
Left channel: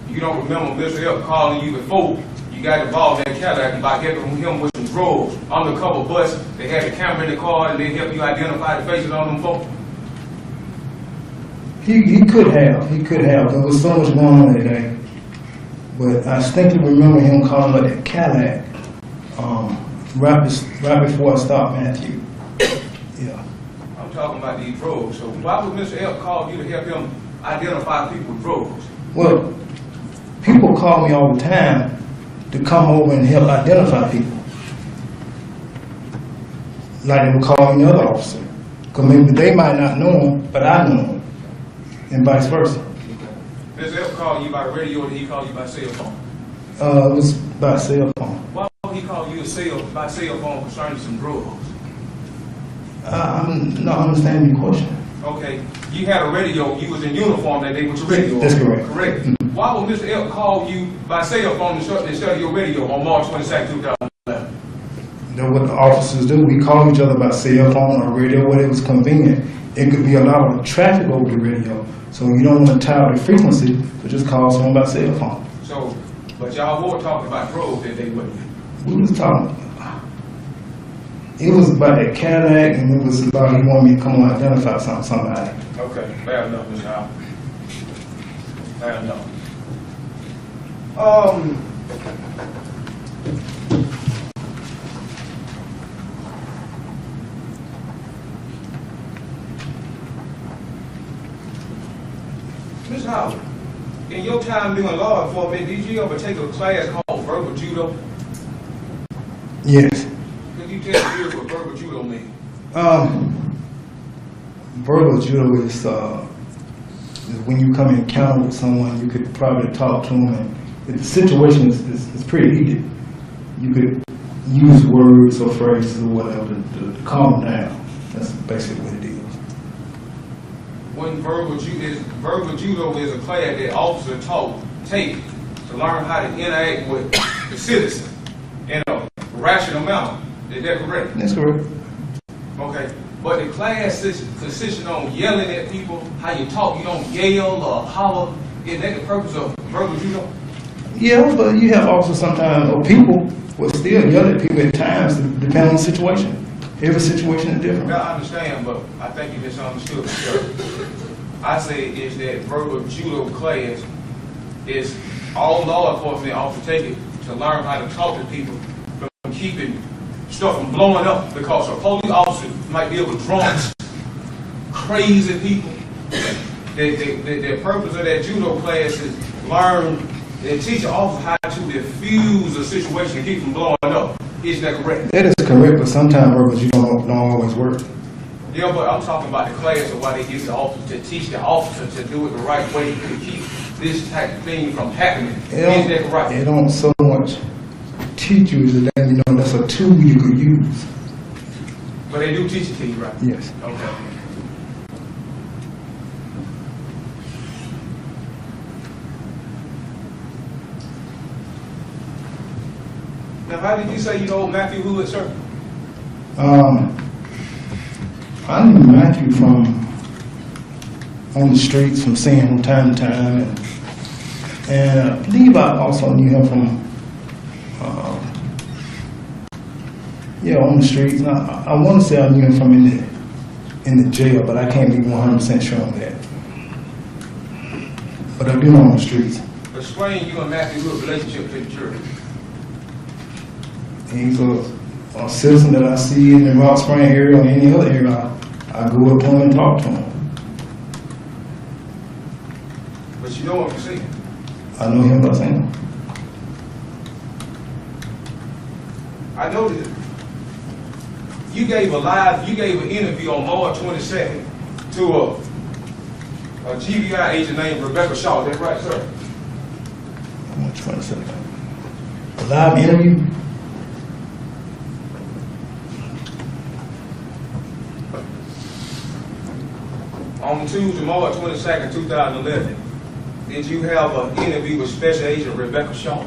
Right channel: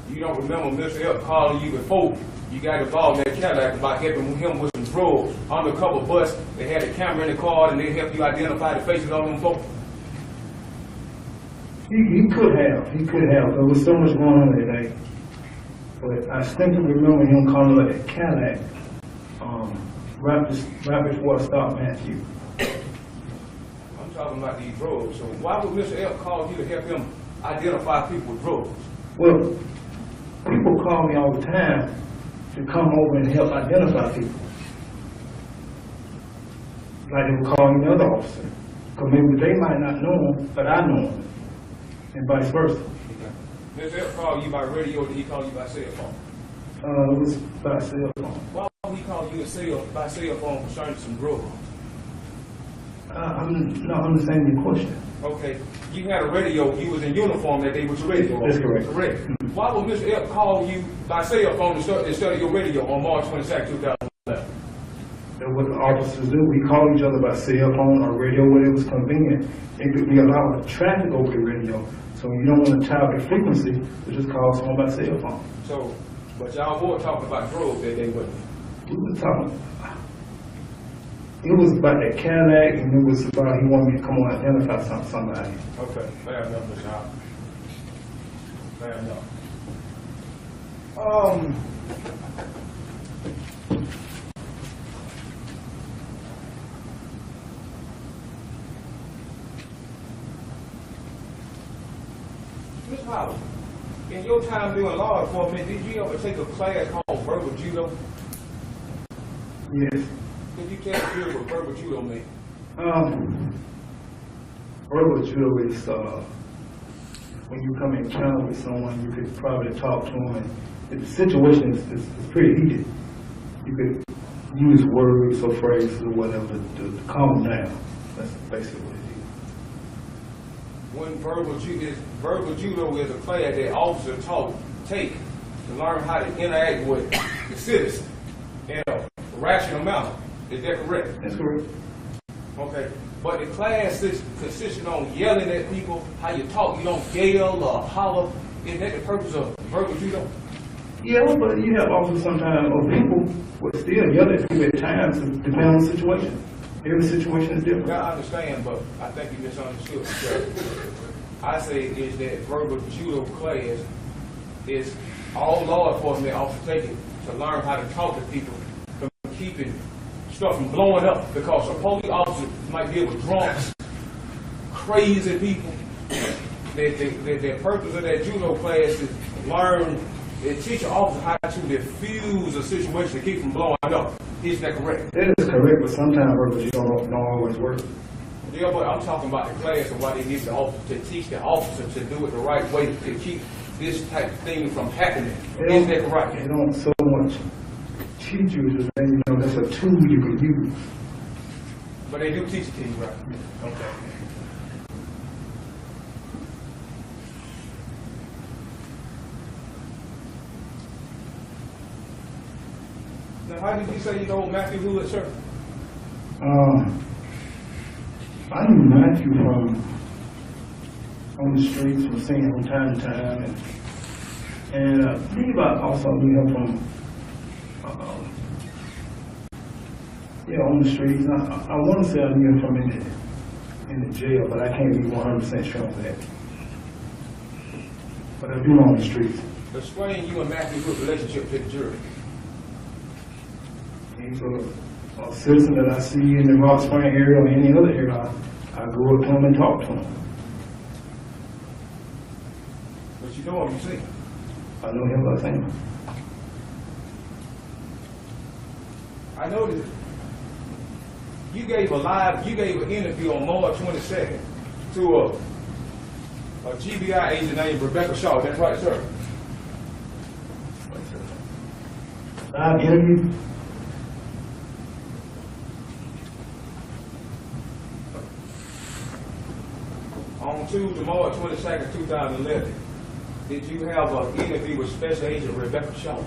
you don't remember Mr. Elk calling you before you got involved in that Cadillac about helping him with some drugs, undercover bus, they had a camera in the car and they helped you identify the faces on them folks? He could have. There was so much going on that day. But I distinctly remember him calling about that Cadillac right before I stopped Matthew. Yeah. I'm talking about these drugs. So why would Mr. Elk call you to help him identify people with drugs? Well, people call me all the time to come over and help identify people. Like they would call any other officer. Because maybe they might not know him, but I know him. And vice versa. Mr. Elk called you by radio or did he call you by cell phone? It was by cell phone. Why would he call you by cell phone concerning some drugs? I'm not understanding your question. Okay, you had a radio, you was in uniform that day with your radio. That's correct. Correct. Mm-hmm. Why would Mr. Elk call you by cell phone instead of your radio on March 22nd, 2011? That's what the officers do. We call each other by cell phone or radio when it was convenient. It could be a lot of traffic over the radio. So you don't want to tie the frequency, so just call someone by cell phone. So, but y'all were talking about drugs that day, wasn't We was talking. It was about that Cadillac, and it was about he wanted me to come and identify somebody. it? Okay, fair enough, Mr. Al. Fair enough. Ms. Howard, in your time doing law enforcement, did you ever take a class called verbal judo? Yes. Could you tell me what verbal judo means? Verbal judo is when you come in encounter with someone, you could probably talk to them, and if the situation is pretty heated, you could use words or phrases or whatever to calm them down. That's basically what it is. When verbal judo is a class that officers take to learn how to interact with the citizen in a rational manner. Is that correct? That's correct. Okay. But the class is consisting on yelling at people, how you talk, you don't yell or holler. Is that the purpose of verbal judo? Yeah, but you have officers sometimes, or people will still yell at people at times, depending on the situation. Every situation is different. Now, I understand, but I think you misunderstood. Sir. I say is that verbal judo class is all law enforcement officers take it to learn how to talk to people from keeping stuff from blowing up, because a police officer might deal with drunks, crazy people. The purpose of that judo class is learn and teach the officer how to diffuse a situation and keep from blowing up. Is that correct? That is correct, but sometimes verbal judo don't always work. Yeah, but I'm talking about the class of why they give the officer to teach the officer to do it the right way to keep this type of thing from happening. Is that correct? They don't so much teach you as that, you know, that's a tool you could use. But they do teach it to you, right? Yes. Okay. Now, how did you say you know Matthew Wood, sir? I knew Matthew from on the streets, from seeing him from time to time, and I believe I also knew him from on the streets. I want to say I knew him from in the jail, but I can't be 100% sure on that. But I do know on the streets. Explain you and Matthew Wood's relationship to the jury. He's a citizen that I see in the Rock Spring area or any other area. I go up to him and talk to him. But you know him, you see him. I know him by saying. I know that you gave an interview on March 22nd to a GBI agent named Rebecca Shaw. That's right, sir? March 22nd. A live interview? On Tuesday, March 22nd, 2011, did you have an interview with Special Agent Rebecca Shaw?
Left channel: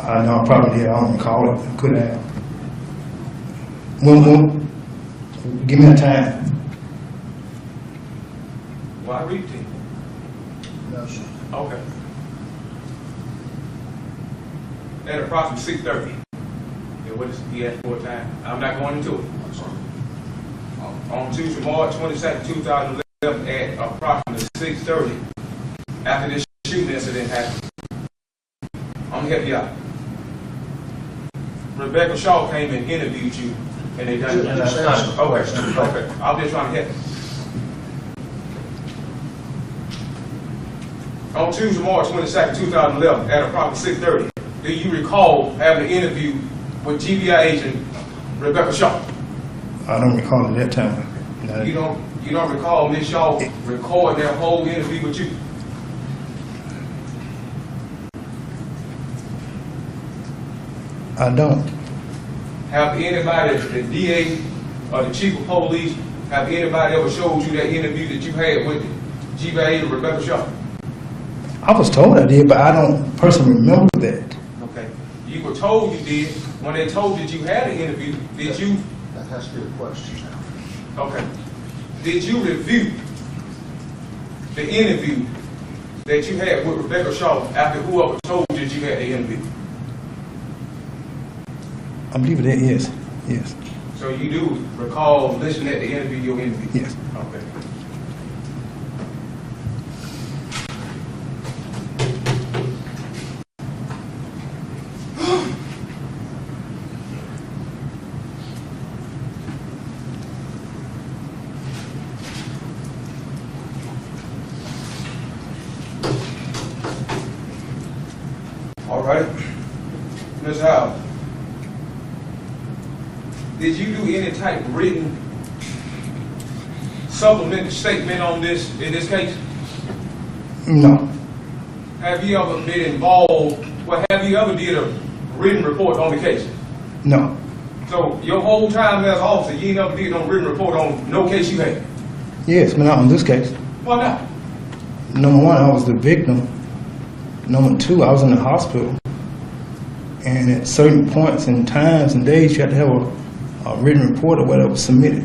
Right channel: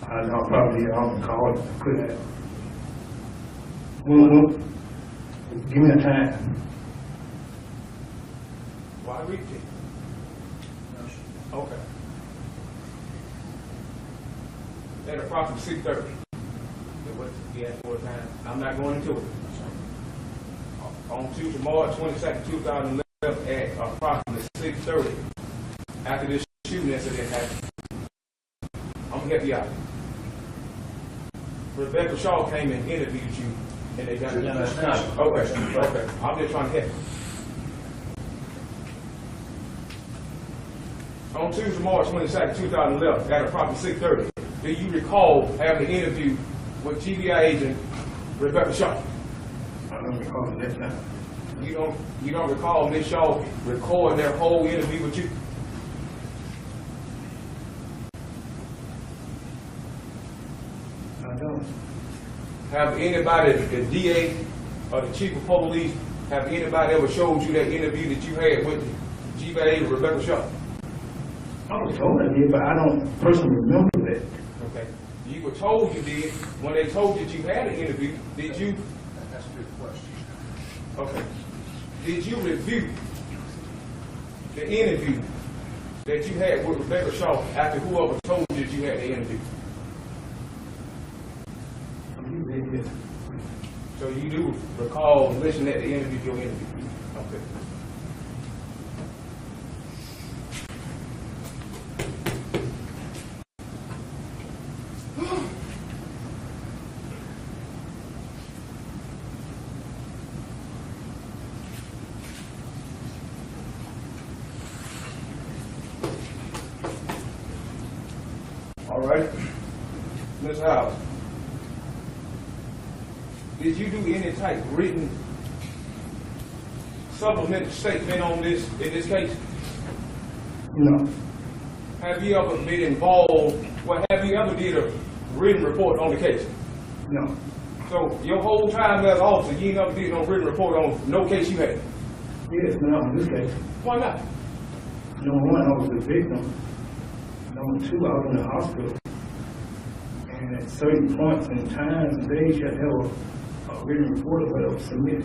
I know, probably I don't recall it. Could have. Give me a time. Well, I read it to you. No, sir. Okay. At approximately 6:30. Yeah, what is he asked for a time? I'm not going into it. I'm sorry. On Tuesday, March 22nd, 2011, at approximately 6:30, after this shooting incident happened. I'm gonna help you out. Rebecca Shaw came and interviewed you, and they done it. Just answer the question. Okay. I'm just trying to help. On Tuesday, March 22nd, 2011, at approximately 6:30, do you recall having an interview with GBI agent Rebecca Shaw? I don't recall at that time. You don't recall Ms. Shaw recording that whole interview with you? I don't. Have anybody, the DA or the chief of police, have anybody ever showed you that interview that you had with GBI agent Rebecca Shaw? I was told I did, but I don't personally remember that. Okay. You were told you did. When they told you that you had an interview, did you? That has to be a question. Okay. Did you review the interview that you had with Rebecca Shaw after whoever told you that you had the interview? I believe that, yes. Yes. So you do recall listening at the interview, your interview? Yes. Okay. All right. Ms. Howell, did you do any type of written supplemental statement on this, in this case? No. Have you ever been involved, well, have you ever did a written report on the case? No. So your whole time as officer, you ain't never did no written report on no case you had? Yes, but not on this case. Why not? Number one, I was the victim. Number two, I was in the hospital. And at certain points and times and days, you had to have a written report or whatever submitted.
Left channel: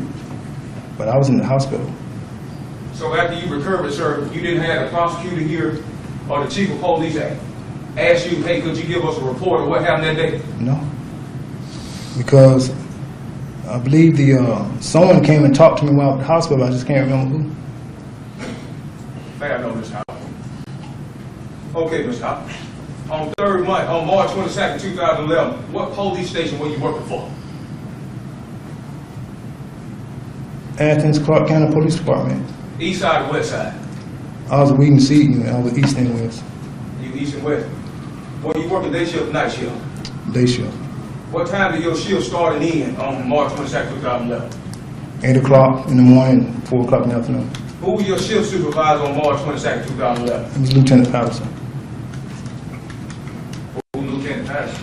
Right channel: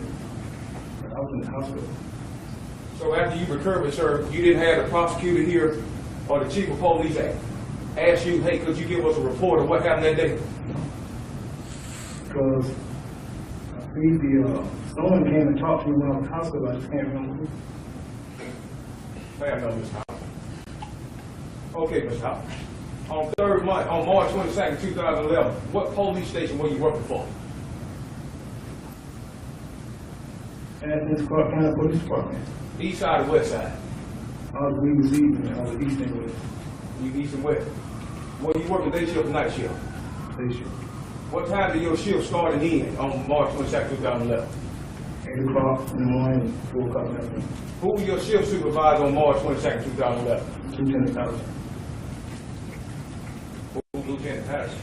But I was in the hospital. So after you recovered, sir, you didn't have the prosecutor here or the chief of police ask you, hey, could you give us a report of what happened that day? No. Because I believe someone came and talked to me while I was at the hospital. I just can't remember who. Fair enough, Ms. Howell. Okay, Ms. Howell. On March 22nd, 2011, what police station were you working for? Athens, Clark County Police Department. East side or west side? I was Weed and Seaton. I was East and West. You east and west. Were you working day shift or night shift? Day shift. What time did your shift start and end on March 22nd, 2011? 8 o'clock in the morning, 4 o'clock in the afternoon. Who was your shift supervisor on March 22nd, 2011? It was Lieutenant Patterson. Who was Lieutenant Patterson?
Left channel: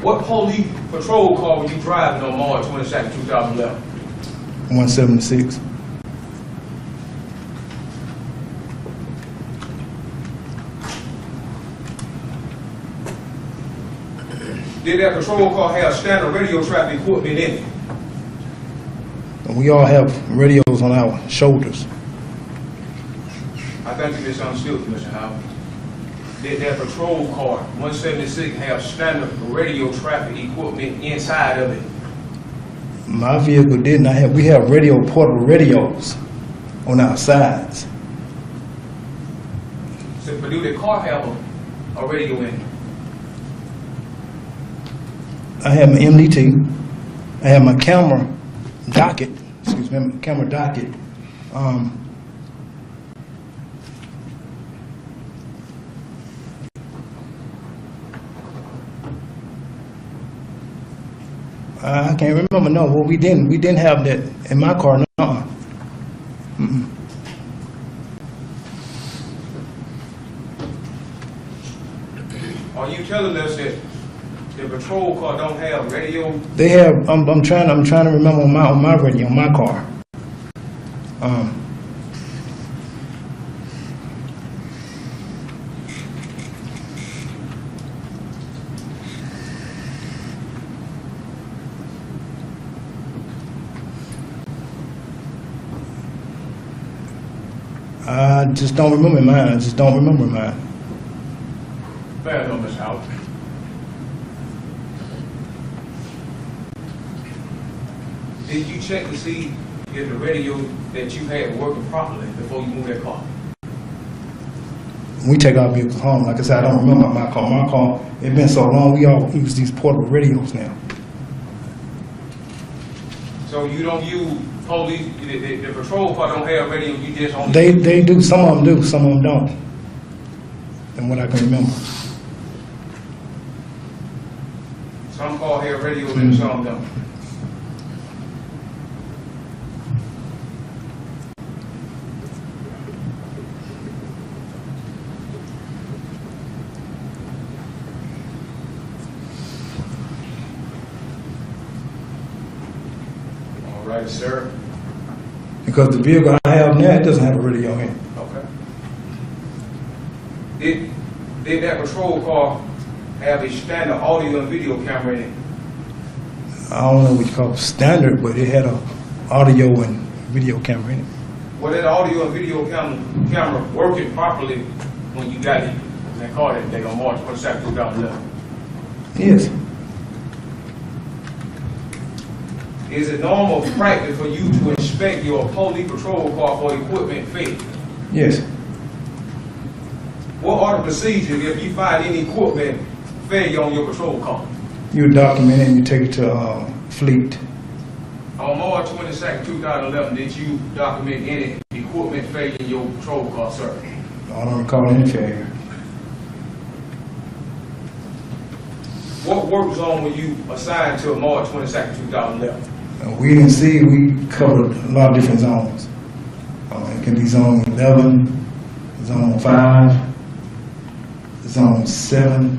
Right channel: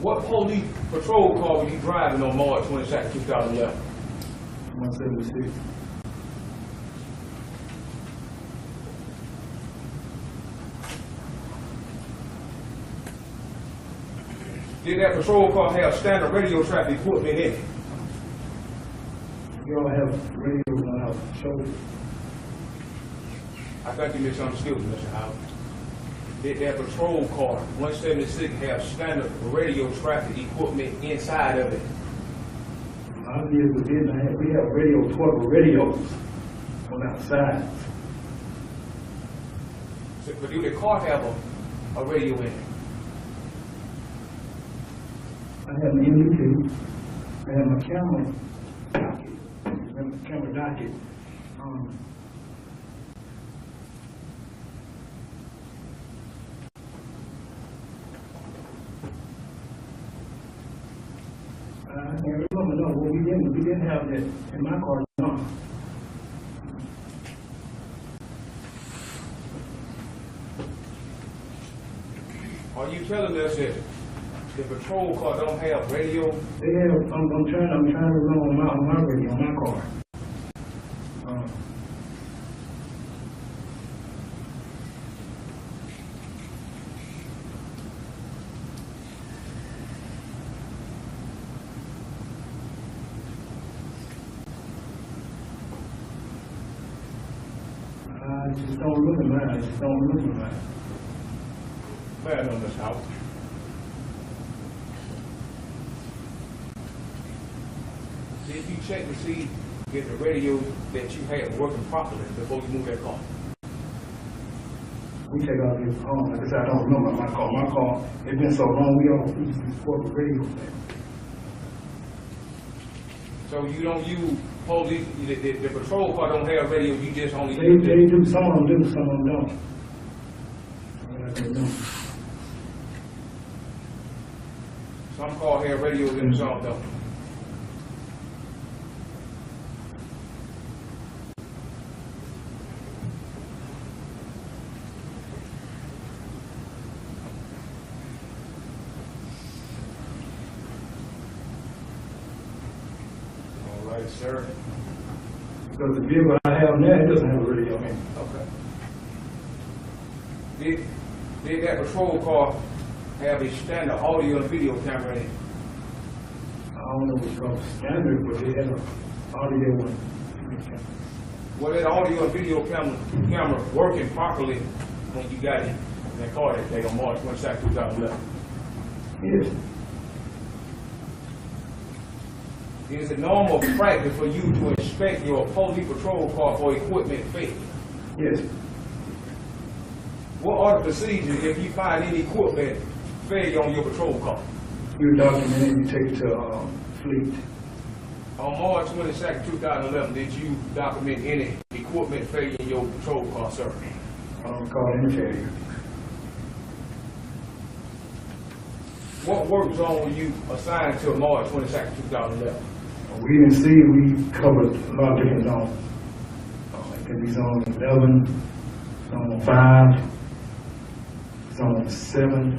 What police patrol car were you driving on March 22nd, 2011? 176. Did that patrol car have standard radio traffic equipment in it? And we all have radios on our shoulders. I think you misunderstood me, Mr. Howard. Did that patrol car, 176, have standard radio traffic equipment inside of it? My vehicle didn't. We have portable radios on our sides. So, but do the car have a radio in it? I have my MDT. I have my camera docket. Excuse me, my camera docket. I can't remember. No, well, we didn't have that in my car. No. Mm-mm. Are you telling us that the patrol car don't have radio? They have. I'm trying to remember on my radio on my car. I just don't remember mine. I just don't remember mine. Fair enough, Mr. Howard. Did you check to see if the radio that you had were working properly before you moved that car? We take our vehicles home. Like I said, I don't remember my car. My car, it's been so long, we all use these portable radios now. So you don't use police, the patrol car don't have radio, you just only... They do. Some of them do. Some of them don't. And what I can remember. Some cars have radios and some don't. All right, sir. Because the vehicle I have now, it doesn't have a radio in it. Okay. Did that patrol car have a standard audio and video camera in it? I don't know what you call it standard, but it had a audio and video camera in it. Was that audio and video camera working properly when you got in that car that day on March 22nd, 2011? Yes. Is it normal practice for you to inspect your police patrol car for equipment failure? Yes. What are the procedures if you find any equipment failure on your patrol car? You document it and you take it to fleet. On March 22nd, 2011, did you document any equipment failure in your patrol car, sir? I don't recall any failure. What work zone were you assigned to March 22nd, 2011? We didn't see, we covered a lot of different zones. It can be zone 11, zone 5, zone 7,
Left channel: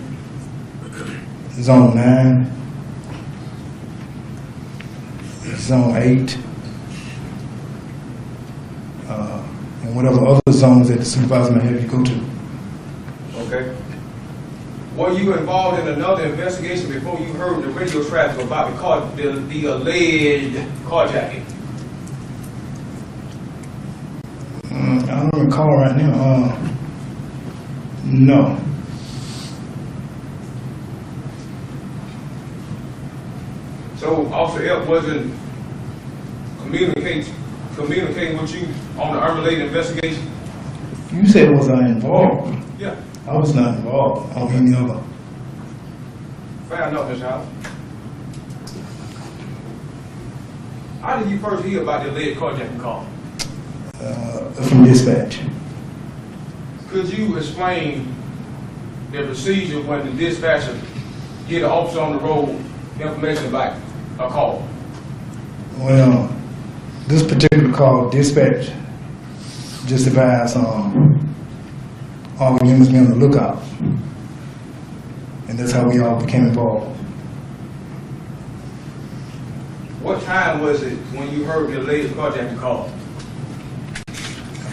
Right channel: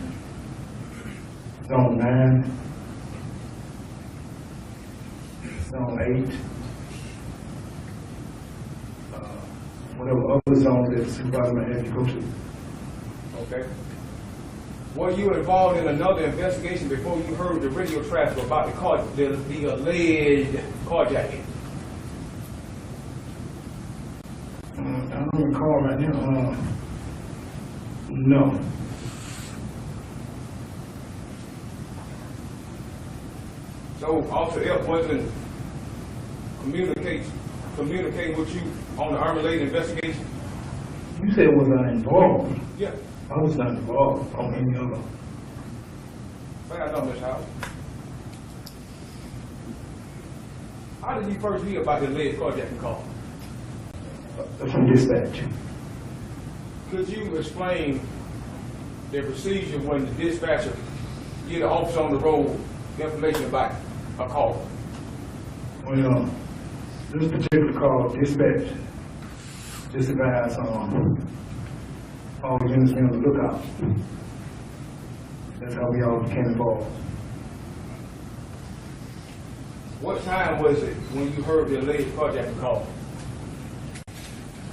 zone 9, zone 8, and whatever other zones that the supervisor may have you go to. Okay. Were you involved in another investigation before you heard the radio traffic about the alleged carjacking? I don't recall right now. No. So Officer F wasn't communicating with you on the unrelated investigation? You said was I involved? Yeah. I was not involved on any other. Fair enough, Mr. House. How did you first hear about the alleged carjacking call? From dispatch. Could you explain the procedure when the dispatcher get an officer on the road information about a call? Well, this particular call, dispatch just advised all the units be on the lookout. And that's how we all became involved. What time was it when you heard the alleged carjacking call?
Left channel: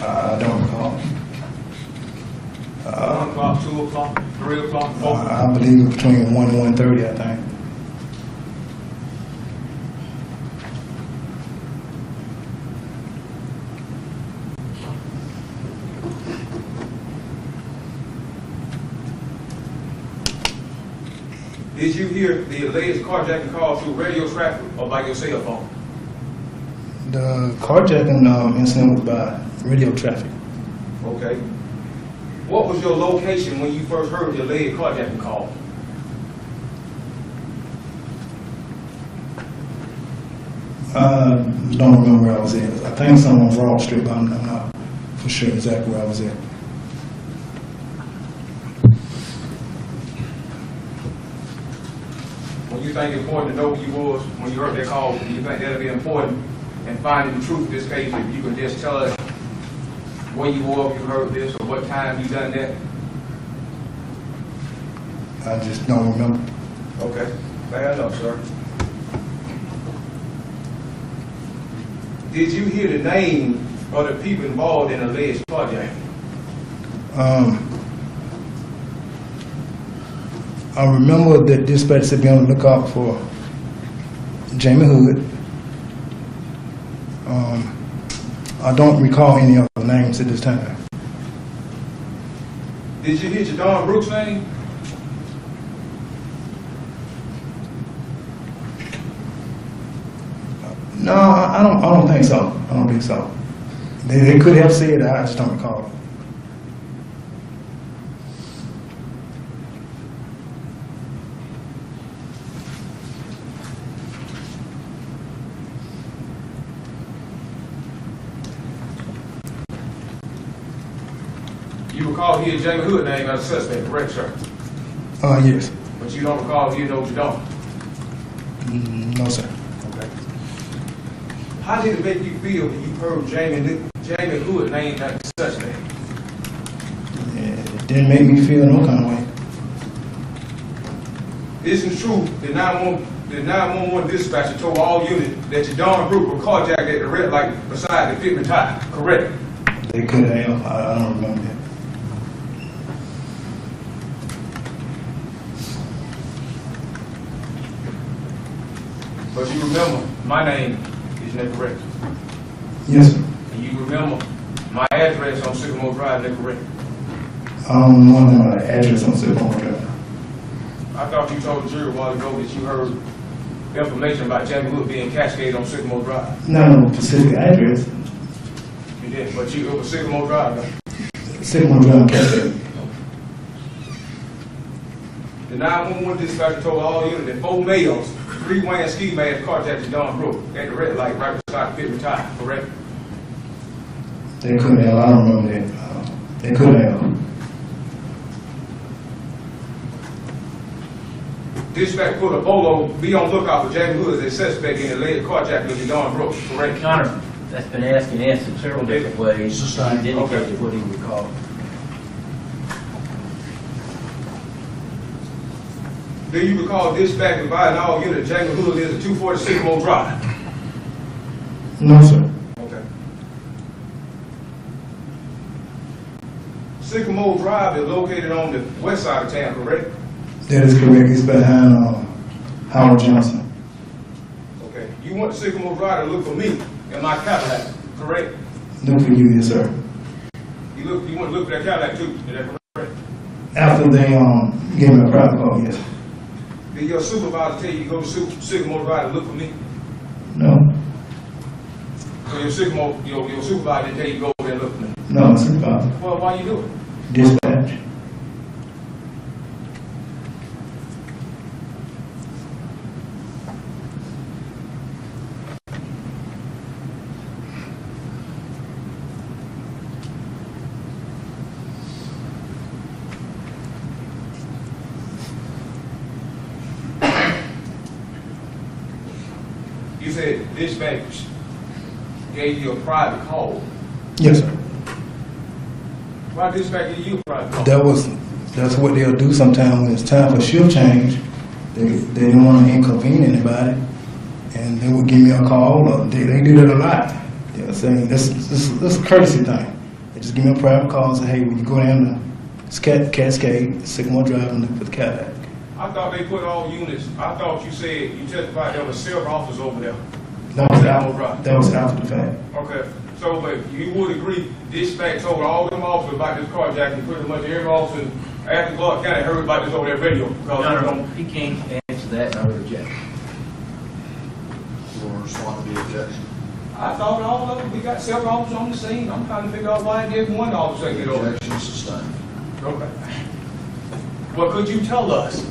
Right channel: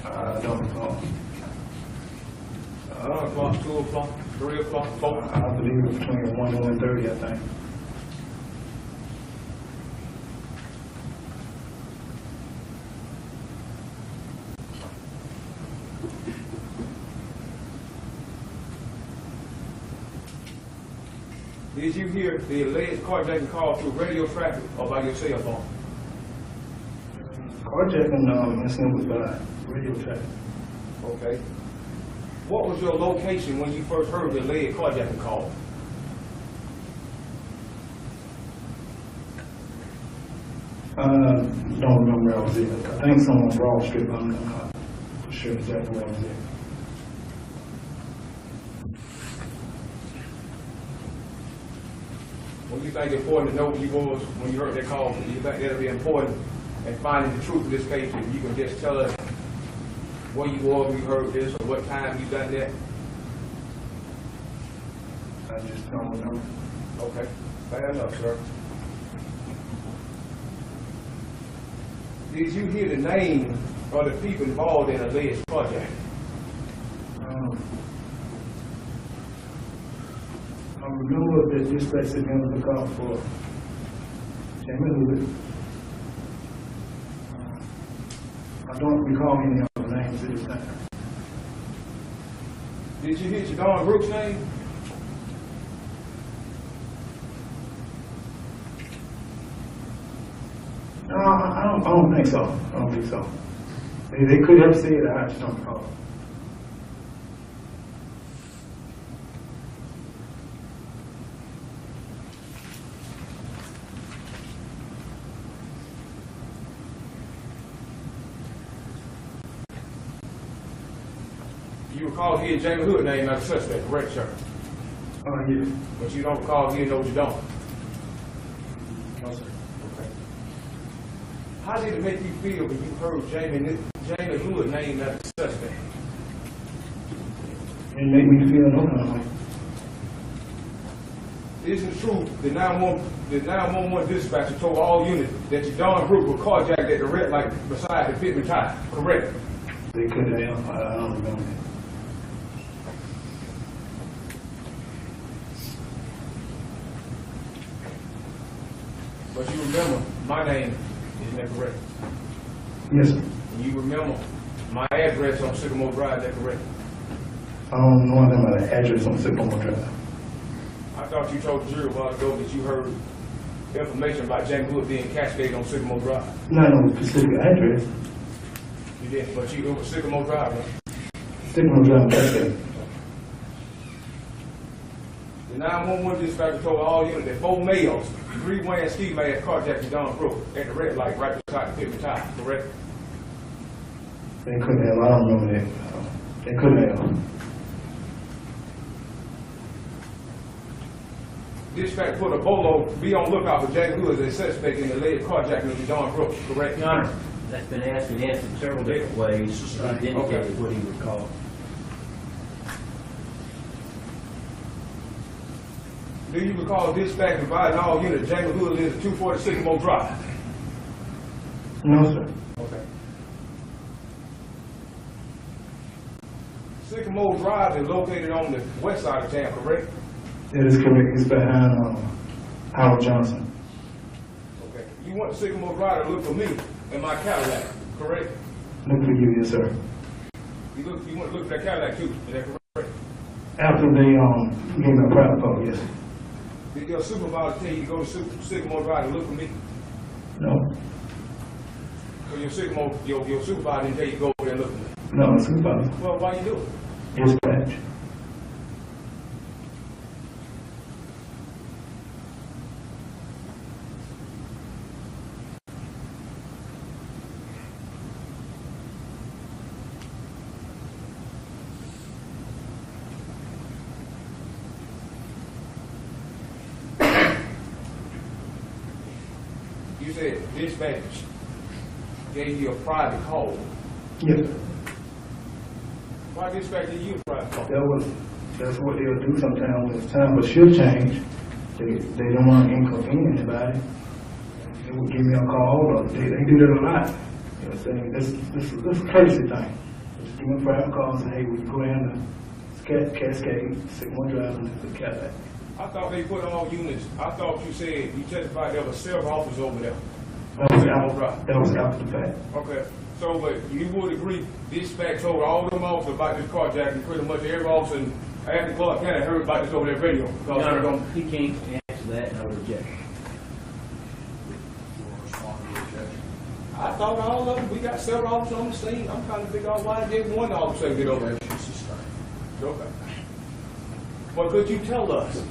I don't recall. 1 o'clock, 2 o'clock, 3 o'clock, 4 o'clock? I believe it was between 1 and 1:30, I think. Did you hear the alleged carjacking call through radio traffic or by your cell phone? The carjacking incident was by radio traffic. Okay. What was your location when you first heard the alleged carjacking call? I don't remember where I was at. I think somewhere on Broad Street, but I'm not for sure exactly where I was at. When you think it's important to know who you was when you heard that call, do you think that'll be important in finding the truth of this case? If you can just tell us where you were when you heard this or what time you done that? I just don't remember. Okay, fair enough, sir. Did you hear the name of the people involved in alleged carjacking? I remember that dispatch said be on the lookout for Jamie Hood. I don't recall any other names at this time. Did you hit your Don Brooks name? No, I don't think so. I don't think so. They could have said that, I just don't recall. You recall hearing Jamie Hood name as a suspect, correct, sir? Yes. But you don't recall hearing no Don. No, sir. Okay. How did it make you feel when you heard Jamie Hood name as a suspect? It didn't make me feel no kind of way. Isn't it true the 911 dispatcher told all units that your Don Brook was carjacked at the red light beside the Pittman tire, correct? They could have. I don't remember that. But you remember my name, isn't that correct? Yes, sir. And you remember my address on Sycamore Drive, isn't that correct? I don't know the address on Sycamore Drive. I thought you told the jury a while ago that you heard information about Jamie Hood being cascaded on Sycamore Drive. Not no specific address. You didn't, but you go to Sycamore Drive now. Sycamore Drive, Cascade. The 911 dispatcher told all units that 4 males, 3 wearing ski masks, carjacked your Don Brook at the red light right beside the Pittman tire, correct? They couldn't have. I don't remember that. They could have. Dispatch put a bolo, be on lookout for Jamie Hood as a suspect in the alleged carjacking of your Don Brook, correct? Your Honor, that's been asked and answered several different ways. Sustained. He indicated what he recalled. Do you recall dispatch advising all units Jamie Hood lives at 240 Sycamore Drive? No, sir. Okay. Sycamore Drive is located on the west side of town, correct? That is correct. It's behind Howard Johnson. Okay. You went to Sycamore Drive to look for me in my Cadillac, correct? Look for you, yes, sir. You went to look for that Cadillac too, is that correct? After they gave me a private call, yes. Did your supervisor tell you to go to Sycamore Drive to look for me? No. So your supervisor didn't tell you to go over there and look for me? No, supervisor. Well, why you do it? Dispatch. You said dispatch gave you a private call. Yes, sir. Why dispatch gave you a private call? That's what they'll do sometimes when it's time for shift change. They don't want to inconvenience anybody, and they will give me a call. Or they do that a lot. They'll say this is a courtesy thing. They just give me a private call and say, hey, will you go down to Cascade, Sycamore Drive, and look for the Cadillac? I thought they put all units, I thought you said, you testified there were several officers over there. That was after the fact. Okay, so but you would agree, dispatch told all them officers about this carjacking, pretty much every officer in Athens, Clark County heard about this over their radio. Your Honor, he can't answer that, I reject. You want to respond to the objection? I thought all of them, we got several officers on the scene, I'm trying to figure out why did one officer get over there. Objection sustained. Okay. Well, could you tell us,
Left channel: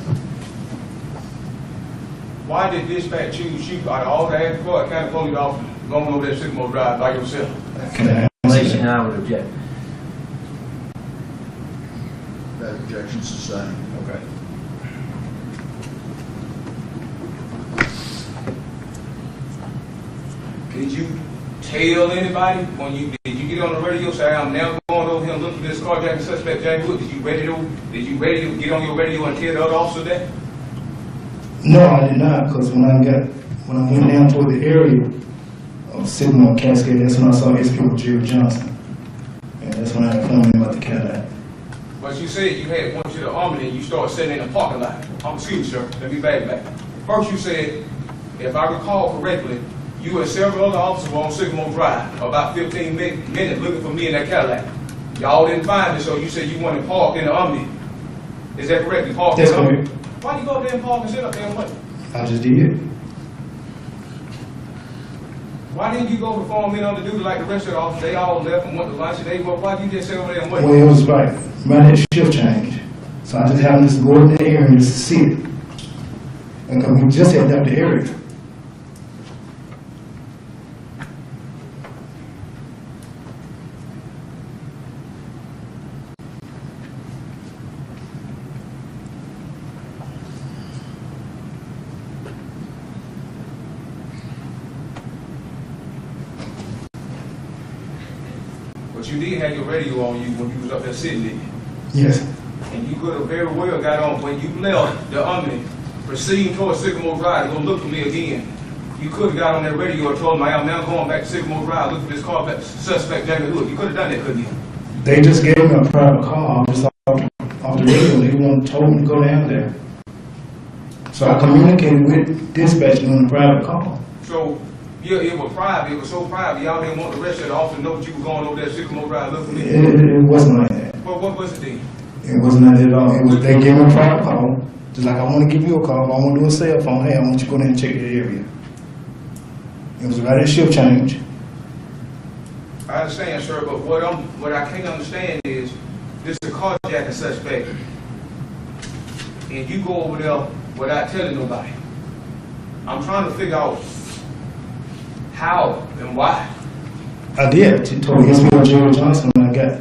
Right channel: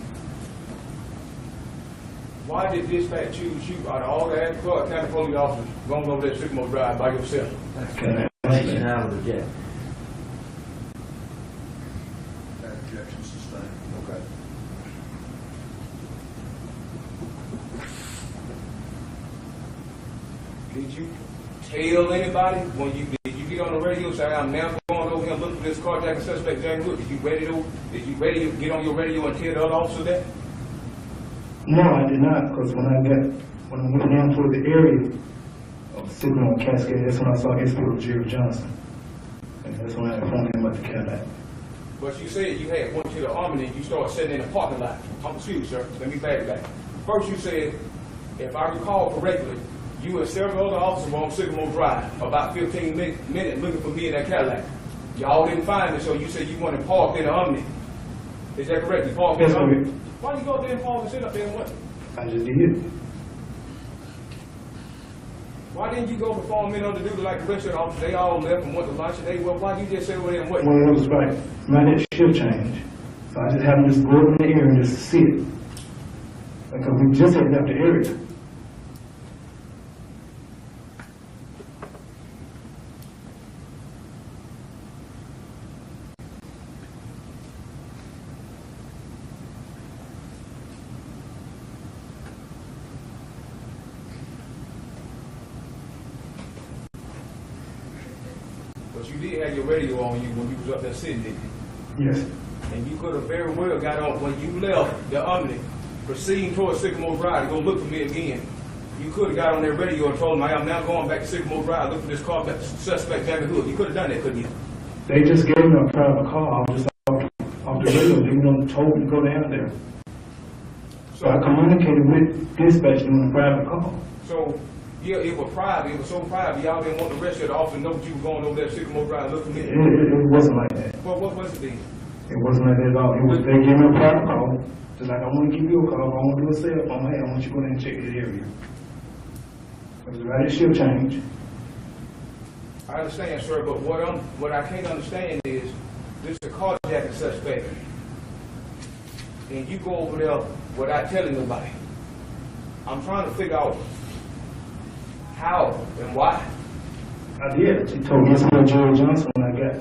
why did dispatch choose you out of all the Athens, Clark County police officers going over there Sycamore Drive by yourself? Can I answer Explanation, that? I would reject. That objection sustained. Okay. Did you tell anybody when did you get on the radio say I'm now going over here and looking for this carjacking suspect Jamie Wood? Did you ready to get on your radio and tell the other officer that? No, I did not, because when I went down toward the area of Sycamore Cascade, that's when I saw Escort Jerry Johnson. And that's when I informed him about the Cadillac. But you said you had went to the Army and you started sitting in a parking lot. Excuse me, sir. Let me back. First you said, if I recall correctly, You and several other officers were on Sycamore Drive, about 15 minutes looking for me in that Cadillac. Y'all didn't find me, so you said you wanted parked in the Omni. Is that correct? You parked in That's the Omni? correct. Why you go up there and park and sit up there and wait? I just did. Why didn't you go perform in on the duty like the rest of the officers? They all left and went to lunch and they, why you just sit over there and wait? Well, it was right that shift change. So I just happened to go in the area and just sit. Because we just had left the area. But you did have your radio on you when you was up there sitting there. Yes. And you could have very well got on, when you left the Omni, proceeding towards Sycamore Drive to go look for me again. You could have got on that radio and told them, I'm now going back to Sycamore Drive, look for this car, suspect Jamie Hood. You could have done that, couldn't you? They just gave me a private call just off the radio. They told me to go down there. So I communicated with dispatch on a private call. So, yeah, it was private, it was so private, y'all didn't want the rest of the officers to know that you were going over there to Sycamore Drive, look for me. It wasn't like that. Well, what was it then? It wasn't like that at all. It was, they gave me a private call. Just like I want to give you a call, I want to do a cell phone. Hey, I want you to go down and check the area. It was right at shift change. I understand, sir, but what I can't understand is, this is a carjacking suspect, and you go over there without telling nobody. I'm trying to figure out how and why. I did. She told me Jerry Johnson when I got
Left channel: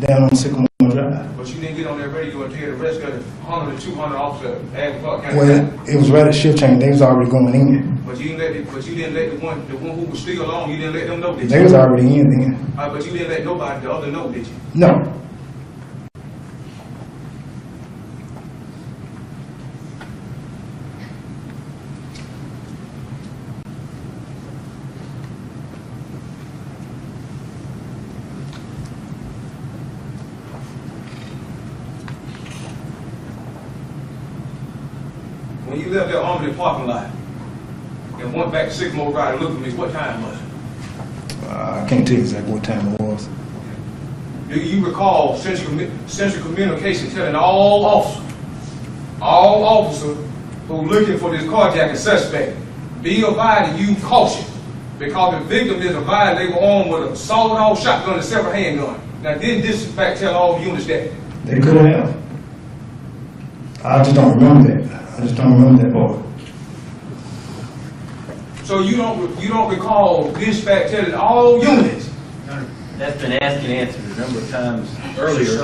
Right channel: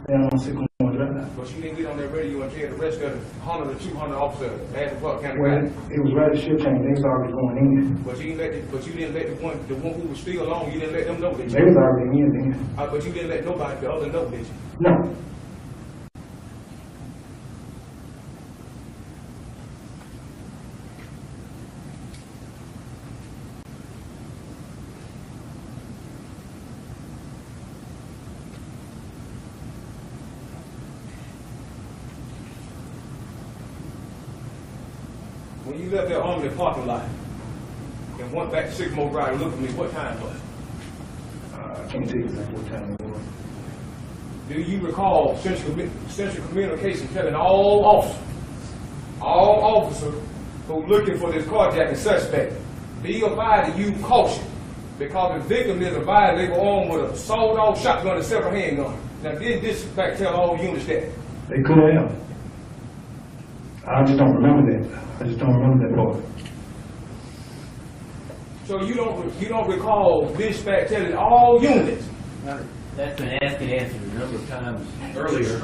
down on Sycamore Drive. But you didn't get on that radio and tell the rest of the 100 or 200 officers at Clark County. Well, it was right at shift change. They was already going in. But you didn't let the one who was still on, you didn't let them know, did you? They was already in then. But you didn't let nobody, the other know, did you? No. When you left that Omni parking lot and went back to Sycamore Drive and looked for me, what time was it? I can't tell you exactly what time it was. Do you recall central communication telling all officers who are looking for this carjacking suspect, be advised to use caution, because the victim is advised they were armed with a sawed-off shotgun and several handgun. Now, didn't dispatch tell all units that? They could have. I just don't remember that. I just don't remember that part. So you don't recall dispatch telling all units? That's been asked and answered a number of times earlier.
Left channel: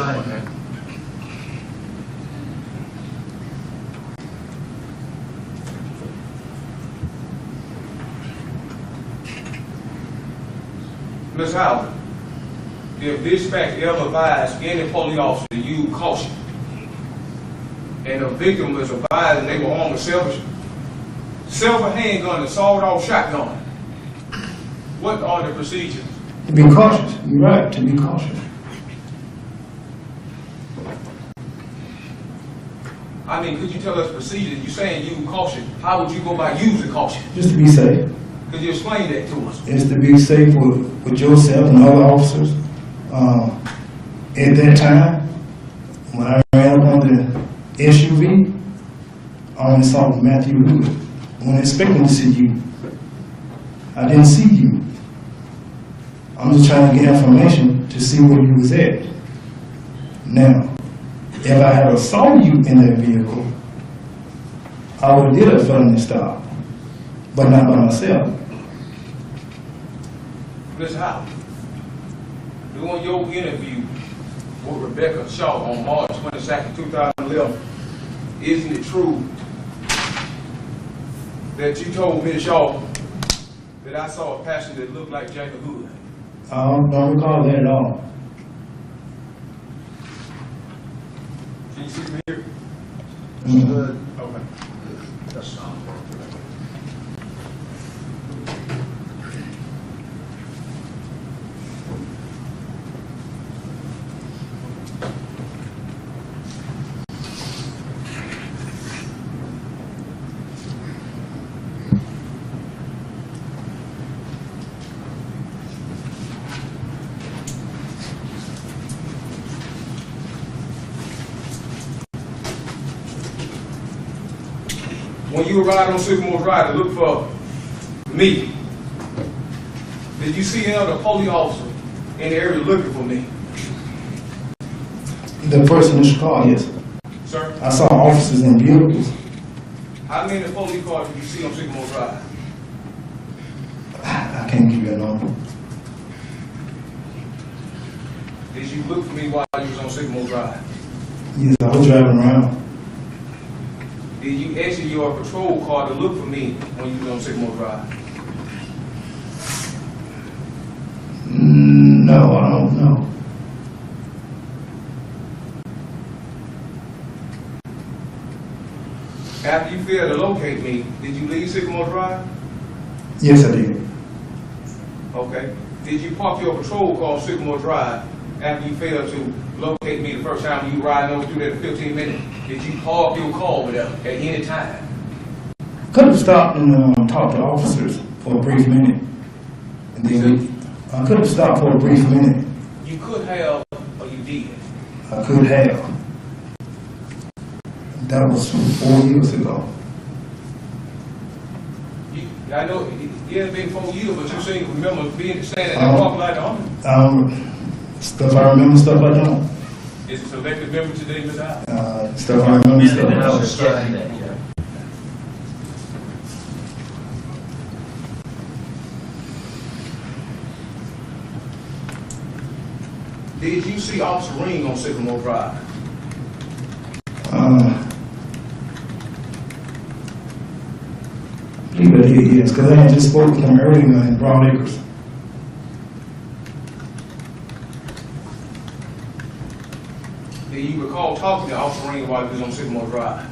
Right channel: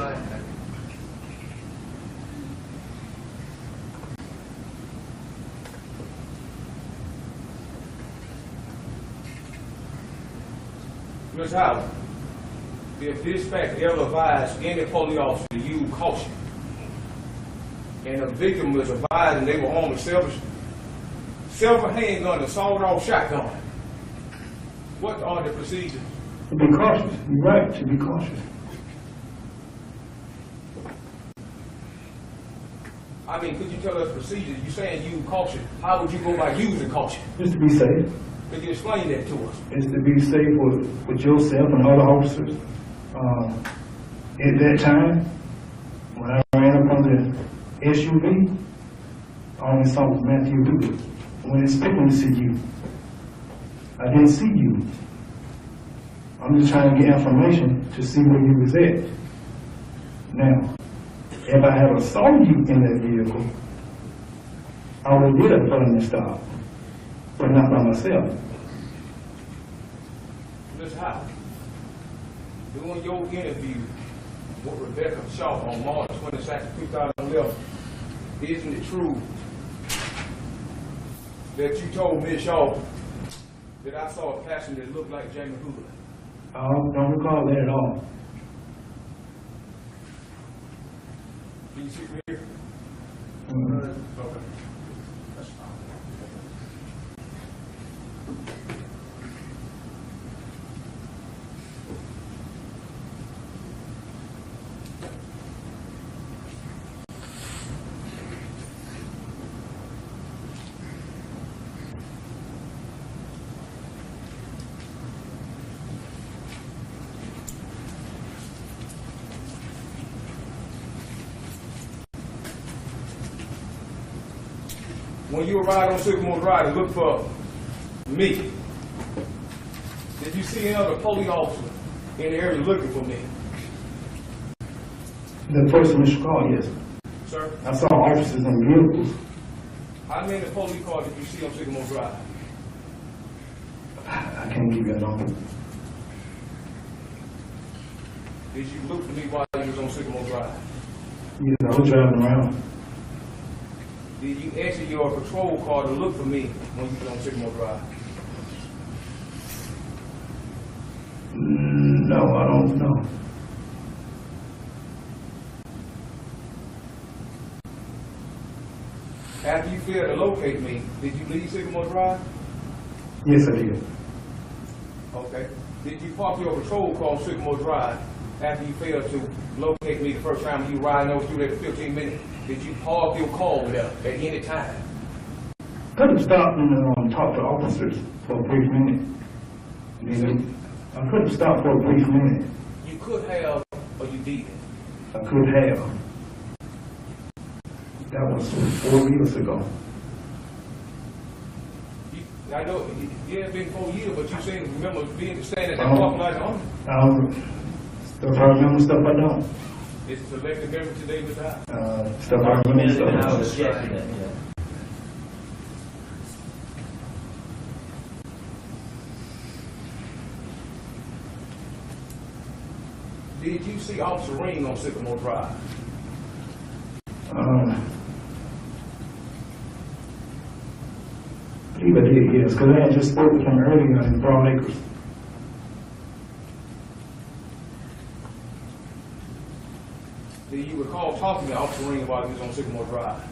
Ms. Howard, if dispatch ever advised any police officer to use caution, and the victim was advised and they were armed with several handgun and sawed-off shotgun, what are the procedures? To be cautious. You're right, to be cautious. I mean, could you tell us procedures? You're saying use caution. How would you go about using caution? Just to be safe. Could you explain that to us? It's to be safe with yourself and other officers. At that time, when I ran up on the SUV, I only saw Matthew Hood. When expecting to see you, I didn't see you. I'm just trying to get information to see where you was at. Now, if I had saw you in that vehicle, I would have did a felony stop, but not by myself. Ms. Howard, doing your interview with Rebecca Shaw on March 22nd, 2011, isn't it true that you told Ms. Shaw that I saw a passenger that looked like Jamie Hood? I don't recall that at all. Can you see me here? Good. Okay. That's not. when you arrived on Sycamore Drive to look for me, did you see any other police officer in the area looking for me? The first initial call, yes. Sir, I saw officers in vehicles. how many police cars did you see on Sycamore Drive? I can't give you a number. Did you look for me while you was on Sycamore Drive? Yes, I was driving around. Did you exit your patrol car to look for me when you was on Sycamore Drive? No, I don't know. After you failed to locate me, did you leave Sycamore Drive? Yes, I did. Okay. Did you park your patrol car on Sycamore Drive after you failed to locate me the first time you were riding over through that 15 minutes? Did you park your car over there at any time? Could have stopped and talked to officers for a brief minute. And then I could have stopped for a brief minute. You could have, or you did. I could have. That was 4 years ago. I know it had been 4 years, but you seem to remember being standing at that parking lot on. Stuff I remember, stuff I don't. Is it selective memory today, Mr. Howard? Stuff I remember, And stuff I I don't. was checking that, yeah. Did you see Officer Ring on Sycamore Drive? I believe I did, yes, because I had just spoke with him earlier in Broad Acres. Do you recall talking to Officer Ring while he was on Sycamore Drive?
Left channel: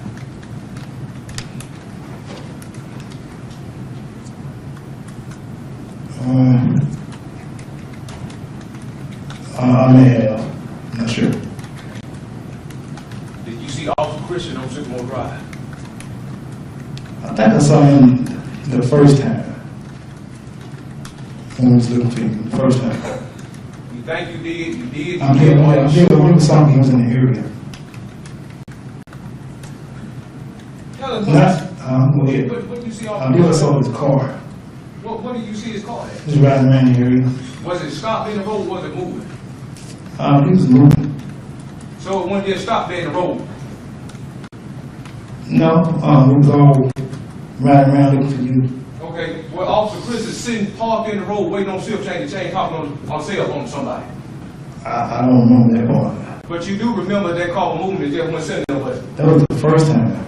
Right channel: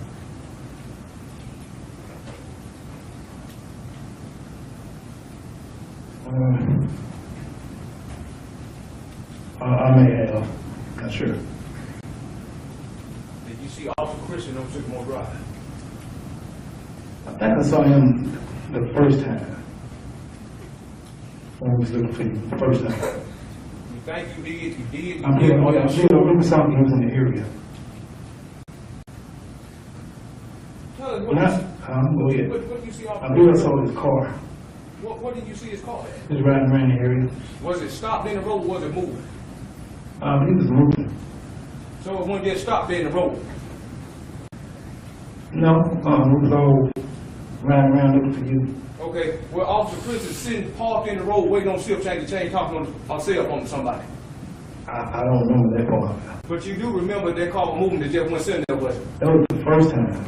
I may have, I'm not sure. Did you see Officer Christian on Sycamore Drive? I think I saw him the first time. When I was looking for him, the first time. You think you did? You did? I really saw he was in the area. Tell us Go ahead. what did you see I Officer believe I Christian? saw his car, What did you see his car at? just riding around the area. Was it stopped in the road or was it moving? He was moving. So it wasn't just stopped there in the road. No, we was all riding around looking for you. Okay, well, Officer Chris is sitting parked in the road waiting on shift change to change, talking on cell phone to somebody. I don't remember that part. But you do remember that car moving that just went sitting there with it. That was the first time.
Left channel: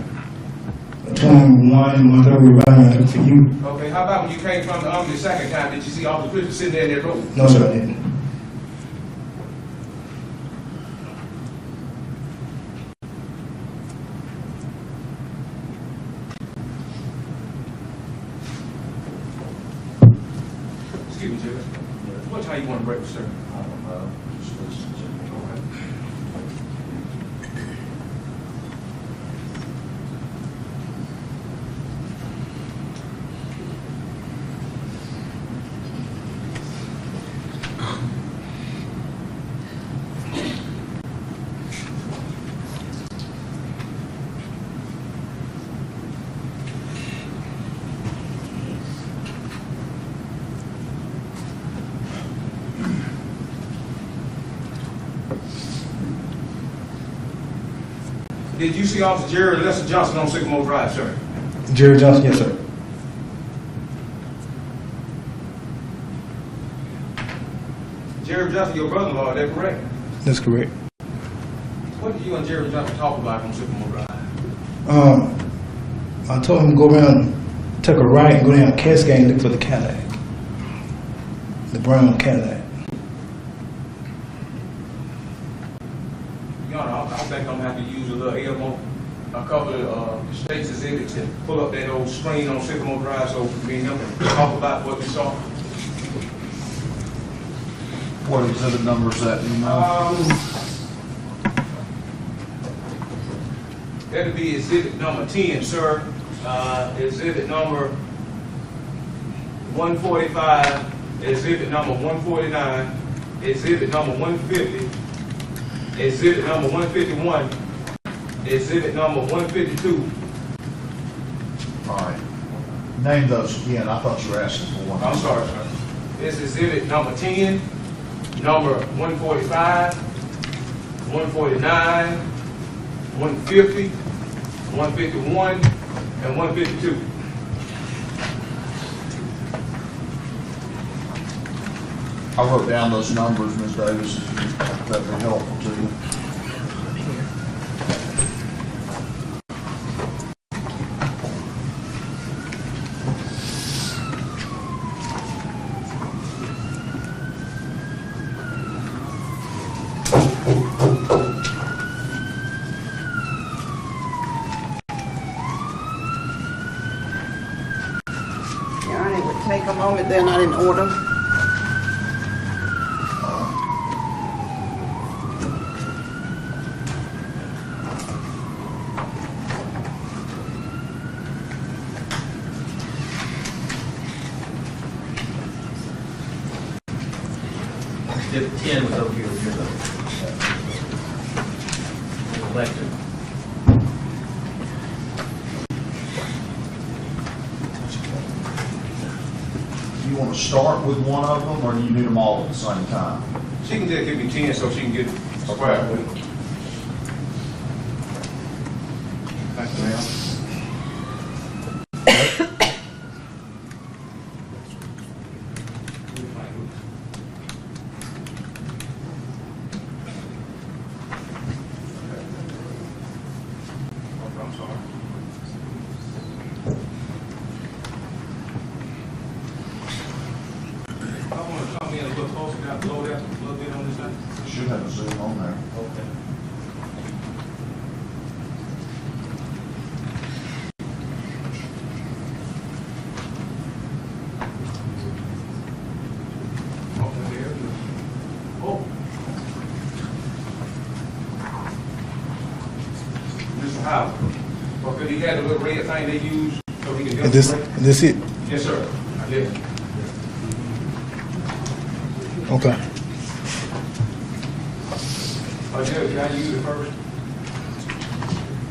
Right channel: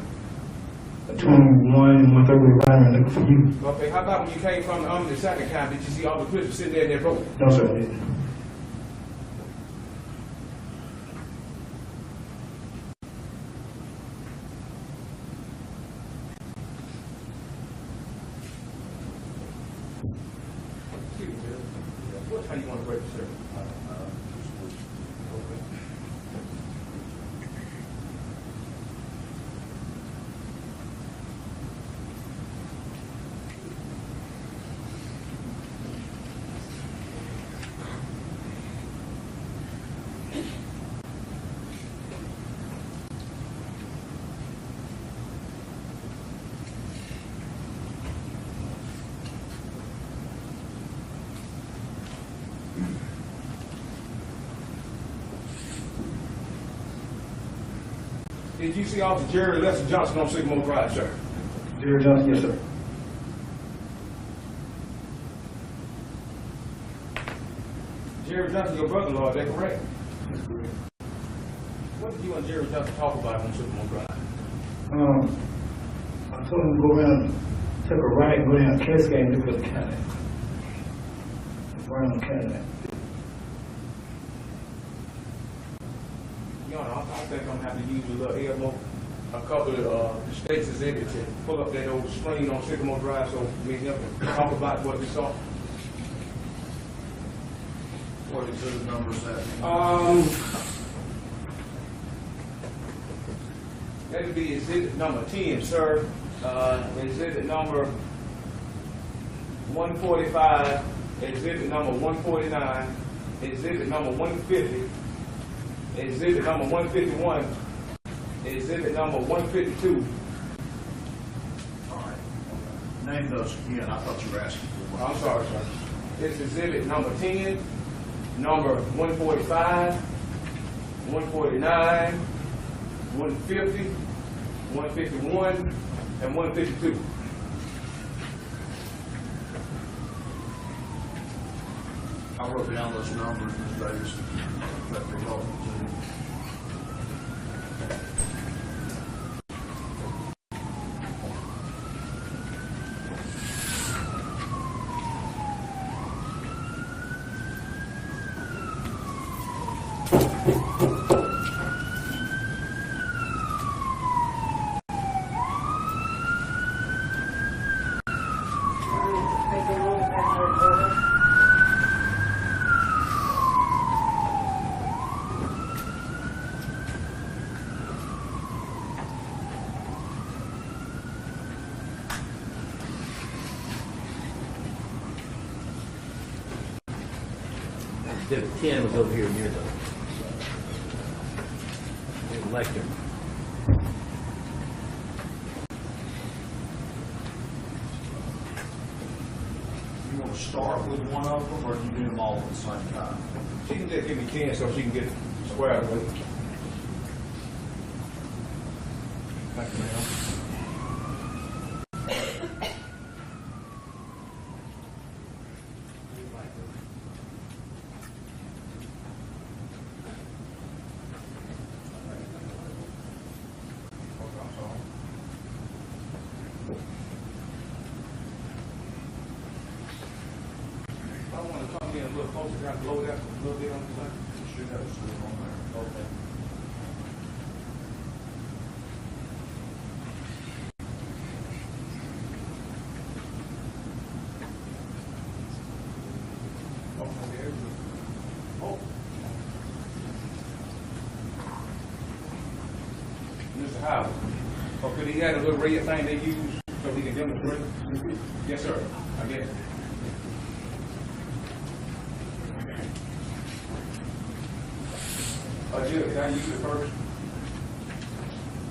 Between 1 and 1:30, we were riding around looking for you. Okay, how about when you came from the second time, did you see Officer Chris sitting there in that road? No, sir, I didn't. Excuse me, Judge. What time you want to break, sir? Did you see Officer Jerry Lester Johnson on Sycamore Drive, sir? Jerry Johnson, yes, sir. Jerry Johnson, your brother-in-law, is that correct? That's correct. What did you and Jerry Johnson talk about on Sycamore Drive? I told him to go around, take a right and go down Cascade and look for the Cadillac. The brown Cadillac. Your Honor, I think I'm gonna have to use a little Elmer, a couple of state's exhibits to pull up that old screen on Sycamore Drive so me and him can talk about what we saw. What exhibit number is that, you know? That'd be exhibit number 10, sir. Exhibit number 145, exhibit number 149, exhibit number 150, exhibit number 151, exhibit number 152, Name those again, I thought you were asking for one. I'm sorry, sir. It's exhibit number 10, number 145, 149, 150, 151, and 152. I wrote down those numbers, Ms. Davis, if that would be helpful to you. Yeah, it would take a moment, they're not in order. Exhibit 10 was over here near the elected. You want to start with one of them, or do you need them all at the same time? She can just give me 10 so she can get squared with it. Thank you, ma'am. I'm sorry. I want to come in a little closer, got to blow that a little bit on this thing. Should have a Zoom on there. Okay. Okay, there. Oh. Mr. Howard. Okay, you had a little red thing they use so we can demonstrate? This it? Yes, sir. I guess. Okay. Judge, can I use it first?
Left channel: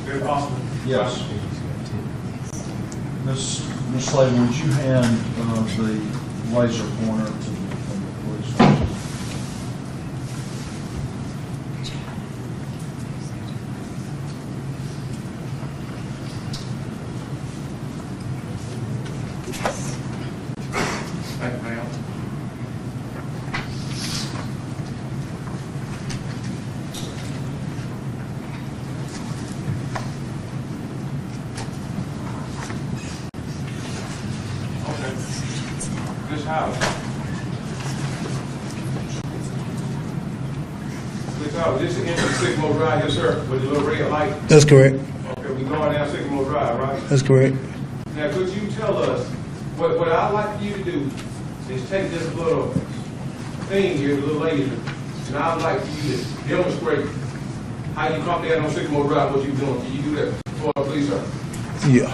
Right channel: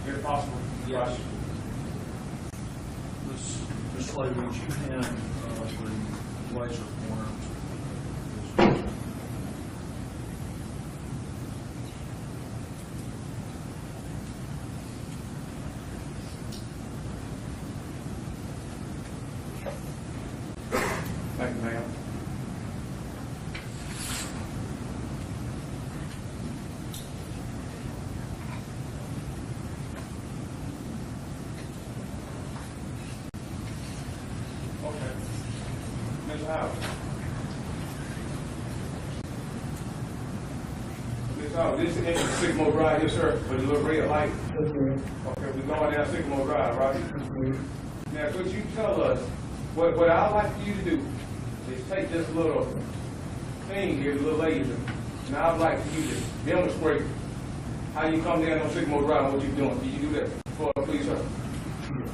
If possible? Yes. Ms. Slavin, would you hand the laser pointer to the police? Thank you, ma'am. Okay. Ms. Howard. Ms. Howard, this is into Sycamore Drive, yes, sir, with the little red light. That's correct. Okay, we going down Sycamore Drive, right? That's correct. Now, could you tell us, what I'd like you to do is take this little thing here, the little laser, and I'd like you to demonstrate how you come down on Sycamore Drive, what you're doing. Can you do that for us, please, sir? Yeah.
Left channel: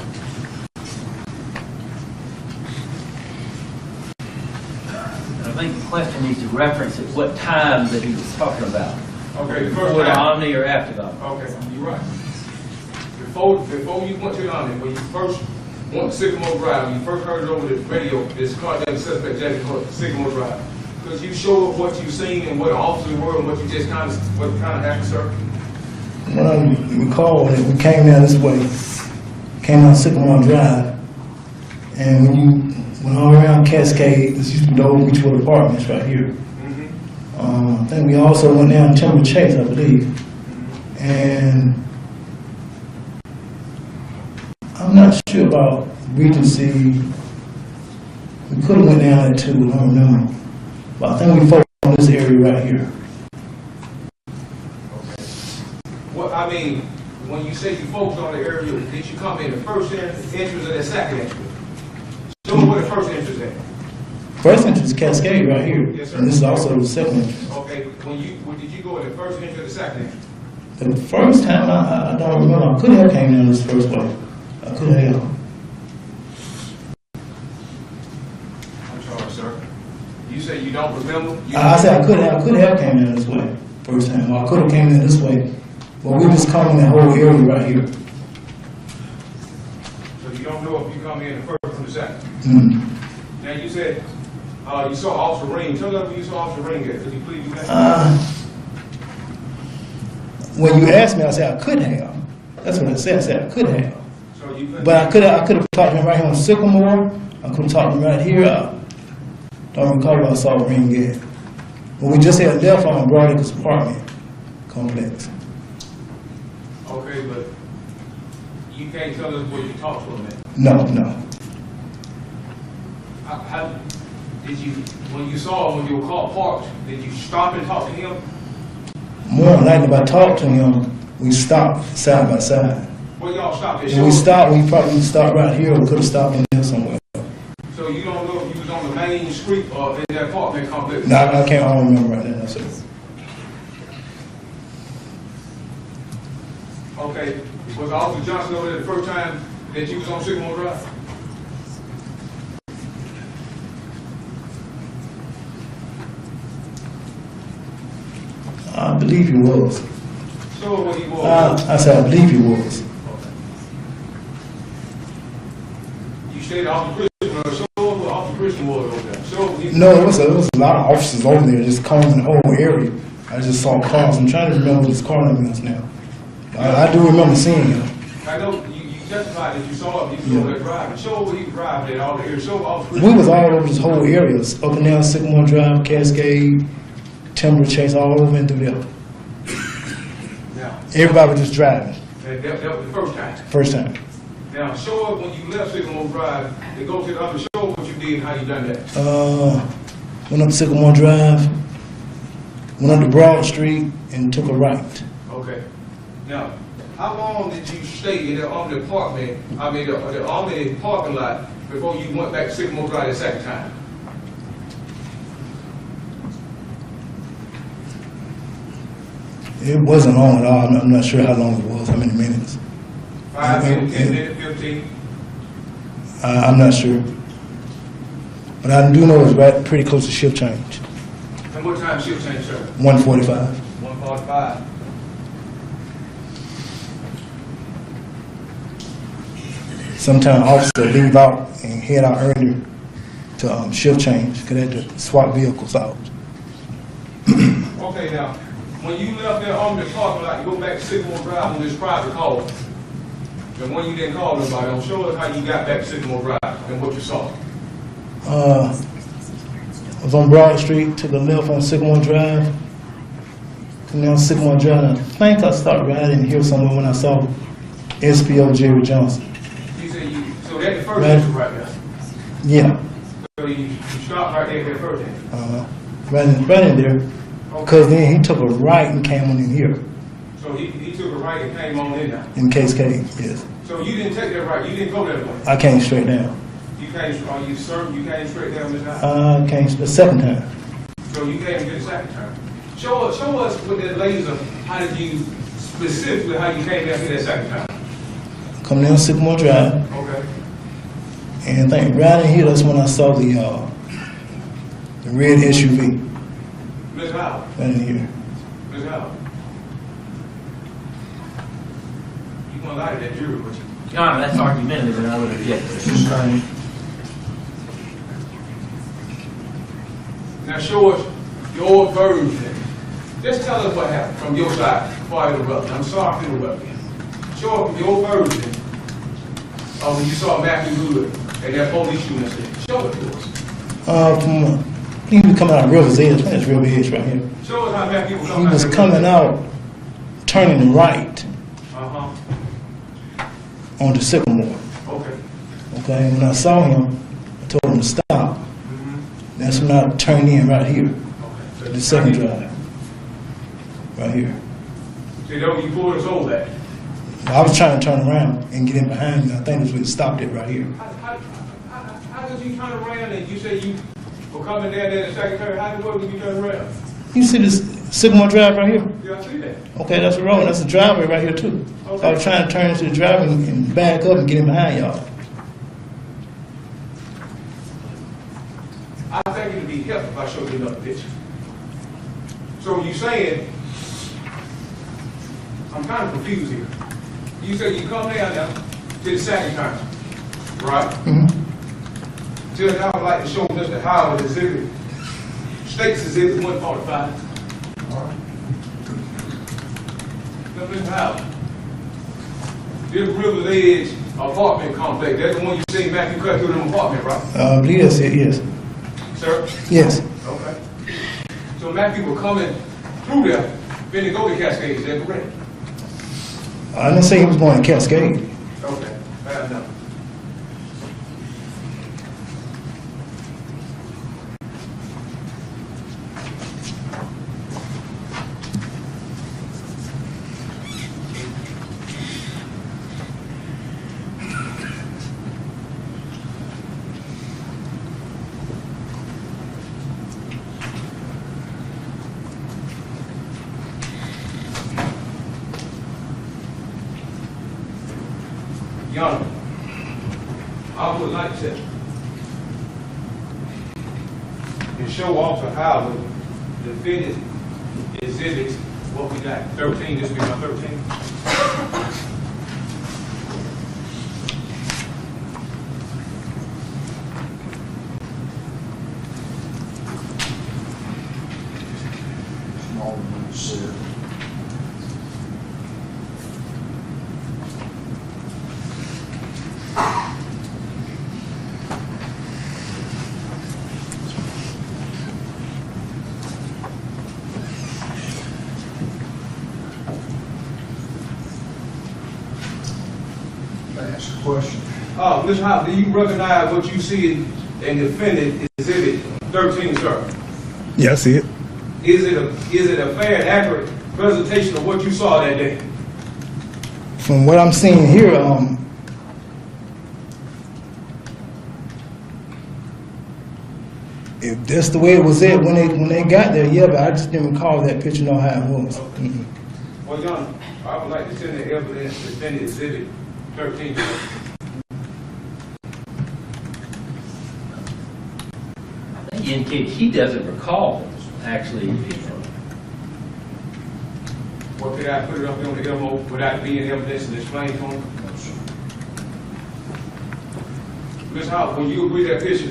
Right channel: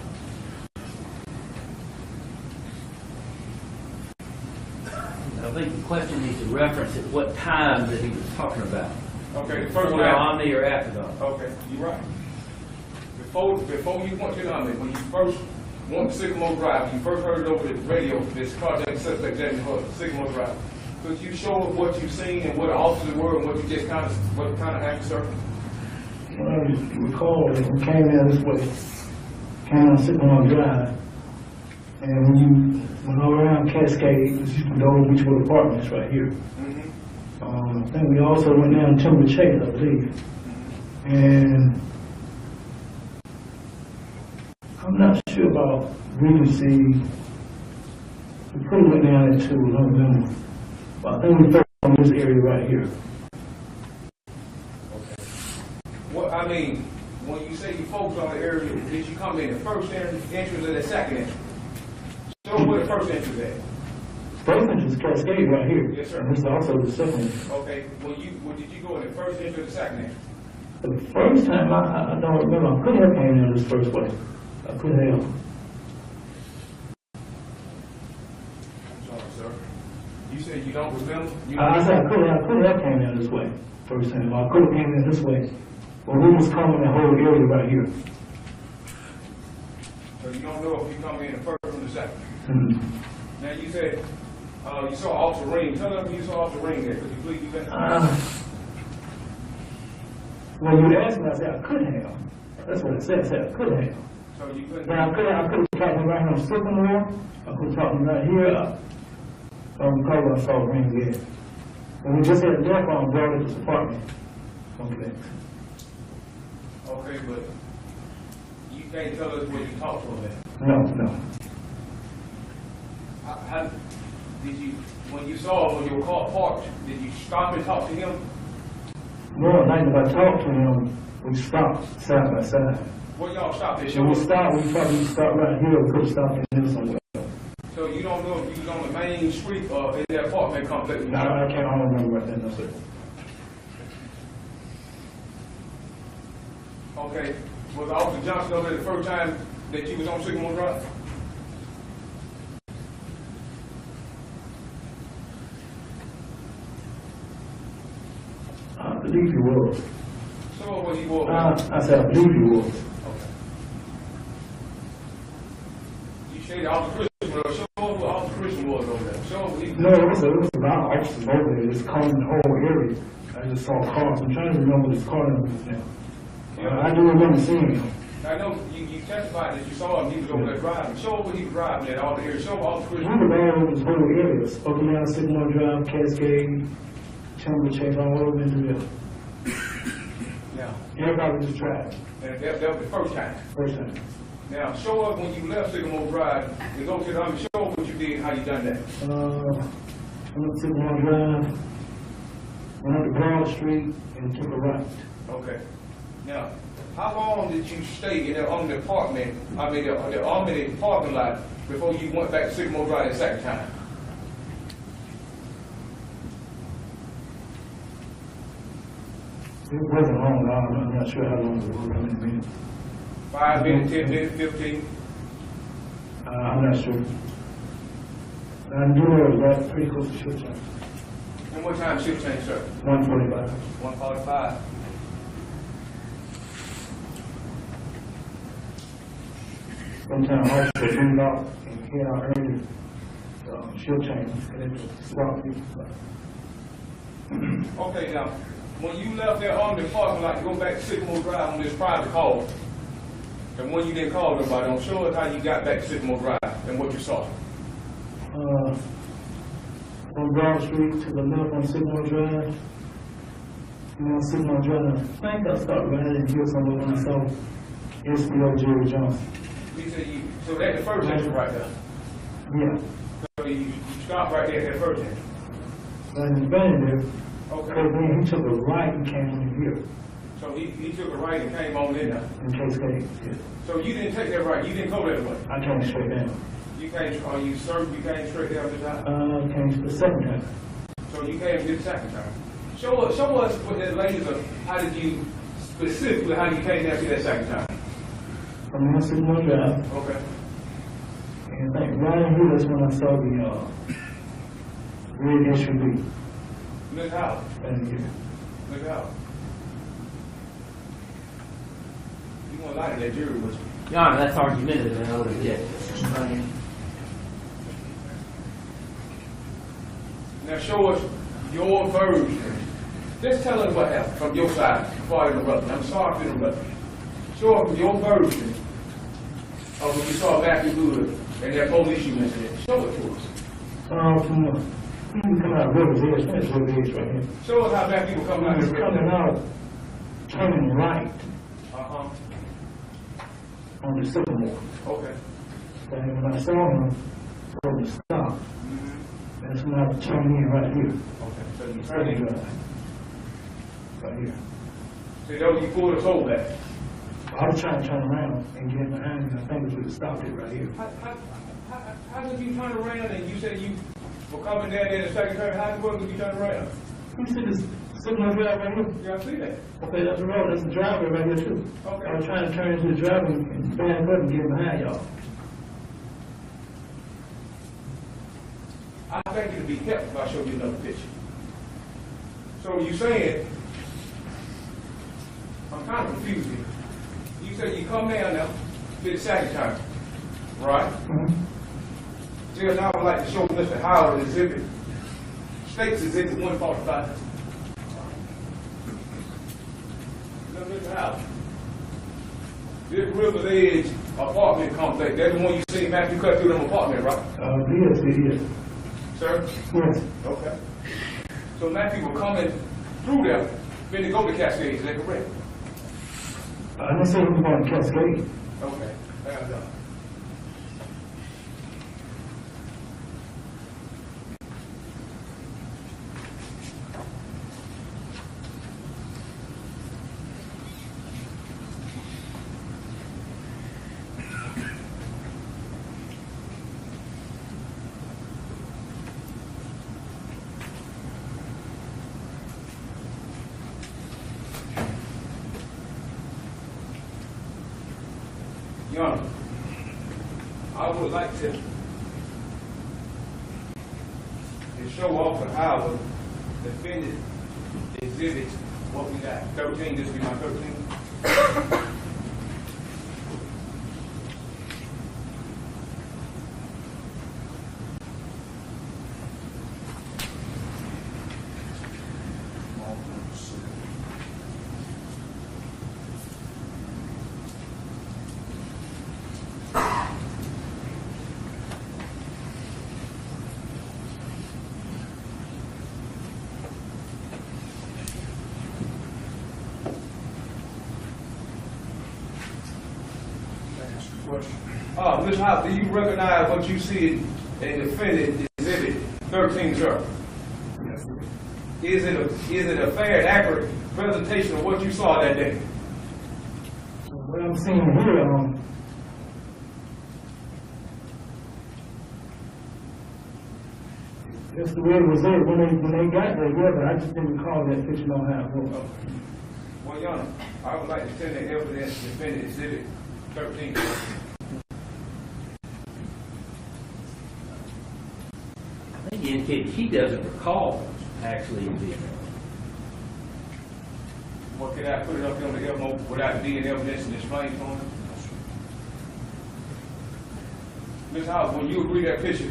I think the question needs to reference at what time that he was talking about. Okay, the Before first the time. Omni or after the Omni. Okay, you're right. Before you went to the Omni, when you first went to Sycamore Drive, when you first heard it over the radio, this carjacking suspect jacking Sycamore Drive, could you show us what you seen and what the officers were and what you just what kind of happened, sir? When I recall, when we came down this way, came down Sycamore Drive, and when you went all around Cascade, this used to go over to apartments right here. I think we also went down Timber Chase, I believe. And I'm not sure about Regency. We could have went down there too, I don't remember. But I think we focused on this area right here. What, I mean, when you say you focus on the area, did you come in the first entrance or the second entrance? Show me where the first entrance at. First entrance is Cascade right here. Yes, sir. And this is also the second entrance. Okay, when did you go in the first entrance or the second entrance? The first time, I don't remember. I could have came in this first way. I could have. I'm sorry, sir. You say you don't remember? I said I could have came in this way first time. Or I could have came in this way. But we was covering the whole area right here. So you don't know if you come in the first or the second. Mm. Now, you said, you saw Officer Ring. Tell us when you saw Officer Ring at. Could you please do that? When you asked me, I said I could have. That's what I said. I said I could have. So you couldn't. But I could have talked to him right here on Sycamore. I could have talked to him right here. Don't recall where I saw Ring at. But we just had left on Broadacres apartment complex. Okay, but you can't tell us where you talked to him at. No. How did you, when you saw him, when your car parked, did you stop and talk to him? More than likely, if I talked to him, we stopped side by side. Where y'all stopped at? When we stopped, we probably stopped right here. We could have stopped in there somewhere. So you don't know if you was on the main street or in that apartment complex? No, I don't remember right now. That's it. Okay, was Officer Johnson over there the first time that you was on Sycamore Drive? I believe he was. So what he was? I said I believe he was. Okay. You said Officer Christian, show us what Officer Christian was over there. Show he. No, there was a lot of officers over there just combing the whole area. I just saw cars. I'm trying to remember what his car number is now. I do remember seeing him. I know you testified that you saw him, you was over there driving. Show what he was driving at all the areas. Show Officer We Christian. was all over this whole area, up and down Sycamore Drive, Cascade, Timber Chase, all over and through there. Now, Everybody was just driving, and that was the first time. first time. Now, show us when you left Sycamore Drive, to go to the other, show us what you did, how you done that. Went up Sycamore Drive, went up to Broad Street, and took a right. Okay. Now, how long did you stay in the Omni apartment, the Omni parking lot before you went back to Sycamore Drive the second time? It wasn't long at all. I'm not sure how long it was, how many minutes. 5 minutes, 10 minutes, 15? I'm not sure. But I do know it was right pretty close to shift change, And what time shift change, sir? 1:45. 1:45. Sometimes officers leave out and head out earlier to shift change, because they had to swap vehicles out. Okay, now, when you left there on the parking lot to go back to Sycamore Drive on this private call, and when you didn't call nobody, I'm sure how you got back to Sycamore Drive and what you saw. I was on Broad Street, took a left on Sycamore Drive, come down Sycamore Drive, and I think I started riding here somewhere when I saw SPO Jerry Johnson. You said so that's the first Right. entrance right there. Yeah, So you stopped right there at the first entrance. right in there, because then he took a right and came on in here, So he took a right and came on in there. in Cascade, yes. So you didn't take that right, you didn't go that way. I came straight down. You came, you came straight down this time. I came the second time. So you came to get the second time. Show us with that laser, how did you, specifically how you came down here that second time? Come down Sycamore Drive, Okay. and I think right in here, that's when I saw the red SUV, Ms. Howard, right in here. Ms. Howard. You gonna lie to that jury, but you. Your Honor, that's argumentative, and I would object. Now show us your version. Just tell us what happened from your side before I interrupt you. I'm sorry to interrupt you. Show us your version of when you saw Matthew Good and that police shooting incident. Show it to us. He was coming out of River's Edge, that's River's Edge right here. Show us how Matthew was He coming out. was coming out, turning right Uh-huh. onto Sycamore. Okay. Okay, and when I saw him, I told him to stop. Mm-hmm. That's when I turned in right here, Okay. So the second drive, right here. See, though you pulled us over that. I was trying to turn around and get in behind me. I think that's where it stopped it right here. How did you turn around and you say you were coming down there the second time? How did you turn around? You see this Sycamore Drive right here? Yeah, I see that. Okay, that's the road. That's the driveway right here too. So I was trying to turn into the driveway and back up and get in behind y'all. I think it'd be helpful if I show you another picture. So you saying, I'm kind of confused here. You say you come down now to the second time, right? Mm-hmm. Judge, I would like to show Mr. Howard exhibit, state's exhibit 145. All right. Now, Mr. Howard, this River Edge apartment complex, that's the one you seen Matthew cut through them apartment, right? I believe that's it, yes. Sir? Yes. Okay. So Matthew were coming through there, then to go to Cascade, is that correct? I didn't say he was going to Cascade. Okay, fair enough. Your Honor, I would like to show Officer Howard the fitted exhibits, what we got, 13, this will be my 13. Small one, you said. Can I ask a question? Ms. Howard, do you recognize what you see in the fitted exhibit 13, sir? Yeah, I see it. Is it a fair and accurate presentation of what you saw that day? From what I'm seeing here, if that's the way it was at when they got there, yeah, but I just didn't recall that picture, know how it was. Mm-mm. Well, Your Honor, I would like to send the evidence to fitted exhibit 13. I think he indicated he doesn't recall actually being Or could I put it up on the MO without being evidence and displaying for him? Ms. Howard, when you agree that picture,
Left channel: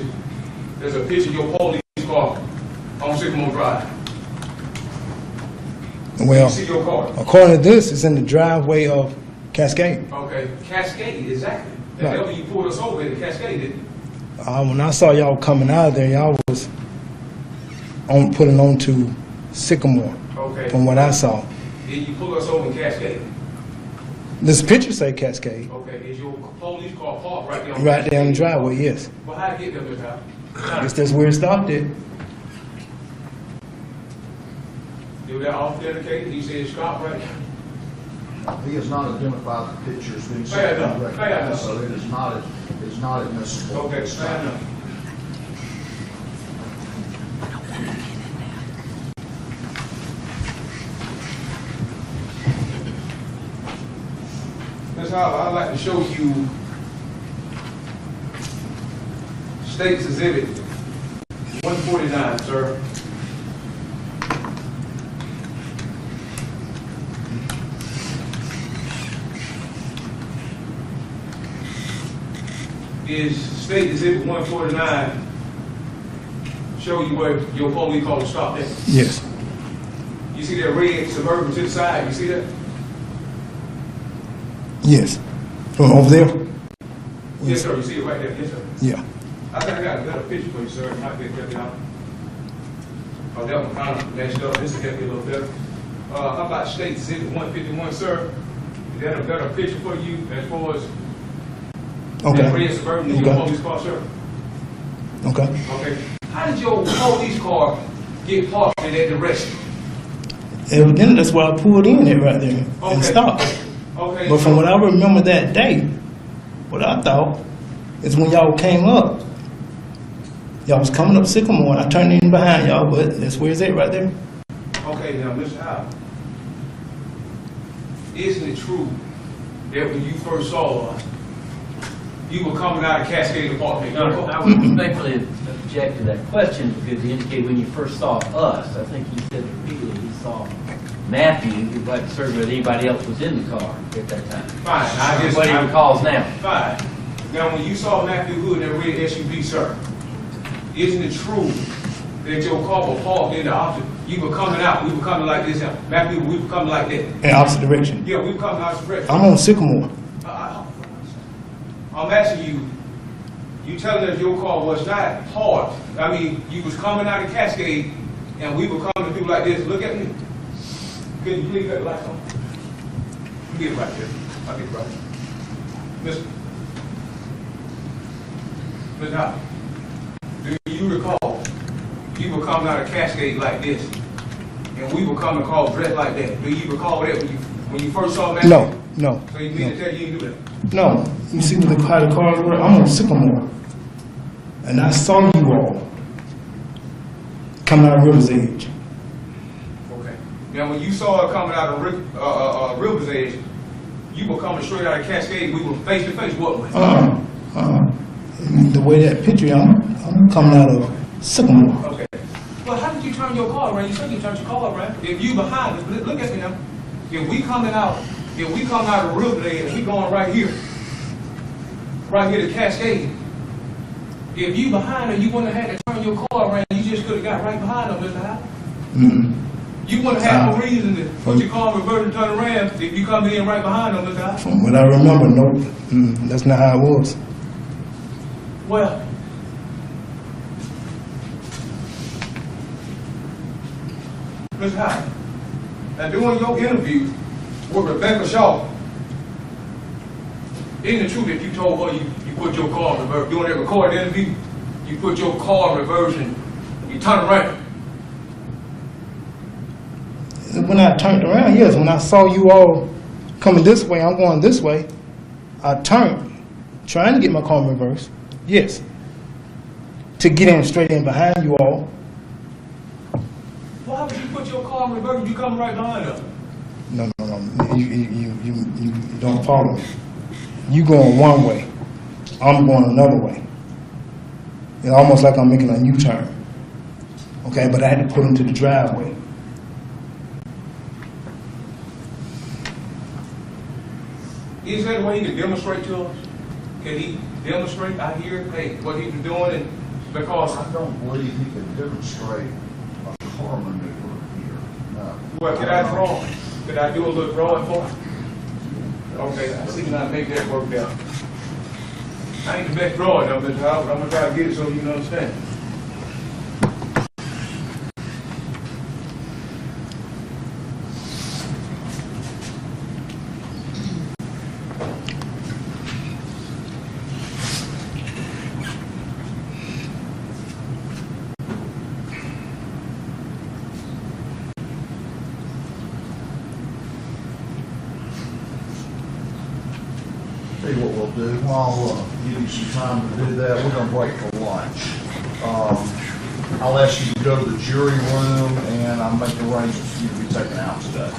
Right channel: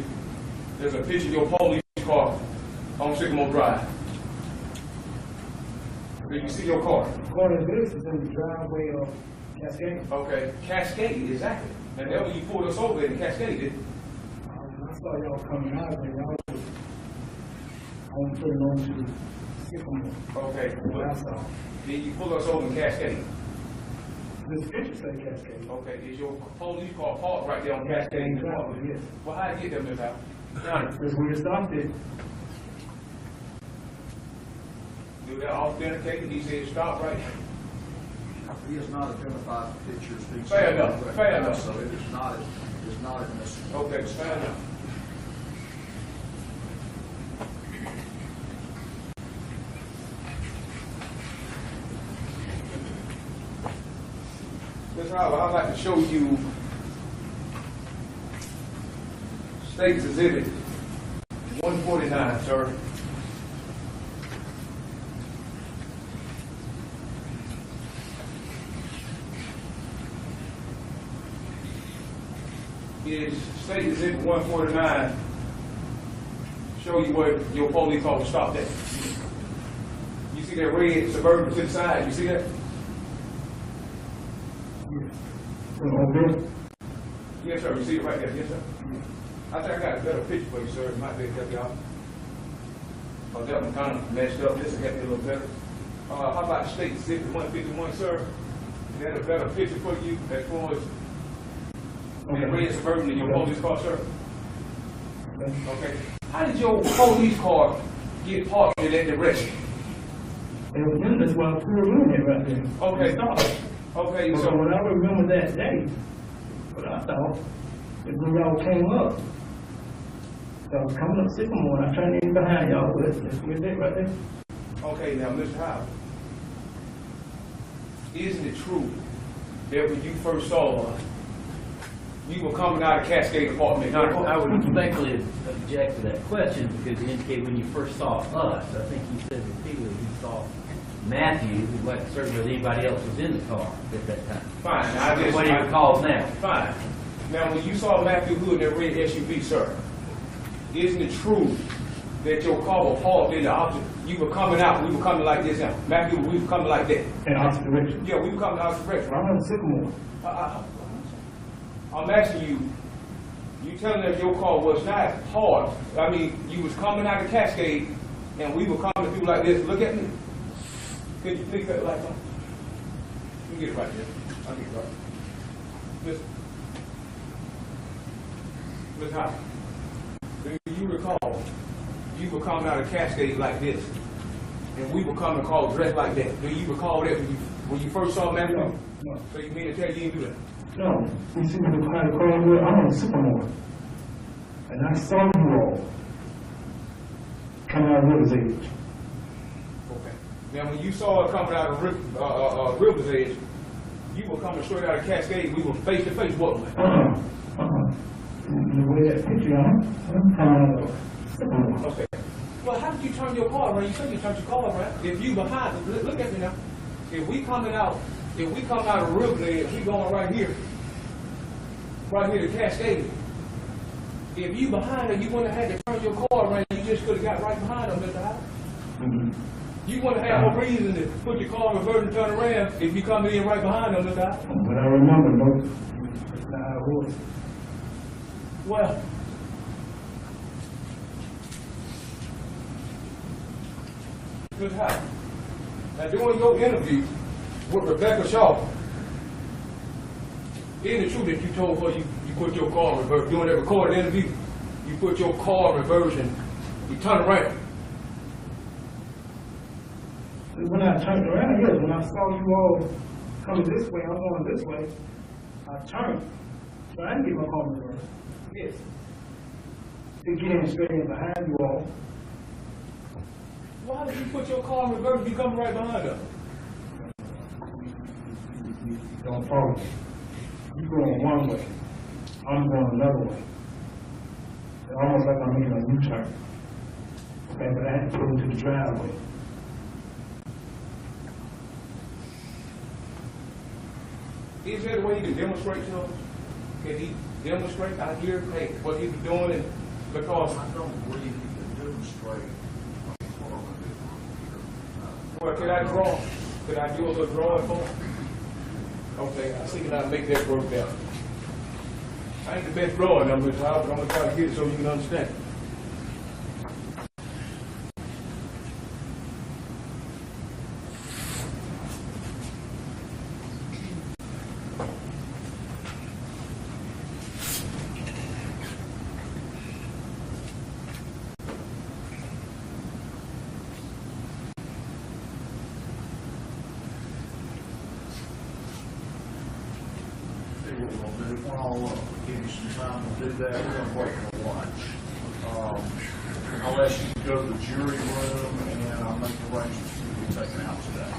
there's a picture of your police car on Sycamore Drive. Well, You see your car? according to this, it's in the driveway of Cascade. Okay, Cascade, exactly. And Right. that's when you pulled us over at Cascade, didn't you? When I saw y'all coming out of there, y'all was putting on to Sycamore, Okay. from what I saw. Did you pull us over in Cascade? This picture say Cascade, Okay, is your police car parked right there on right there in the Cascade? driveway, yes. Well, how'd you get there, Ms. Howard? I guess that's where it stopped at. Did that authenticated? He said stop right there. He has not identified the pictures being Fair sent. enough, fair enough. So it is not admissible. Okay, fair enough. Ms. Howard, I'd like to show you State's Exhibit 149, sir. Is State Exhibit 149 show you where your police car was stopped at? Yes. You see that red Suburban to the side, you see that? Yes. From over there? Yes, sir, you see it right there, yes, sir. Yeah. I think I got a better picture for you, sir, it might be better out. Oh, that one kind of messed up, this will get me a little better. How about State Exhibit 151, sir? Is that a better picture for you as far as that red Okay. Suburban in your Okay. police car, sir? Okay. Okay. How did your police car get parked in that direction? Evidently, that's why I pulled in it right there Okay. and stopped. Okay. But from what I remember that day, what I thought is when y'all came up, y'all was coming up Sycamore, and I turned in behind y'all, but that's where it's at right there. Okay, now, Mr. Howard, isn't it true that when you first saw us, you were coming out of Cascade Apartment? I would respectfully object to that question because he indicated when you first saw us, I think he said particularly he saw Matthew, he'd like to serve whether anybody else was in the car at that time. Fine, I That's just, what he recalls now. fine. Now, when you saw Matthew Hood in that red SUV, sir, isn't it true that your car was parked in the opposite? You were coming out, we were coming like this, and Matthew, we were coming like that. In opposite direction. Yeah, we were coming out direct. I'm on Sycamore. I'm asking you, you telling us your car was not parked. I mean, you was coming out of Cascade, and we were coming to do like this. Look at me. Could you please let the lights on? You get it right there. I'll get it right. Miss Howard, do you recall you were coming out of Cascade like this, and we were coming across dressed like that? Do you recall that when you first saw me? No, no. So you mean to tell you didn't do that? No. You see how the car was? I'm on Sycamore. And I saw you all coming out of River's Edge. Okay. Now, when you saw her coming out of River's Edge, you were coming straight out of Cascade. We were face to face, wasn't we? The way that picture, I'm coming out of Sycamore. Okay. Well, how did you turn your car around? You said you turned your car around. If you behind us, look at me now. If we come out of River's Edge, and we going right here to Cascade. If you behind her, you wouldn't have had to turn your car around. You just could have got right behind her, Mr. Howard. You wouldn't have no reason to put your car in reverse and turn around if you coming in right behind her, Mr. Howard. From what I remember, no, that's not how it was. Well, Mr. Howard, now during your interview with Rebecca Shaw, isn't it true that you told her you put your car in reverse? During that recorded interview, you put your car in reverse and you turn around. When I turned around, yes, when I saw you all coming this way, I'm going this way, I turned, trying to get my car in reverse, yes, to get in straight in behind you all. Why would you put your car in reverse if you coming right behind her? No, you don't follow me. You going one way, I'm going another way. It's almost like I'm making a U-turn. Okay, but I had to put into the driveway. Is that a way he can demonstrate to us? Can he demonstrate out here, hey, what he was doing? And because I don't believe he can demonstrate a car maneuver here. well, can I draw? Could I do a little drawing for him? Okay, I see when I make that work out. I ain't the best drawing of Mr. Howard, but I'm gonna try to get it so you can understand. Tell you what we'll do, I'll give you some time to do that. We're gonna break for lunch. I'll ask you to go to the jury room and I'll make arrangements for you to be taken out today.